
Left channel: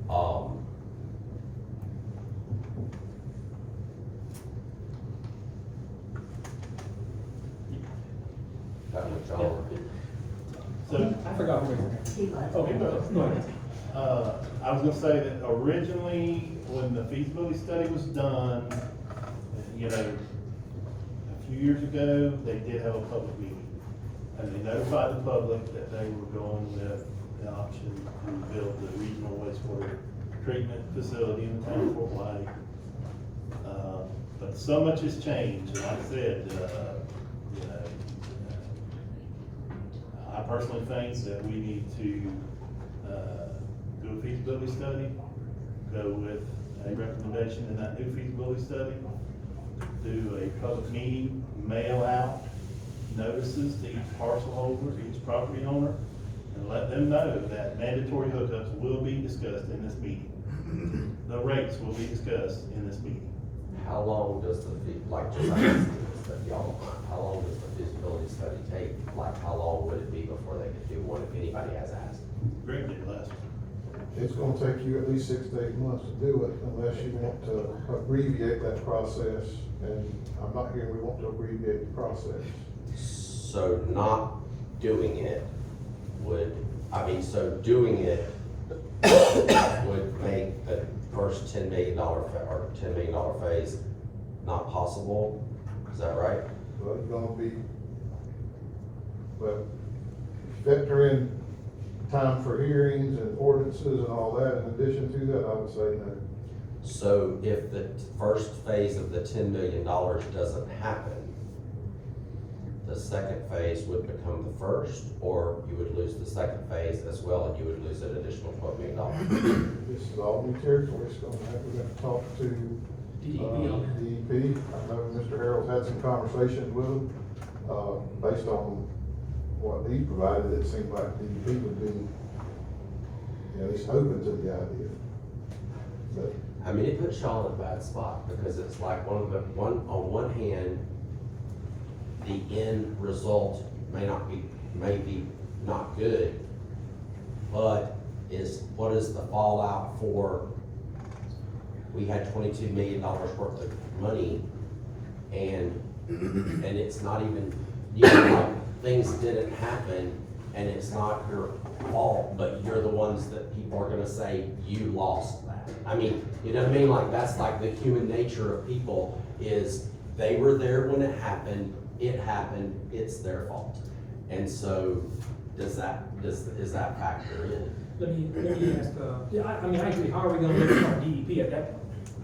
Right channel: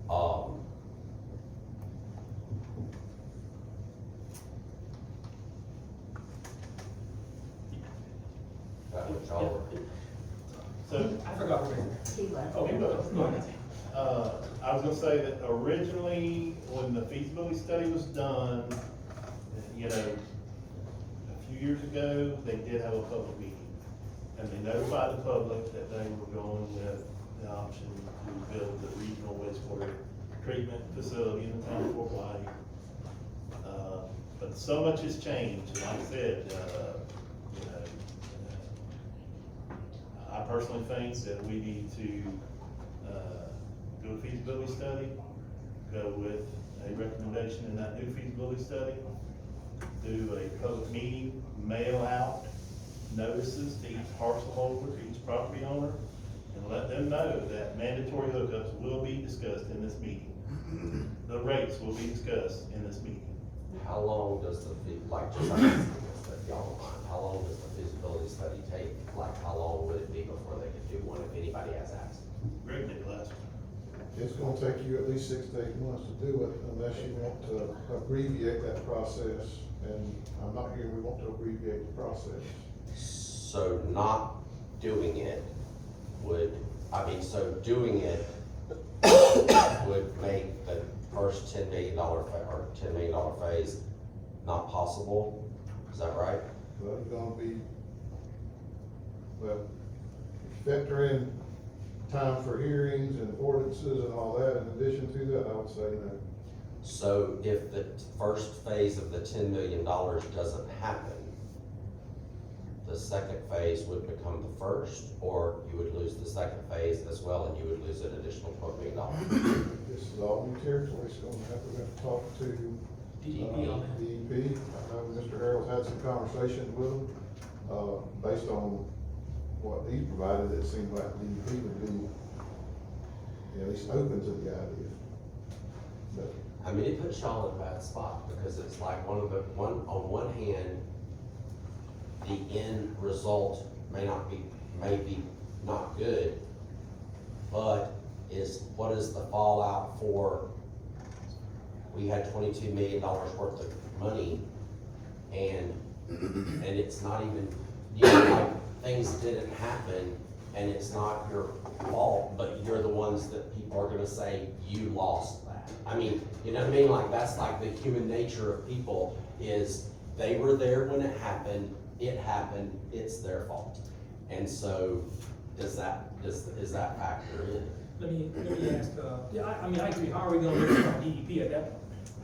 How much y'all- So, I forgot where we were. He left. Okay, no, ahead. I was gonna say that originally, when the feasibility study was done, you know, a few years ago, they did have a public meeting. And they notified the public that they were going with the option to build the regional wastewater treatment facility in the town of Fort White. But so much has changed, and like I said, you know, I personally think that we need to, do a feasibility study, go with a recommendation in that new feasibility study, do a public meeting, mail out notices to each parcel holder, to each property owner, and let them know that mandatory hookups will be discussed in this meeting. The rates will be discussed in this meeting. How long does how long does the feasibility study take? Like, how long would it be before they could do one if anybody has asked? Greg did last one. It's gonna take you at least 6 to 8 months to do it unless you want to abbreviate that process. And I'm not hearing we want to abbreviate the process. So not doing it so doing it would make the first $10 million phase not possible, is that right? But it's gonna be, well, factor in time for hearings and ordinances and all that. In addition to that, I would say no. So if the first phase of the $10 million doesn't happen, the second phase would become the first, or you would lose the second phase as well, and you would lose an additional $12 million. This is all new territory, so we're gonna talk to DEP on that. DEP. I know Mr. Harold's had some conversations with them, based on what he provided. It seemed like DEP would be at least open to the idea. But I mean, it puts y'all in a bad spot, because it's like on one hand, the end result may be not good, but what is the fallout for, we had $22 million worth of money, and it's not even, you know, like, things didn't happen, and it's not your fault, but you're the ones that people are gonna say, you lost that. I mean, you know what I mean? Like, that's like the human nature of people, is they were there when it happened, it's their fault. And so, is that factor in? Let me ask, yeah, I mean, I agree, how are we gonna bring it from DEP at that?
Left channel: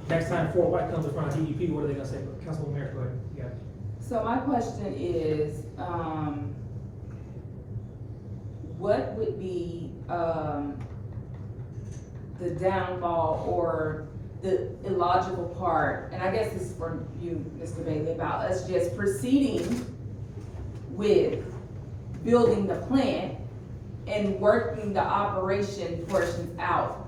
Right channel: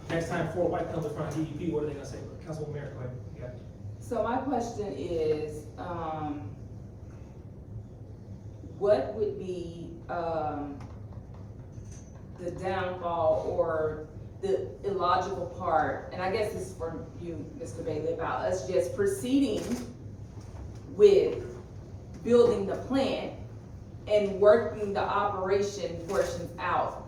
Next time Fort White comes in front of DEP, what are they gonna say? Councilwoman Mayor, go ahead. Yeah. So my question is, what would be, the downfall or the illogical part, and I guess this is for you, Mr. Bailey, about us just proceeding with building the plant and working the operation portions out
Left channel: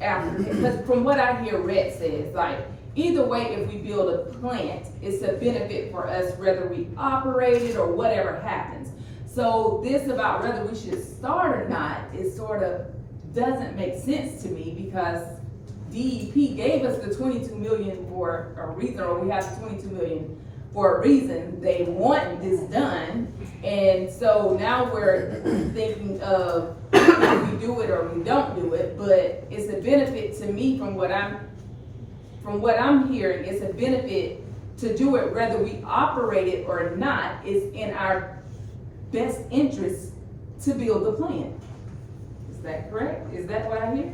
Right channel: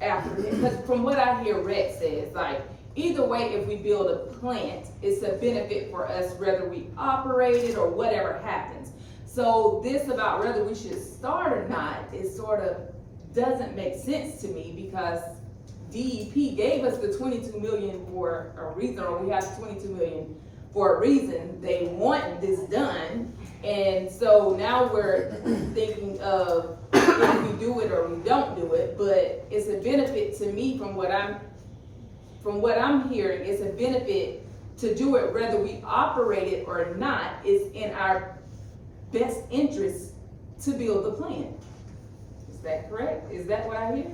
after, because from what I hear Rhett says, like, either way, if we build a plant, it's a benefit for us whether we operate it or whatever happens. So this about whether we should start or not, it sort of doesn't make sense to me, because DEP gave us the 22 million for a reason, or we have 22 million for a reason. They want this done, and so now we're thinking of if we do it or we don't do it, but it's a benefit to me from what I'm hearing. It's a benefit to do it whether we operate it or not. It's in our best interest to build the plant. Is that correct? Is that what I hear?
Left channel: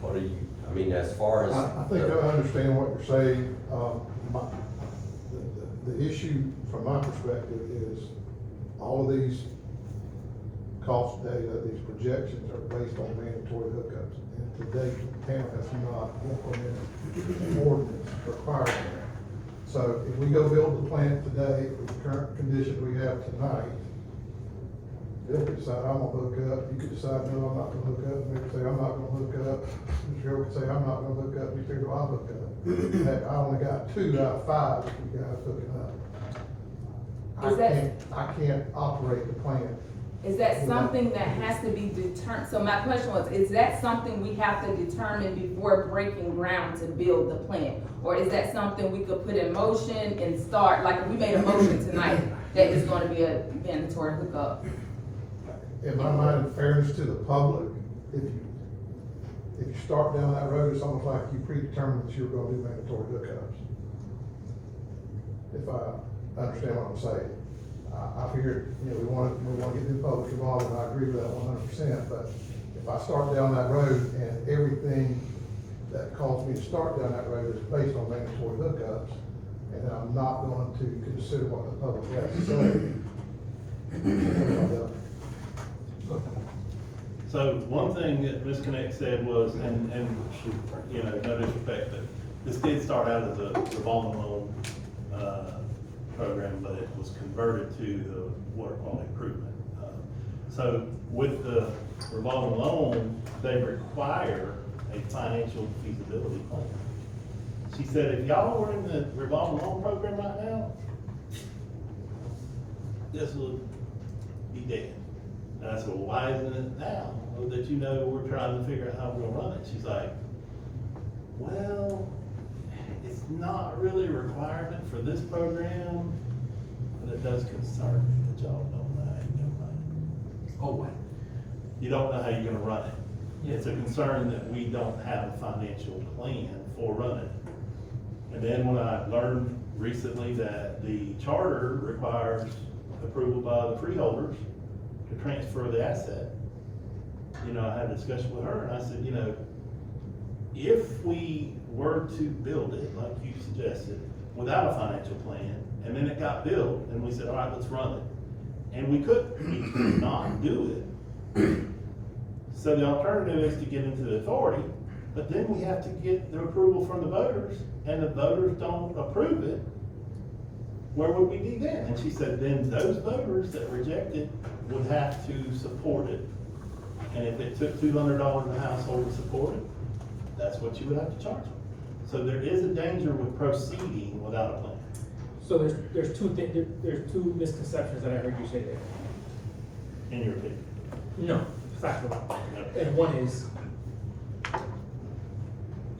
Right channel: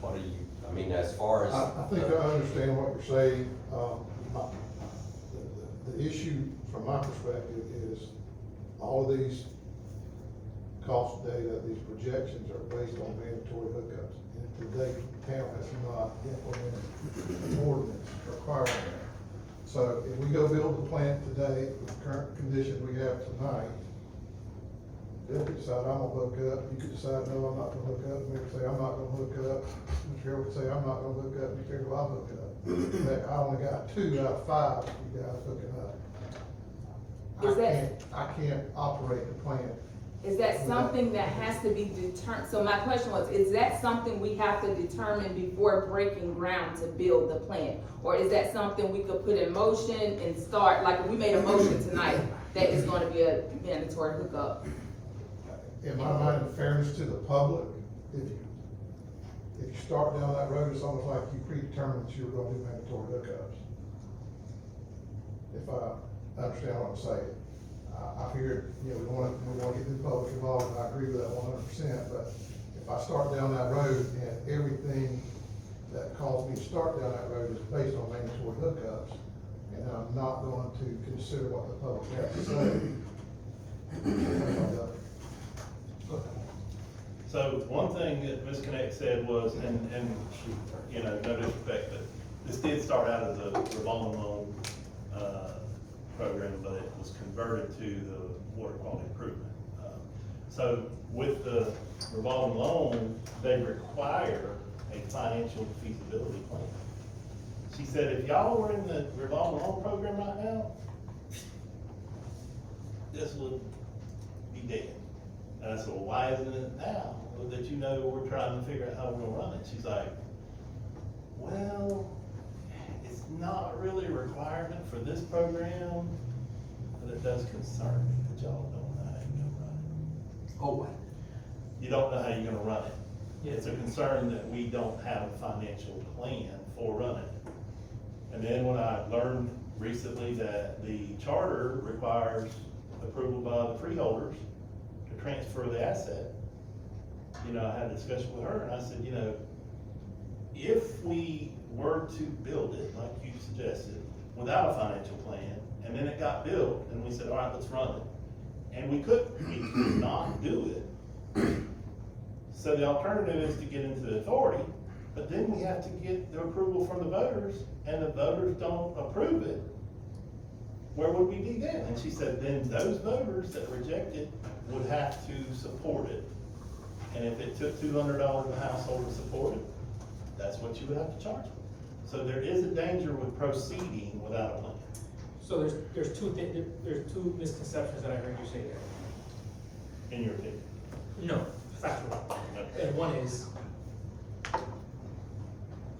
What do you, I mean, as far as. I think I understand what you're saying. The issue from my perspective is all of these cost data, these projections are based on mandatory hookups. And to date, the town has not implemented an ordinance requiring that. So if we go build the plant today with the current condition we have tonight, Bill could decide, I'm gonna hook up, you could decide, no, I'm not gonna hook up, Mayor could say, I'm not gonna hook up, Mr. Hill could say, I'm not gonna hook up, Mr. Hill, I'll hook up. Heck, I only got 2 out of 5 of you guys hooking up. Is that- I can't operate the plant. Is that something that has to be determined? So my question was, is that something we have to determine before breaking ground to build the plant? Or is that something we could put in motion and start, like if we made a motion tonight that it's gonna be a mandatory hookup? In my mind, in fairness to the public, if you start down that road, it's almost like you predetermined that you're gonna do mandatory hookups. If I understand what I'm saying. I figured, you know, we wanna get the public involved, and I agree with that 100%, but if I start down that road and everything that caused me to start down that road is based on mandatory hookups, and I'm not going to consider what the public has to say. So one thing that Ms. Connect said was, and, you know, no disrespect, but this did start out as a revolving loan, program, but it was converted to the water quality improvement. So with the revolving loan, they require a financial feasibility plan. She said, if y'all were in the revolving loan program right now, this would be dead. And I said, well, why isn't it now? Oh, that you know, we're trying to figure out how we're gonna run it. She's like, well, it's not really a requirement for this program, but it does concern me that y'all don't know how you're gonna run it. Oh, You don't know how you're gonna run it. It's a concern that we don't have a financial plan for running it. And then when I learned recently that the charter requires approval by the freeholders to transfer the asset, you know, I had a discussion with her and I said, you know, if we were to build it, like you suggested, without a financial plan, and then it got built, and we said, all right, let's run it. And we could not do it. So the alternative is to get into the authority, but then we have to get the approval from the voters, and the voters don't approve it. Where would we be then? And she said, then those voters that reject it would have to support it. And if it took $200 a household to support it, that's what you would have to charge them. So there is a danger with proceeding without a plan. So there's two misconceptions that I heard you say there. In your opinion? No, factual. And one is,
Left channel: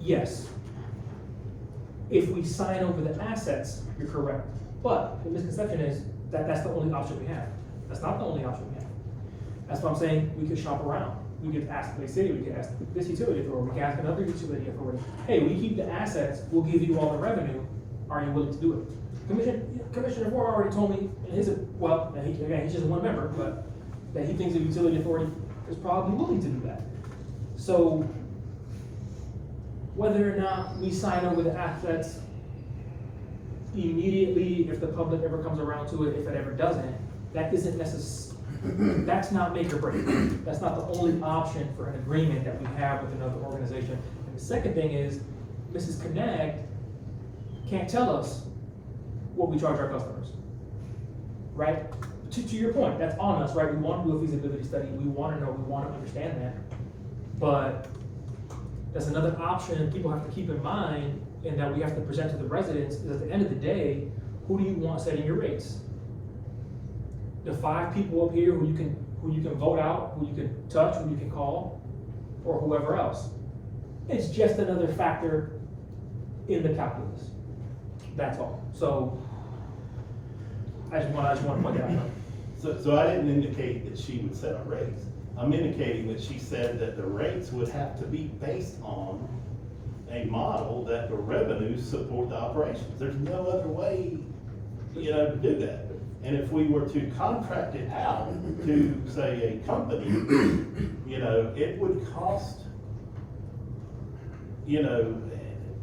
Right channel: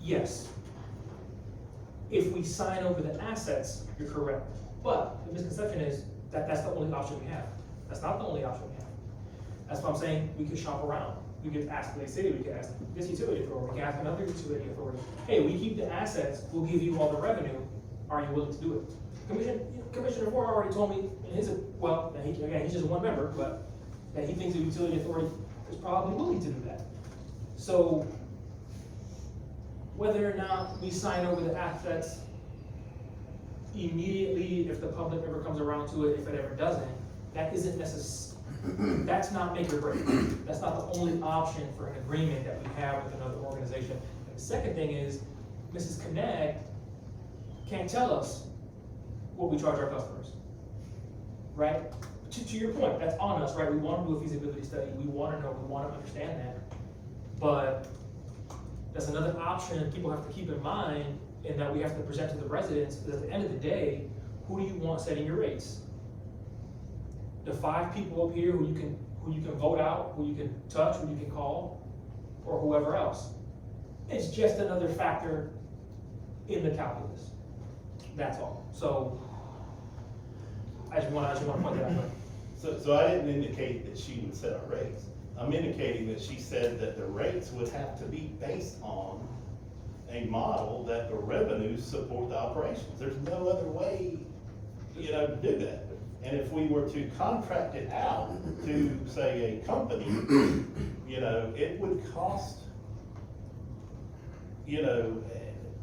yes, if we sign over the assets, you're correct. But the misconception is that that's the only option we have. That's not the only option we have. That's why I'm saying we could shop around. We could ask the city, we could ask this utility authority, we could ask another utility authority. Hey, we keep the assets, we'll give you all the revenue. Are you willing to do it? Commissioner Moore already told me in his, well, he's just one member, but that he thinks the utility authority is probably willing to do that. So whether or not we sign over the assets immediately, if the public ever comes around to it, if it ever doesn't, that isn't that's not make or break. That's not the only option for an agreement that we have with another organization. And the second thing is, Mrs. Connect can't tell us what we charge our customers, right? To your point, that's on us, right? We want to do a feasibility study, we want to know, we want to understand that. But that's another option people have to keep in mind, and that we have to present to the residents, is at the end of the day, who do you want setting your rates? The 5 people up here who you can vote out, who you can touch, who you can call, or whoever else. It's just another factor in the calculus. That's all. So I just want to point that out. So I didn't indicate that she would set our rates. I'm indicating that she said that the rates would have to be based on a model that the revenues support the operations. There's no other way, you know, to do that. And if we were to contract it out to, say, a company, you know, it would cost, you know,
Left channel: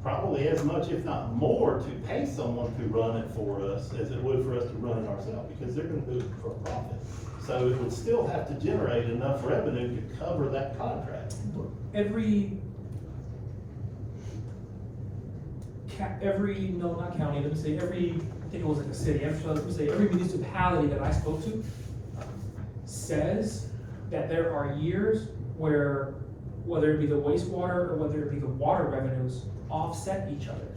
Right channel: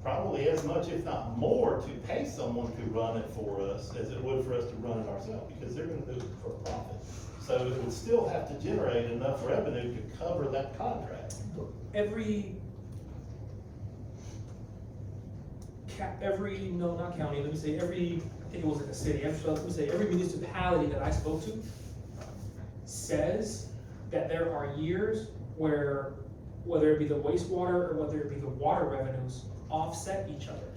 probably as much, if not more, to pay someone to run it for us as it would for us to run it ourselves, because they're gonna do it for a profit. So it would still have to generate enough revenue to cover that contract. No, not county, let me say, I think it was like a city, let me say, every municipality that I spoke to says that there are years where, whether it be the wastewater or whether it be the water revenues, offset each other.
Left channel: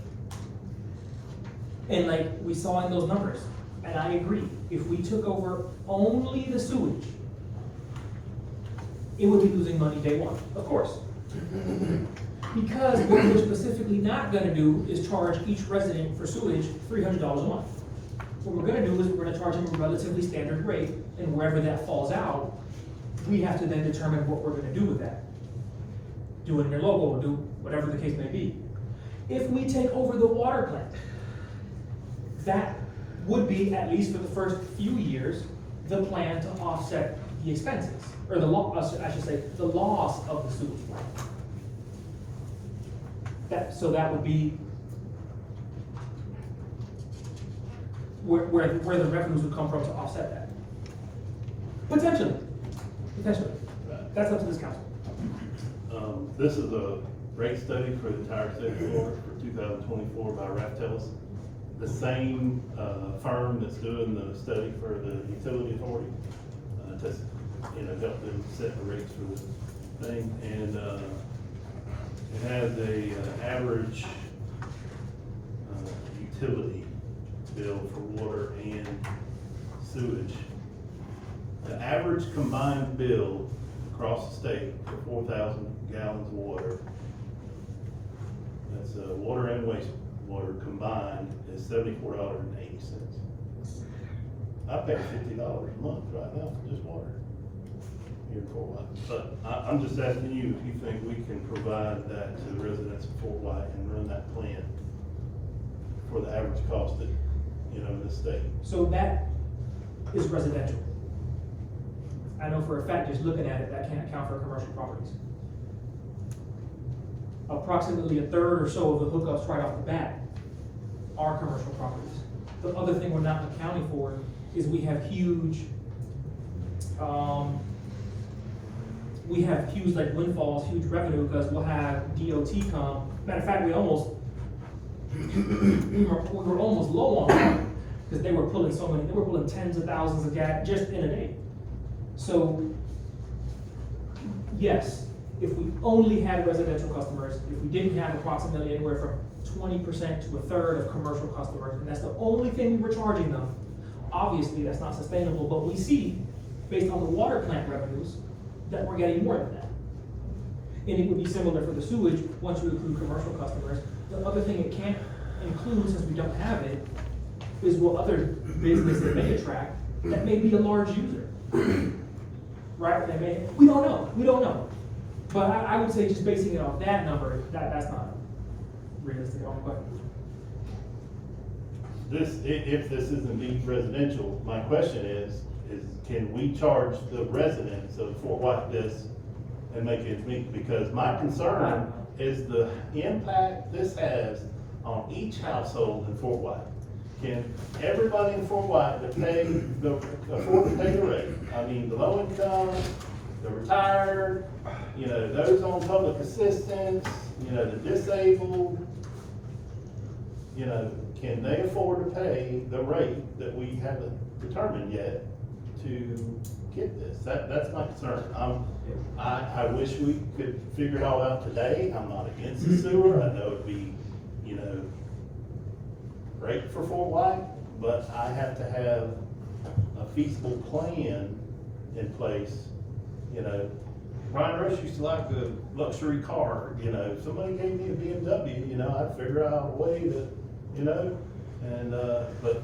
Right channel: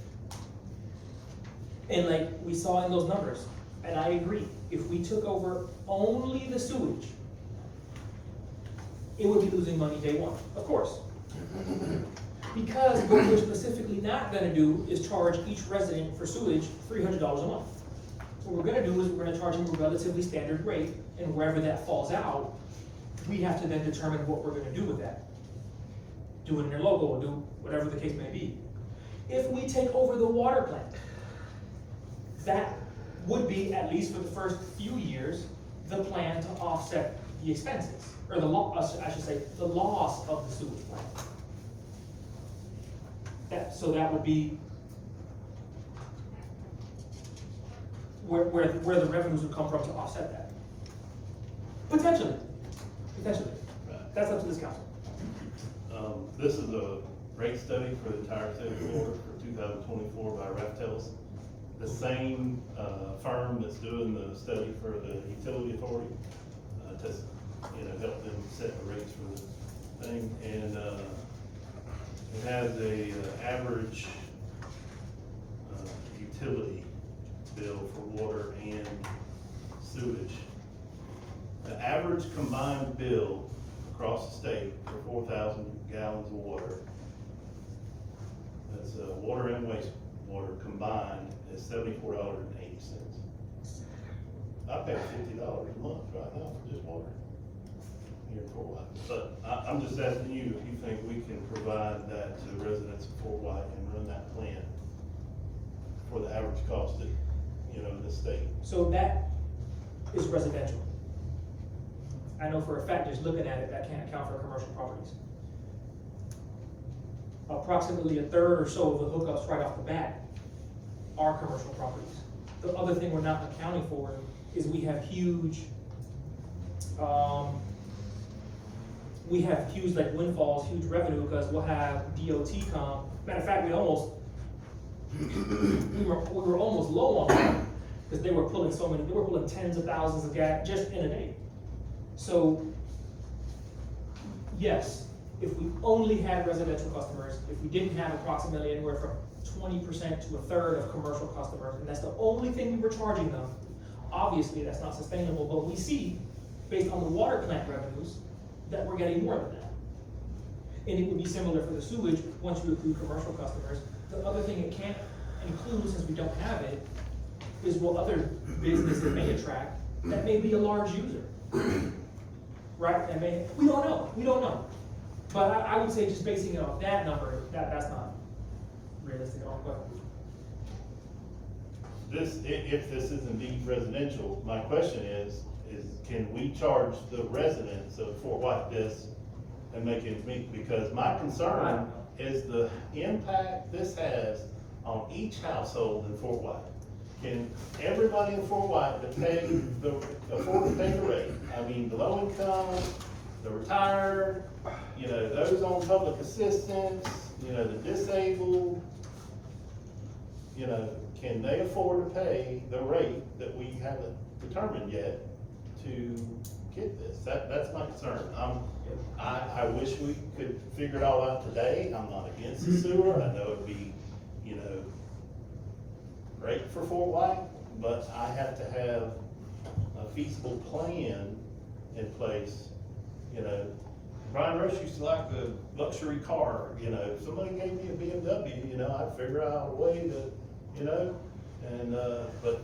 And like we saw in those numbers, and I agree, if we took over only the sewage, it would be losing money day one, of course. Because what we're specifically not gonna do is charge each resident for sewage $300 a month. What we're gonna do is we're gonna charge them a relatively standard rate, and wherever that falls out, we have to then determine what we're gonna do with that. Do it in your local, or do whatever the case may be. If we take over the water plant, that would be, at least for the first few years, the plan to offset the expenses, or I should say, the loss of the sewage plant. So that would be where the revenues would come from to offset that. Potentially. That's up to this council. This is a rate study for the entire state of Florida for 2024 by Raftellus. The same firm that's doing the study for the utility authority to help them set the rates for this thing. And it has a average utility bill for water and sewage. The average combined bill across the state for 4,000 gallons of water, that's water and wastewater combined, is $74.80. I pay $50 a month right now for just water here in Fort White. But I'm just asking you if you think we can provide that to the residents of Fort White and run that plan for the average cost of, in this state. So that is residential. I know for a fact, just looking at it, that can't account for commercial properties. Approximately a third or so of the hookups right off the bat are commercial properties. The other thing we're not accounting for is we have huge like windfalls, huge revenue, because we'll have DOT come. Matter of fact, we were almost low on that, because they were pulling tens of thousands of gas just in a day. So, yes, if we only had residential customers, if we didn't have approximately anywhere from 20% to a third of commercial customers, and that's the only thing we were charging them, obviously that's not sustainable, but we see, based on the water plant revenues, that we're getting more than that. And it would be similar for the sewage, once you include commercial customers. The other thing it can't include, since we don't have it, is what other business it may attract that may be a large user. Right? We don't know. But I would say just basing it off that number, that's not realistic at all. But if this is indeed residential, my question is can we charge the residents of Fort White this and make it meet? Because my concern is the impact this has on each household in Fort White. Can everybody in Fort White afford to pay the rate? I mean, the low income, the retired, those on public assistance, the disabled, can they afford to pay the rate that we haven't determined yet to get this? That's my concern. I wish we could figure it all out today. I'm not against the sewer. I know it'd be, great for Fort White, but I have to have a feasible plan in place. Brian Rush used to like a luxury car, if somebody gave me a BMW, I'd figure out a way to, but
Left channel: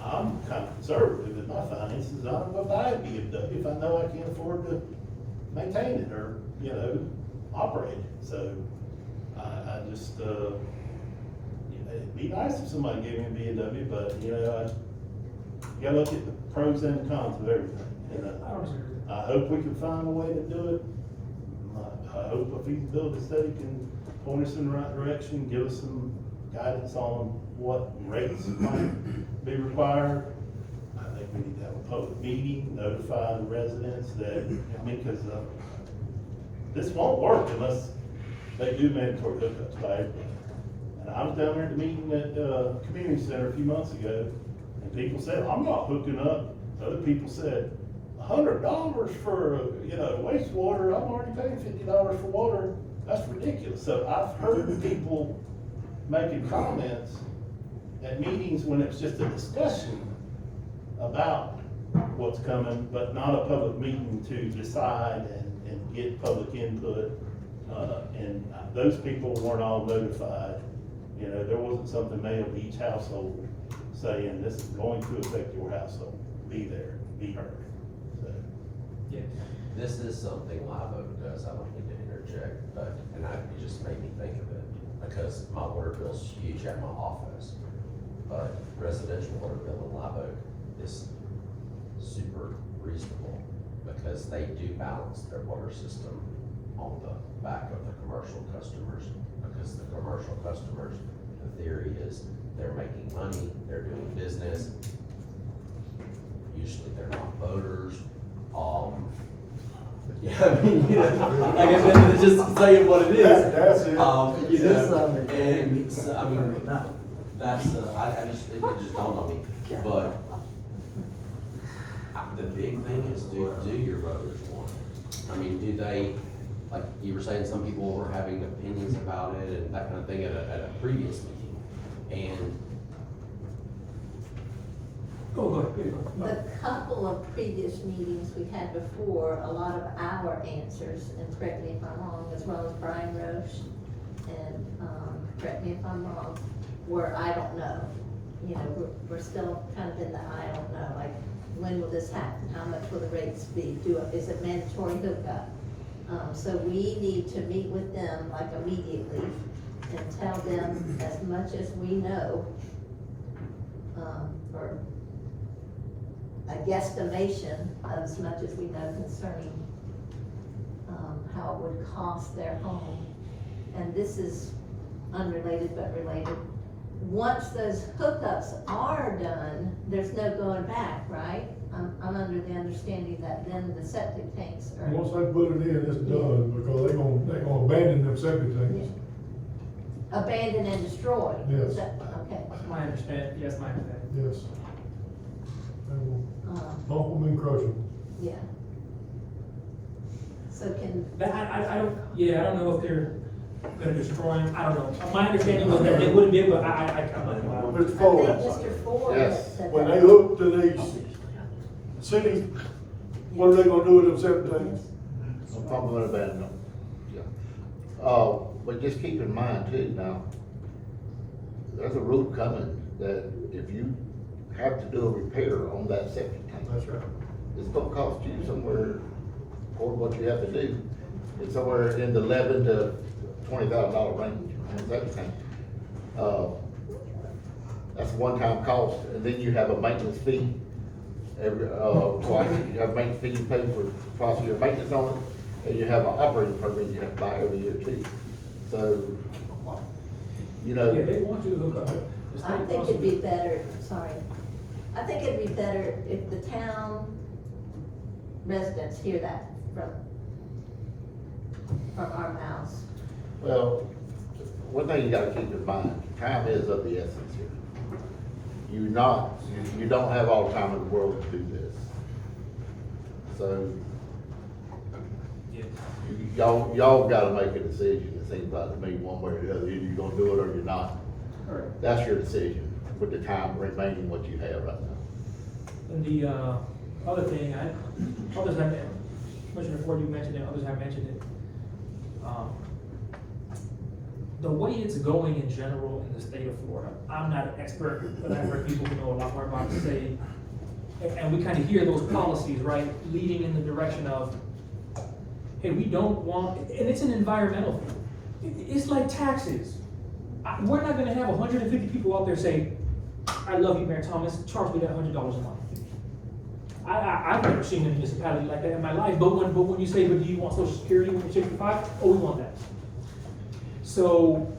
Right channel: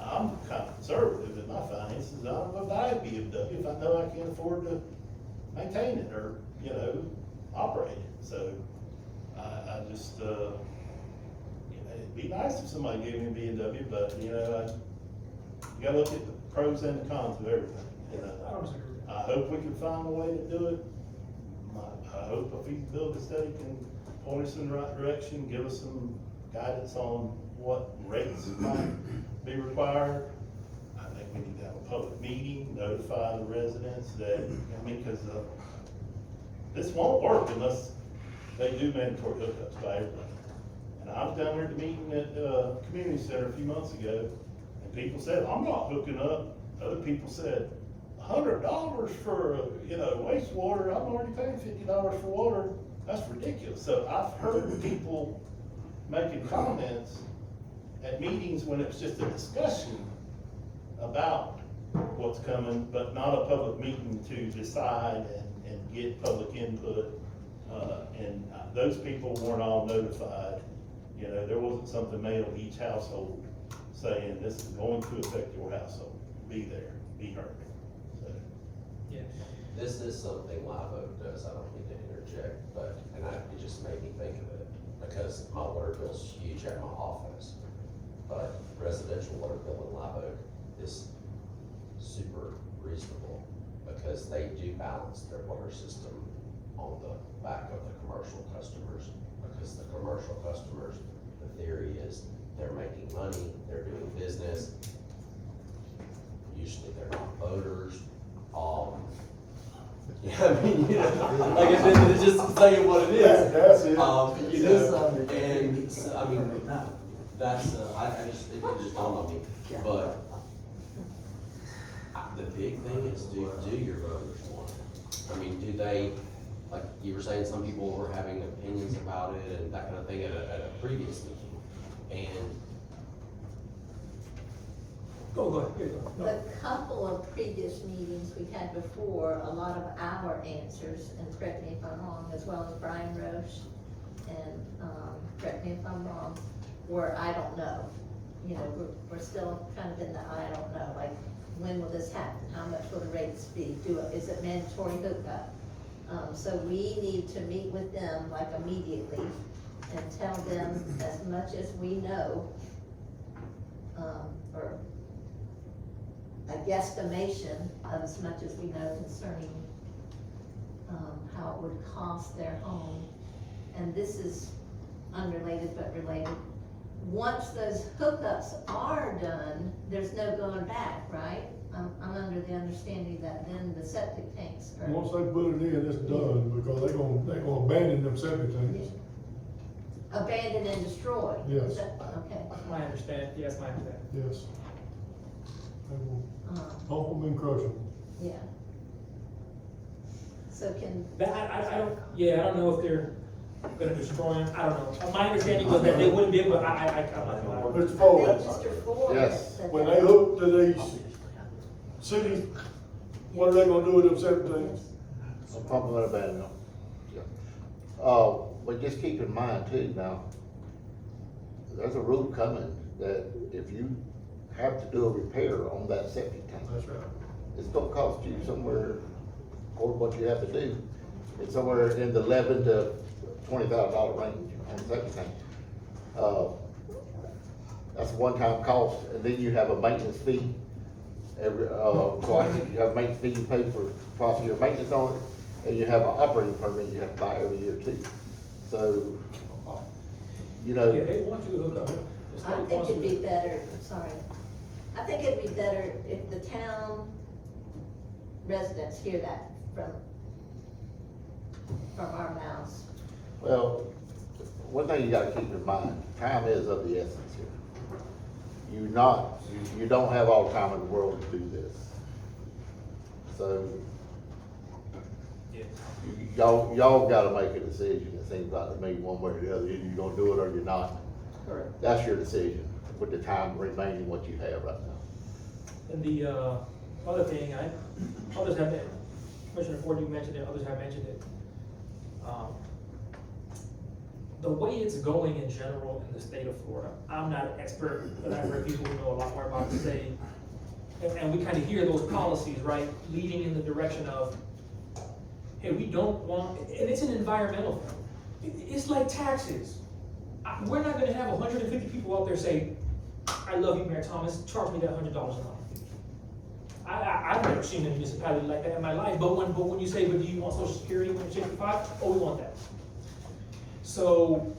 I'm kind of conservative in my finances. I'm gonna buy a BMW if I know I can afford to maintain it or, operate it. So I just, it'd be nice if somebody gave me a BMW, but, you gotta look at the pros and the cons of everything. I hope we can find a way to do it. I hope a feasibility study can point us in the right direction, give us some guidance on what rates might be required. I think we need to have a public meeting, notify the residents that, because, this won't work unless they do mandatory hookups by everybody. And I was down there at the meeting at, community center a few months ago, and people said, I'm not hooking up. Other people said, $100 for, wastewater, I'm already paying $50 for water. That's ridiculous. So I've heard people making comments at meetings when it's just a discussion about what's coming, but not a public meeting to decide and get public input. And those people weren't all notified. There wasn't something mailed to each household saying, this is going to affect your household. Be there, be heard. So, Yeah. This is something Live Oak does, I don't mean to interject, but, and it just made me think of it, because my water bill's huge at my office. But residential water bill in Live Oak is super reasonable, because they do balance their water system on the back of the commercial customers, because the commercial customers, the theory is they're making money, they're doing business. Usually they're not voters, yeah, I mean, like I said, just saying what it is. That's it. And, so, I mean, that's, it just dawned on me, but the big thing is, do your voters want it? I mean, do they, like you were saying, some people were having opinions about it and that kind of thing at a previous meeting, and Go ahead. The couple of previous meetings we had before, a lot of our answers, and correct me if I'm wrong, as well as Brian Roche, and, correct me if I'm wrong, were, I don't know. We're still kind of in the I don't know, like, when will this happen? How much will the rates be? Is it mandatory hookup? So we need to meet with them like immediately and tell them as much as we know, or a guesstimation of as much as we know concerning, how it would cost their home. And this is unrelated but related. Once those hookups are done, there's no going back, right? I'm under the understanding that then the septic tanks are. Once they put it in, it's done, because they're gonna abandon them septic tanks. Abandon and destroy? Yes. Is that- Okay. My understanding, yes, my understanding. Yes. They will bump them and crush them. Yeah. So can, I don't know if they're gonna destroy them, I don't know. My understanding was that they wouldn't be able, I'm not allowed. Mr. I Ford, think Mr. Ford Yes. said when that. they hook to these cities, what are they gonna do with them septic tanks? I'm probably gonna abandon them, yeah. But just keep in mind too, now, there's a rule coming that if you have to do a repair on that septic tank, That's right. it's gonna cost you somewhere, or what you have to do, it's somewhere in the $11,000 to $20,000 range on a septic tank. That's a one-time cost, and then you have a maintenance fee. Twice, you have a maintenance fee you pay for twice a year maintenance on it, and you have an operating permit you have to buy every year too. So, Yeah, they want you to hook up. The I state think wants it'd you be better, sorry, I think it'd be better if the town residents hear that from our mouths. well, one thing you gotta keep in mind, time is of the essence here. You don't have all the time in the world to do this. So, y'all gotta make a decision, it seems like to me, one way or the other, either you're gonna do it or you're not. Correct. That's your decision, with the time remaining what you have right now. And the, other thing, others have, Commissioner Ford, you mentioned it, others have mentioned it. The way it's going in general in the state of Florida, I'm not an expert, but I've heard people who know a lot more about it say, and we kind of hear those policies, right, leading in the direction of, hey, we don't want, and it's an environmental thing. It's like taxes. We're not gonna have 150 people out there say, I love you, Mayor Thomas, charge me that $100 a month. I've never seen a municipality like that in my life, but when you say, but do you want Social Security when you're 65? Oh, we want that. So,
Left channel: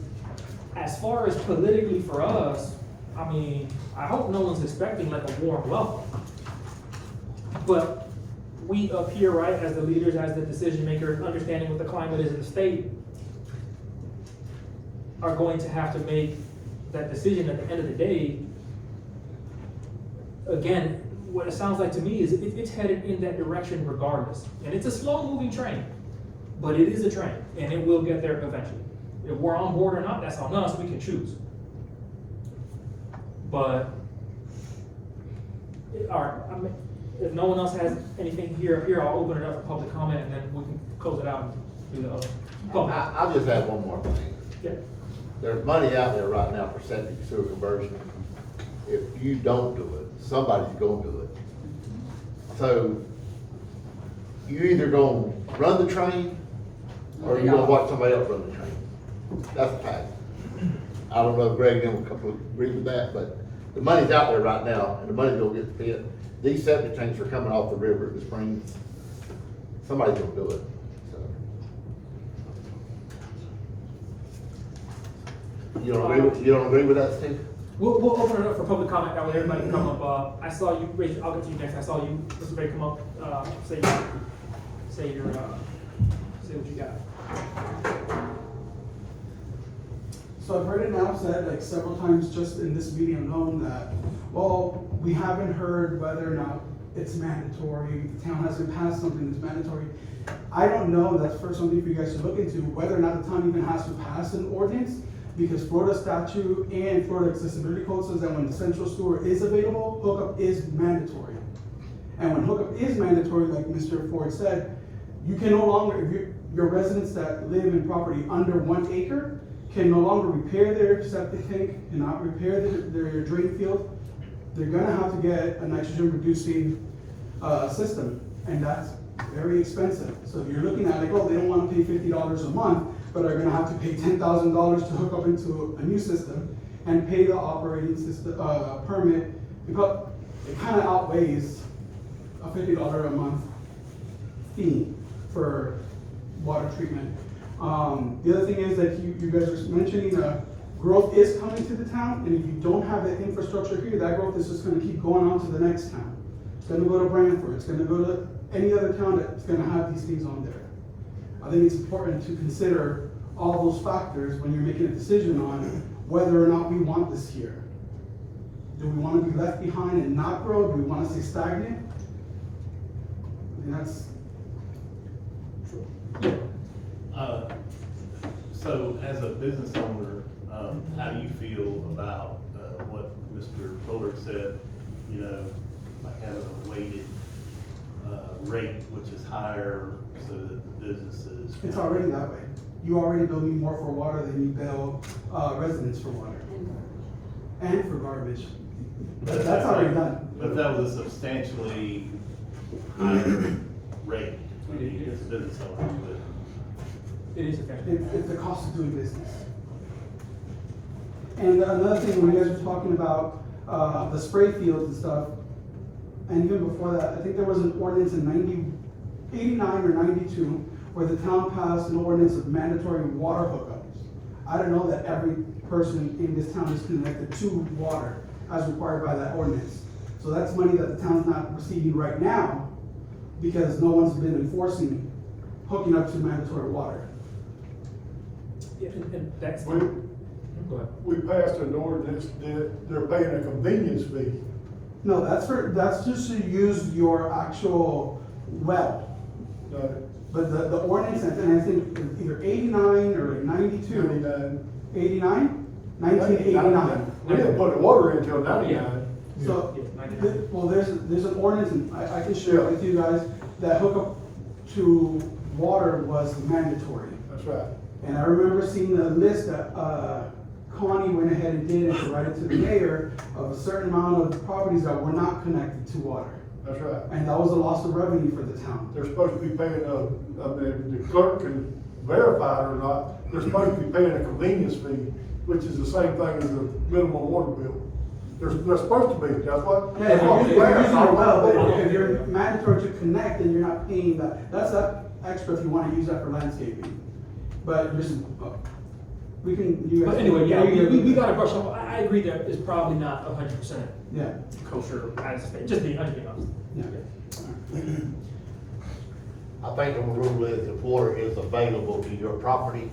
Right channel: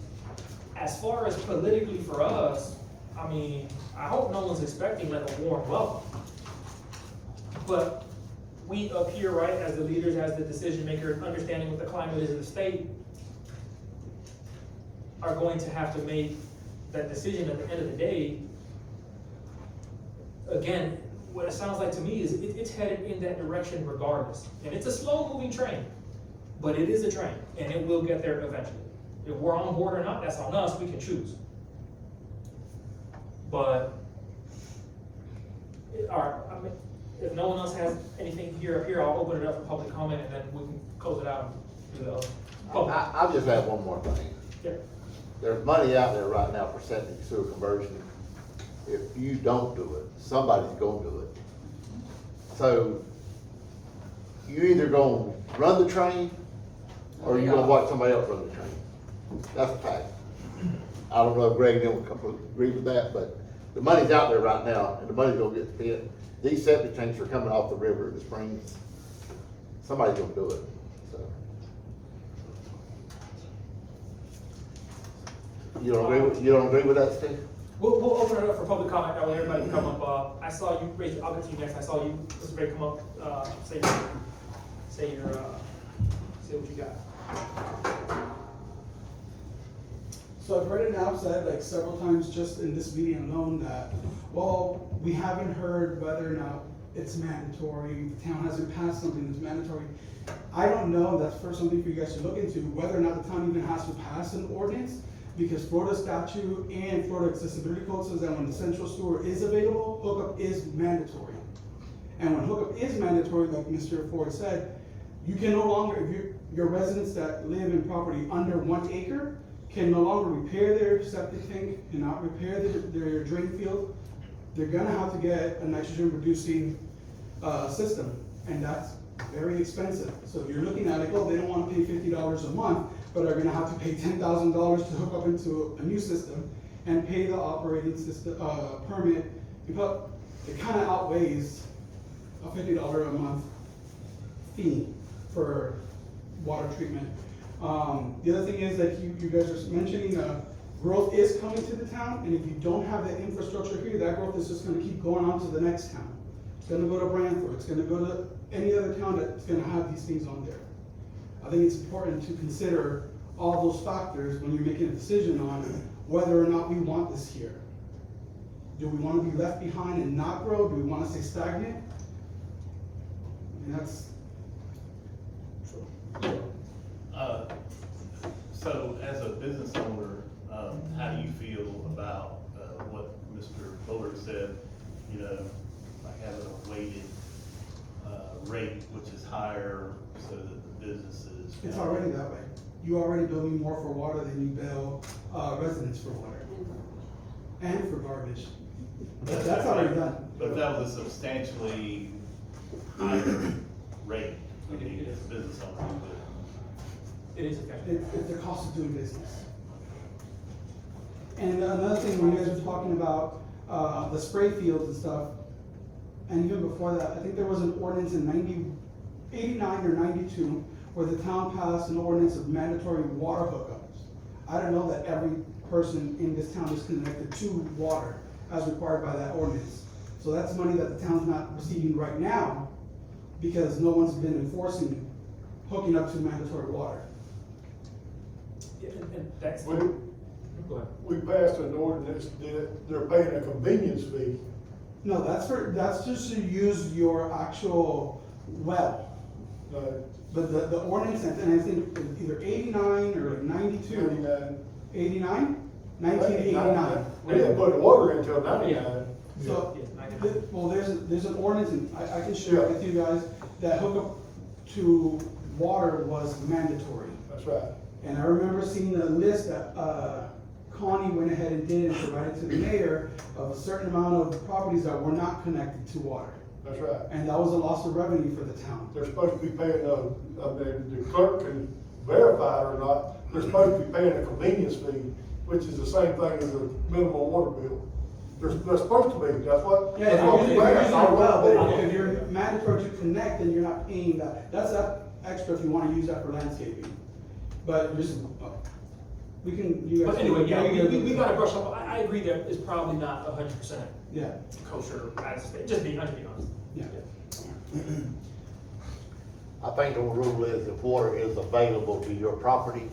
as far as politically for us, I mean, I hope no one's expecting like a warm welcome. But we up here, right, as the leaders, as the decision makers, understanding what the climate is in the state, are going to have to make that decision at the end of the day. Again, what it sounds like to me is it's headed in that direction regardless. And it's a slow moving train, but it is a train and it will get there eventually. If we're on board or not, that's on us, we can choose. But, all right, I mean, if no one else has anything here, I'll open it up for public comment and then we can close it out and do the other. public. I'll just add one more thing. Yeah. There's money out there right now for septic sewer conversion. If you don't do it, somebody's gonna do it. So, you either gonna run the train, or you gonna watch somebody else run the train. That's a fact. I don't know if Greg and them would completely agree with that, but the money's out there right now, and the money's gonna get spent. These septic tanks are coming off the river, the springs. Somebody's gonna do it, so. You don't agree with that, Steve? We'll open it up for public comment, that way everybody can come up. I saw you raise, I'll get to you next, I saw you, Mr. Bay, come up, say what you got. So I've heard it now said like several times just in this meeting alone that, well, we haven't heard whether or not it's mandatory, the town hasn't passed something that's mandatory. I don't know, that's for something for you guys to look into, whether or not the town even has to pass an ordinance, because Florida statute and Florida accessibility code says that when the central sewer is available, hookup is mandatory. And when hookup is mandatory, like Mr. Ford said, you can no longer, if your residents that live in property under 1 acre can no longer repair their septic tank, cannot repair their drain field, they're gonna have to get a nitrogen reducing, system, and that's very expensive. So if you're looking at it, oh, they don't wanna pay $50 a month, but are gonna have to pay $10,000 to hook up into a new system and pay the operating system, permit, because it kinda outweighs a $50 a month fee for water treatment. The other thing is that you guys were mentioning, growth is coming to the town, and if you don't have the infrastructure here, that growth is just gonna keep going on to the next town. It's gonna go to Brantford, it's gonna go to any other town that's gonna have these things on there. I think it's important to consider all those factors when you're making a decision on whether or not we want this here. Do we wanna be left behind and not grow? Do we wanna stay stagnant? And that's, So as a business owner, how do you feel about, what Mr. Bullard said, you know, like having a weighted, rate, which is higher so that the businesses. it's already that way. You already bill me more for water than you bill, residents for water. And for garbage. But That's already done. But that was a substantially higher rate, I mean, as a business owner, but. It is okay. It's the cost of doing business. And another thing, when you guys were talking about, the spray fields and stuff, and even before that, I think there was an ordinance in 89 or 92, where the town passed an ordinance of mandatory water hookups. I don't know that every person in this town is connected to water as required by that ordinance. So that's money that the town's not receiving right now, because no one's been enforcing hooking up to mandatory water. Yeah, and that's. We- Go ahead. We passed an ordinance that they're paying a convenience fee. No, that's just to use your actual well. But the ordinance, and I think either 89 or 92. 89? 1989. We didn't put water in until 99. So, Yeah, 99. well, there's an ordinance, and I can share it with you guys, that hookup to water was mandatory. That's right. And I remember seeing the list that, Connie went ahead and did and provided to the mayor of a certain amount of properties that were not connected to water. That's right. And that was a loss of revenue for the town. They're supposed to be paying, the clerk can verify it or not, they're supposed to be paying a convenience fee, which is the same thing as a minimum water bill. They're supposed to be, that's what. Yeah, if you're using a well, but if you're mandatory to connect, then you're not paying that. That's that extra if you wanna use that for landscaping. But just, We can, you guys. But anyway, yeah, you- we gotta brush up, I agree that it's probably not 100% Yeah, kosher, as, just being honest. yeah. I think the rule is if water is available to your property,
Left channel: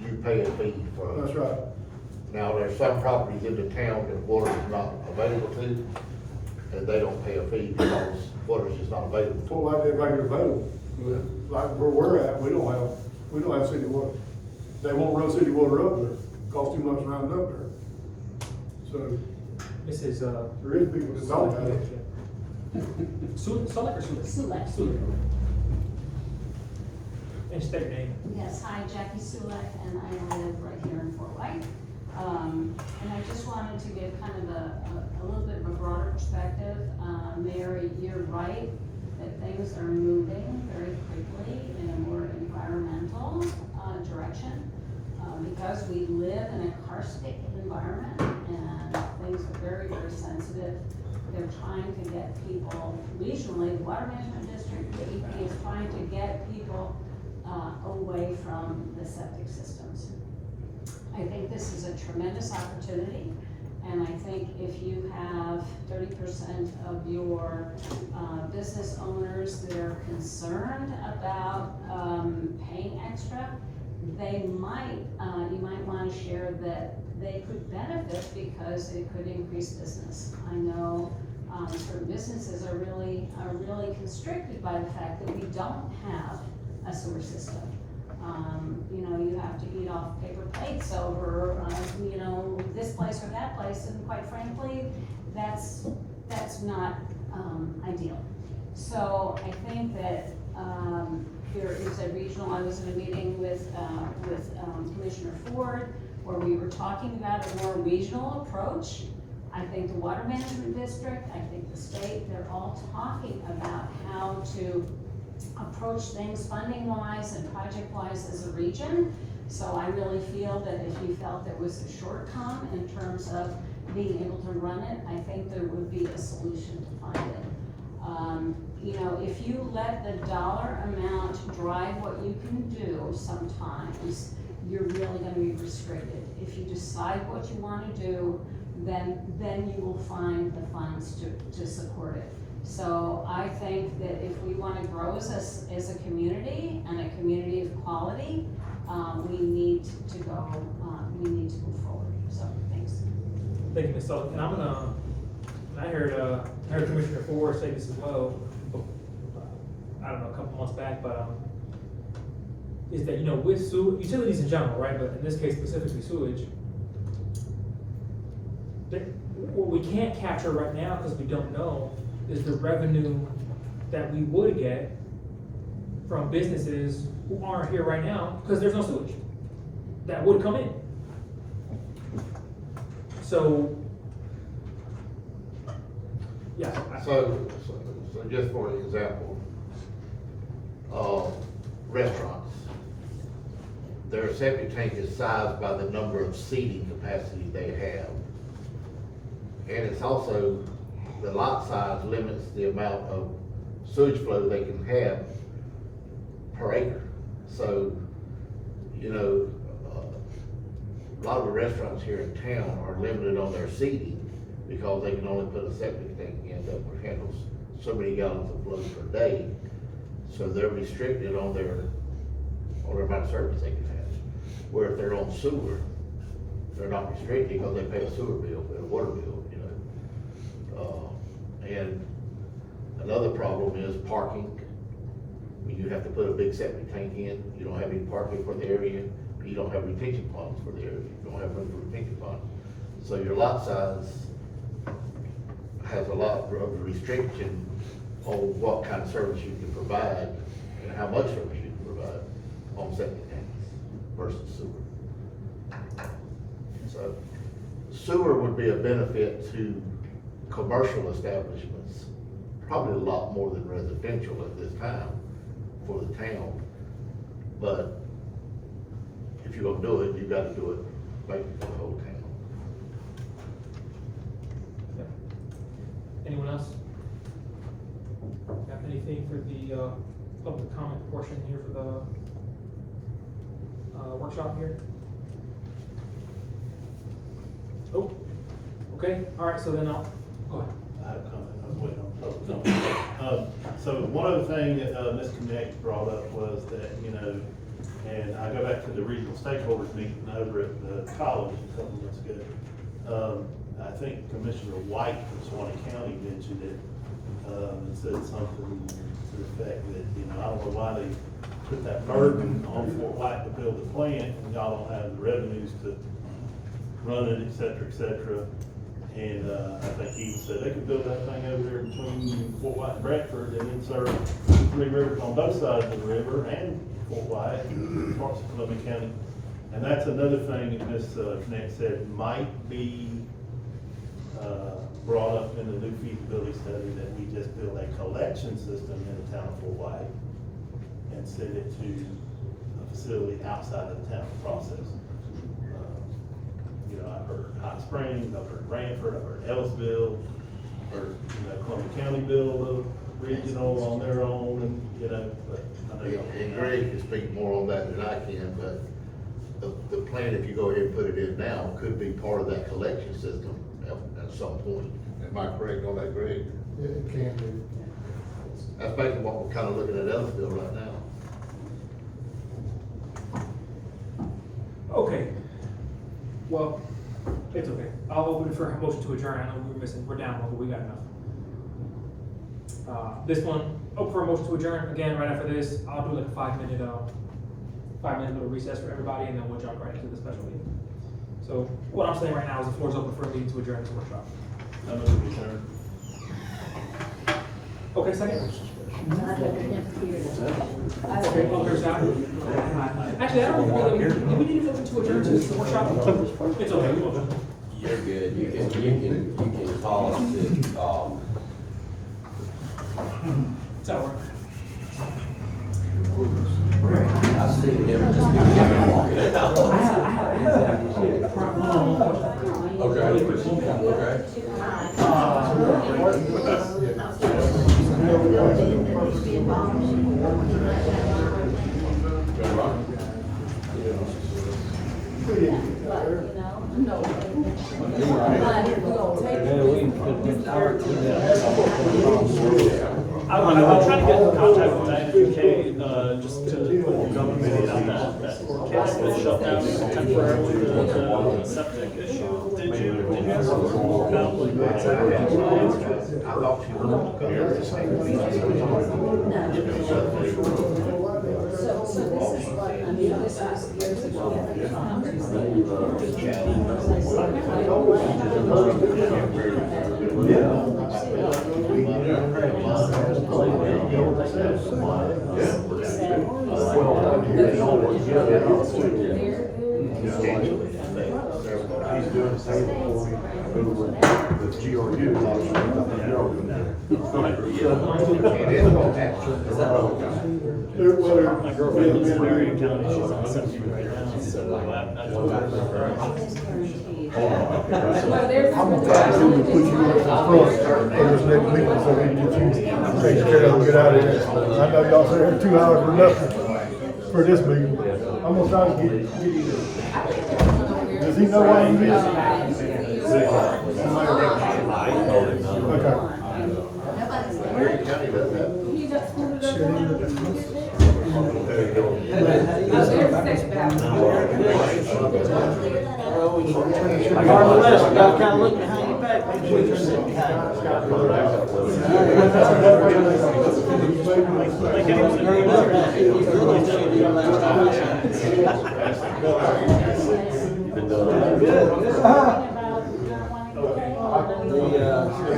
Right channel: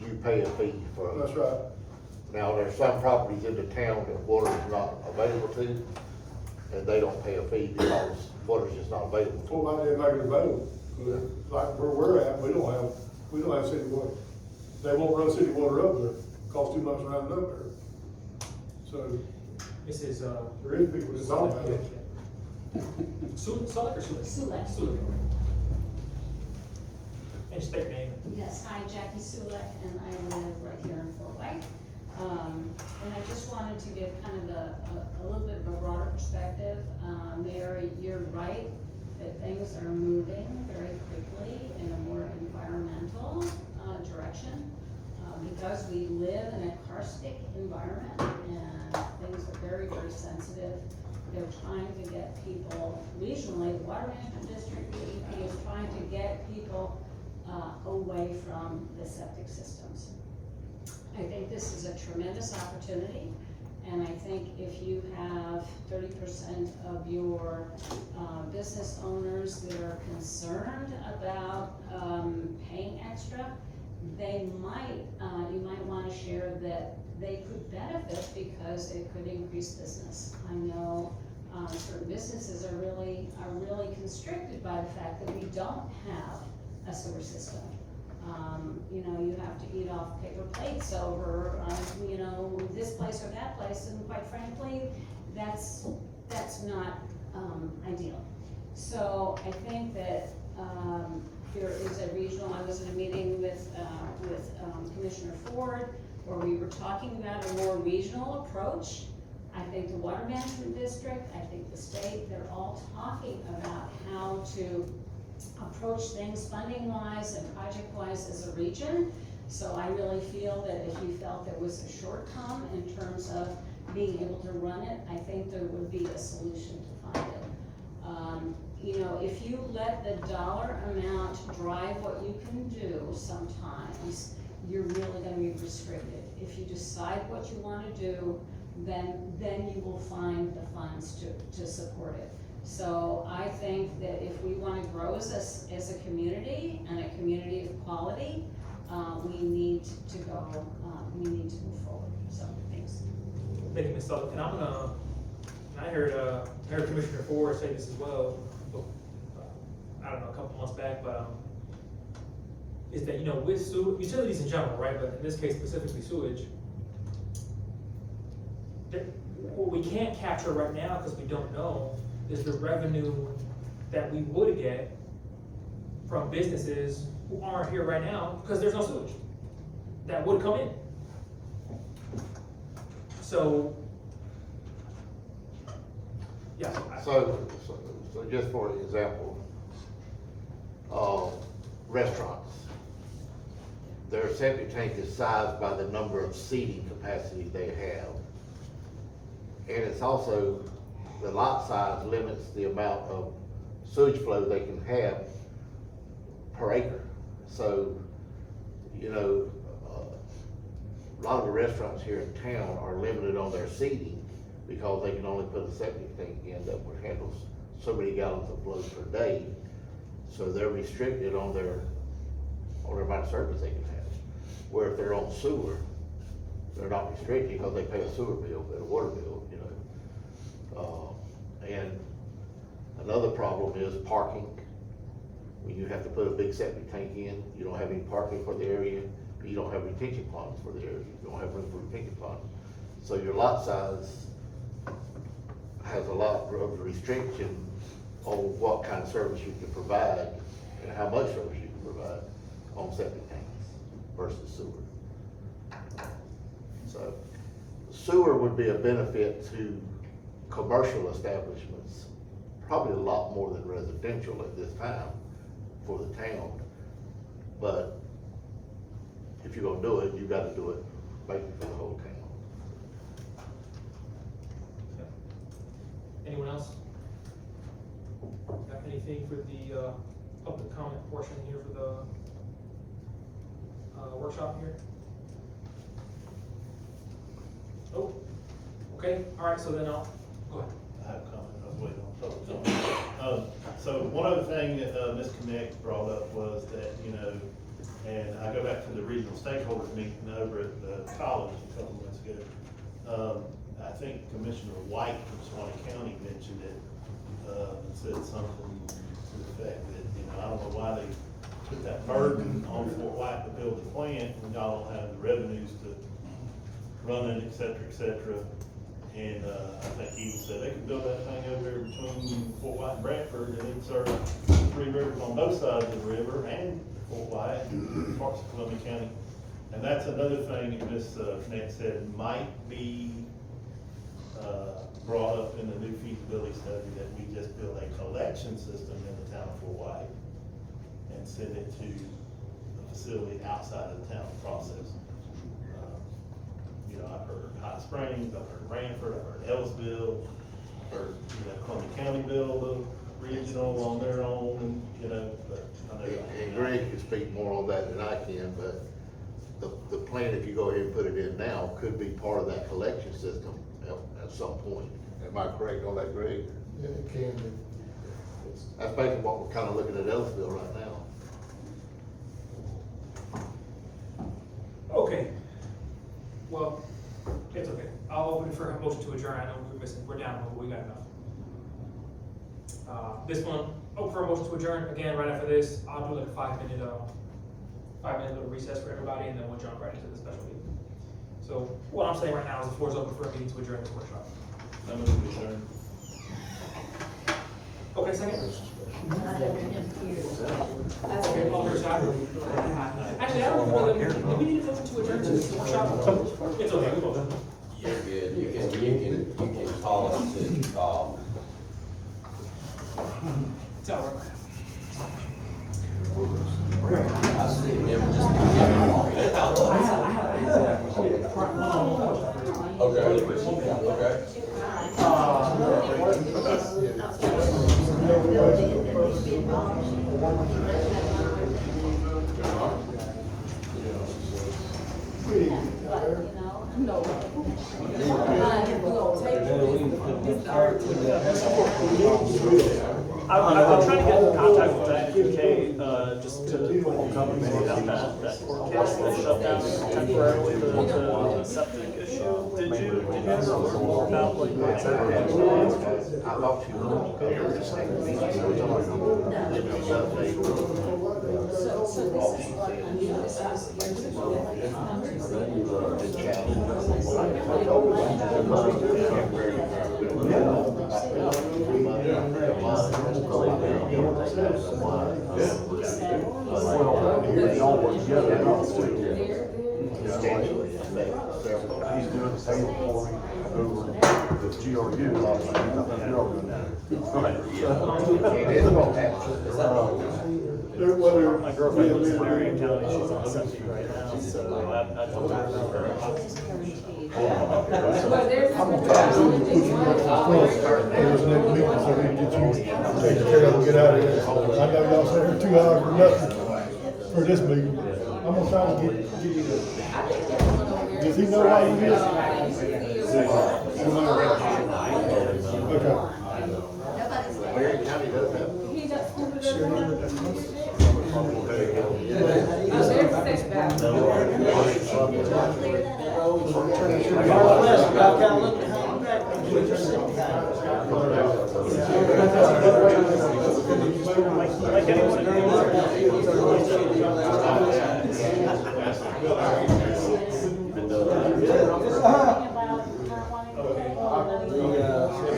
you pay a fee for it. That's right. Now, there's some properties in the town that water is not available to, and they don't pay a fee because water is just not available. So why they make it available? Like where we're at, we don't have city water. They won't run city water up there, cost too much running up there. So This is, there is people that don't have it. Sulek or Sulek? Sulek. Sulek. And state your name. Yes, hi, Jackie Sulek, and I live right here in Fort White. And I just wanted to give kind of a little bit of a broader perspective. Mary, you're right, that things are moving very quickly in a more environmental, direction. Because we live in a karstic environment and things are very, very sensitive. They're trying to get people regionally, the Water Management District, DEP is trying to get people away from the septic systems. I think this is a tremendous opportunity, and I think if you have 30% of your business owners that are concerned about paying extra, they might, you might wanna share that they could benefit because it could increase business. I know certain businesses are really constricted by the fact that we don't have a sewer system. You know, you have to eat off paper plates over, you know, this place or that place, and quite frankly, that's not, ideal. So I think that, there is a regional, I was in a meeting with Commissioner Ford, where we were talking about a more regional approach. I think the Water Management District, I think the state, they're all talking about how to approach things funding-wise and project-wise as a region. So I really feel that if you felt there was a shortcome in terms of being able to run it, I think there would be a solution to find it. You know, if you let the dollar amount drive what you can do, sometimes you're really gonna be restricted. If you decide what you wanna do, then you will find the funds to support it. So I think that if we wanna grow as a community and a community of quality, we need to go, we need to move forward, so thanks. Thank you, Ms. Sullivan. And I'm gonna, I heard Commissioner Ford say this as well, I don't know, a couple months back, but, is that, you know, with utilities in general, right, but in this case specifically sewage, that what we can't capture right now, because we don't know, is the revenue that we would get from businesses who aren't here right now, because there's no sewage, that would come in. So, yeah. So just for example, restaurants, their septic tank is sized by the number of seating capacity they have. And it's also, the lot size limits the amount of sewage flow they can have per acre. So, you know, a lot of the restaurants here in town are limited on their seating because they can only put a septic tank in that would handle so many gallons of flow per day. So they're restricted on their amount of service they can have. Where if they're on sewer, they're not restricted because they pay a sewer bill, a water bill, you know. And another problem is parking. When you have to put a big septic tank in, you don't have any parking for the area, you don't have retention ponds for the area, you don't have room for retention ponds. So your lot size has a lot of restriction on what kind of service you can provide and how much service you can provide on septic tanks versus sewer. So sewer would be a benefit to commercial establishments, probably a lot more than residential at this time for the town. But if you're gonna do it, you gotta do it right for the whole town. Anyone else? Got anything for the, public comment portion here for the, workshop here? Okay, all right, so then I'll, go ahead. I have a comment, I was waiting on public comment. So one other thing that, Ms. Connect brought up was that, you know, and I go back to the regional stakeholders meeting over at the college a couple of months ago. I think Commissioner White from Suwannee County mentioned it, and said something to the effect that, you know, I don't know why they put that burden on Fort White to build the plant, and y'all don't have the revenues to run it, et cetera, et cetera. And, I think he said they could build that thing over there between Fort White and Bradford and then serve the three rivers on both sides of the river and Fort White and parts of Columbia County. And that's another thing that Ms. Connect said might be, brought up in the new feasibility study, that we just build a collection system in the town of Fort White and send it to a facility outside of the town process. You know, I've heard Hot Springs, I've heard Ranford, I've heard Ellisville, I've heard, you know, Columbia County build a regional on their own, and, you know, but I know y'all. And Greg can speak more on that than I can, but the plan, if you go ahead and put it in now, could be part of that collection system at some point. Am I correct on that, Greg? It can be. That's basically what we're kind of looking at Ellisville right now. Okay. Well, it's okay. I'll open it for a motion to adjourn. I know we're down, but we got enough. This one, open for a motion to adjourn. Again, right after this, I'll do like a 5-minute little recess for everybody, and then we'll jump right into the special meeting. So what I'm saying right now is the floor is open for a meeting to adjourn this workshop. I'm gonna be there. Okay, second? I have him here. Okay, all fair side? Actually, I don't know, do we need to motion to adjourn to this workshop? It's okay, we'll- You're good, you can call us to, it's all right. I see them just beginning walking it out. I'll try to get in contact with that, okay, just to temporarily the septic issue. Did you? He's doing the same for me over the GRU. My girlfriend lives in Marion County, she's on septic. Well, there's. I'm gonna try to put you up front, and just let me, so they can get you, take care of, get out of here. I know y'all said every 2 hours for nothing for this meeting. I'm gonna try to get you there. Does he know what he is? Okay. He just pulled it up. There's back. I got a list, I gotta kind of look behind your back, make sure you're sitting behind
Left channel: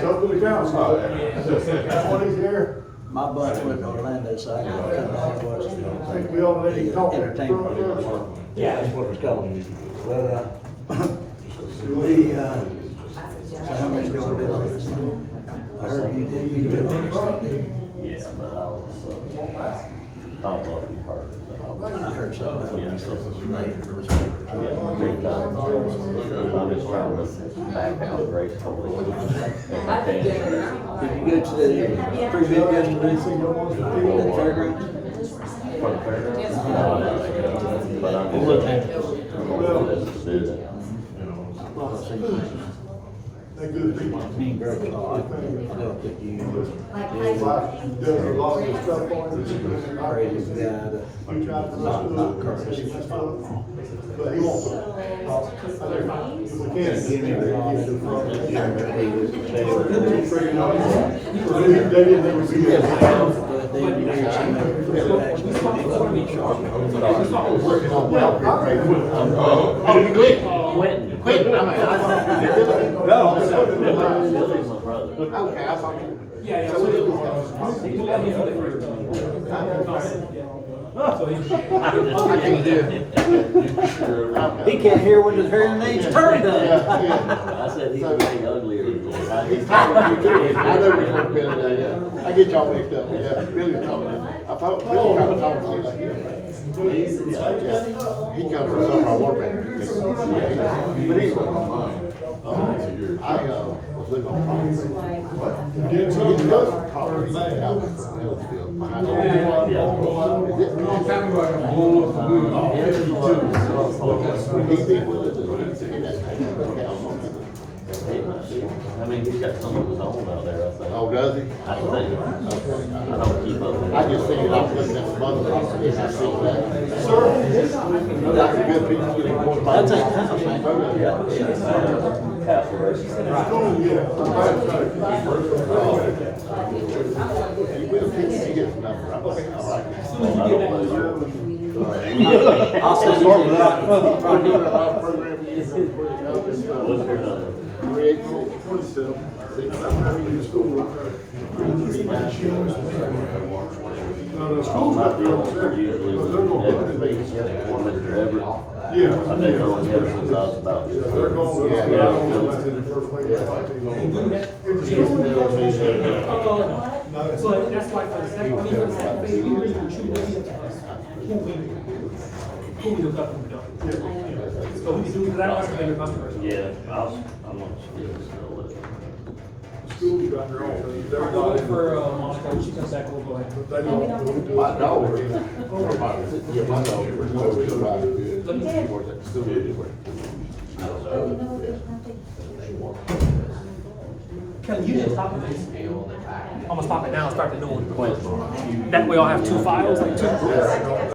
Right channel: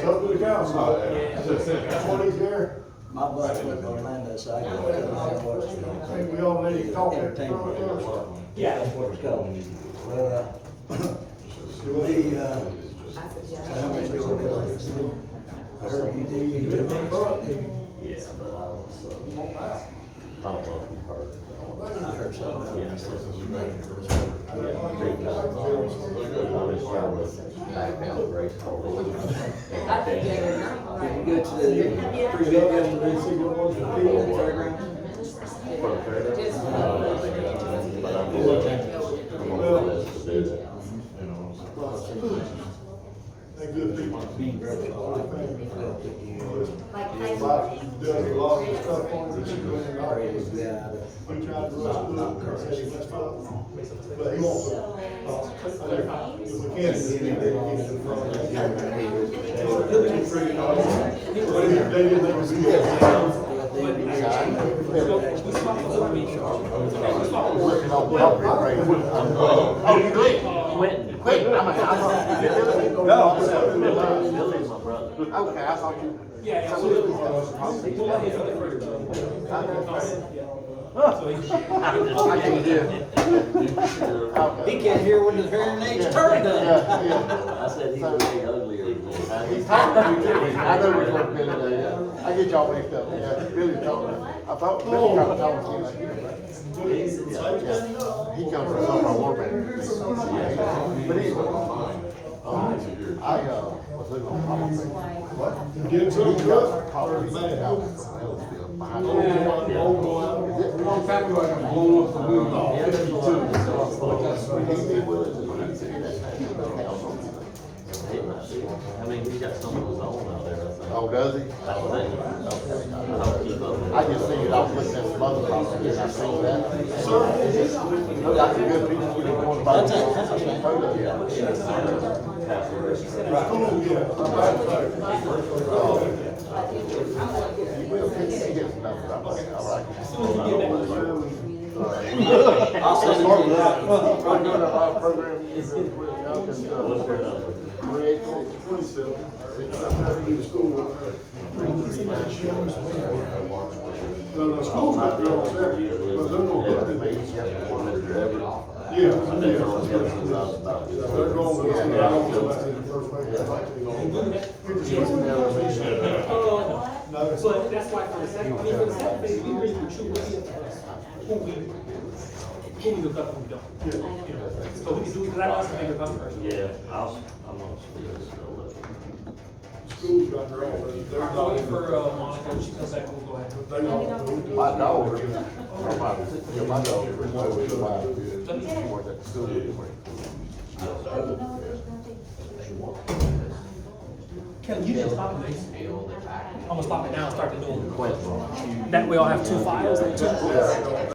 Go to the council. That's what he's here. My bunch went to Orlando, so I got to come out and watch We already the talked. entertainment. Yeah, that's what it's called. Well, so how much you gonna do on this one? I heard you did it. Yeah, but I don't want to be part of it. I heard something about it. Yeah, big time. I'm just trying to back out gracefully. Did you go to the pre-bid yesterday? At the fairgrounds? But I'm looking. They good people. Being very hard. I don't think you. Like, Does a lot of stuff on it. Creative guy to not curse. But he won't. If we can. They didn't ever be there. Quentin. Billy's my brother. Okay, I thought you. Yeah, yeah. So He can't hear when his hearing aids turned up. I said he was getting uglier. He's talking to you too. I know which one Billy does, yeah. I get y'all mixed up, yeah. Billy's talking. I thought Billy tried to talk to you like that. Yeah. He comes from some of our war bands. But anyway. I, was living on property. But he got property out in Hillsfield behind Would he be with us if he's in that house? I mean, he's got some of his own out there, I think. Oh, does he? I think. I don't keep up with it. I just seen it, I was looking at the mother property, and I seen that. That's a good piece of it. That's a shame. Castle Race. He gets the number, I like it. Oh, I don't know yours. I'll send it Start to with that. you. Program you use. What's your number? 386-27. My bills are usually with Everett, or Mr. Everett. I've been knowing him since I was about. So that's why for the second, we really can choose who we look up and we don't. So we can do that also maybe customers. Yeah, I'm gonna still with it. School's got their own. We're going for, Monica, when she comes back, we'll go ahead. They don't. My dog, yeah, my dog was over the ride. Let me- He worked at the school. Kelly, you didn't stop this. I'm gonna stop it now and start the new one. Quentin. That way I'll have two files.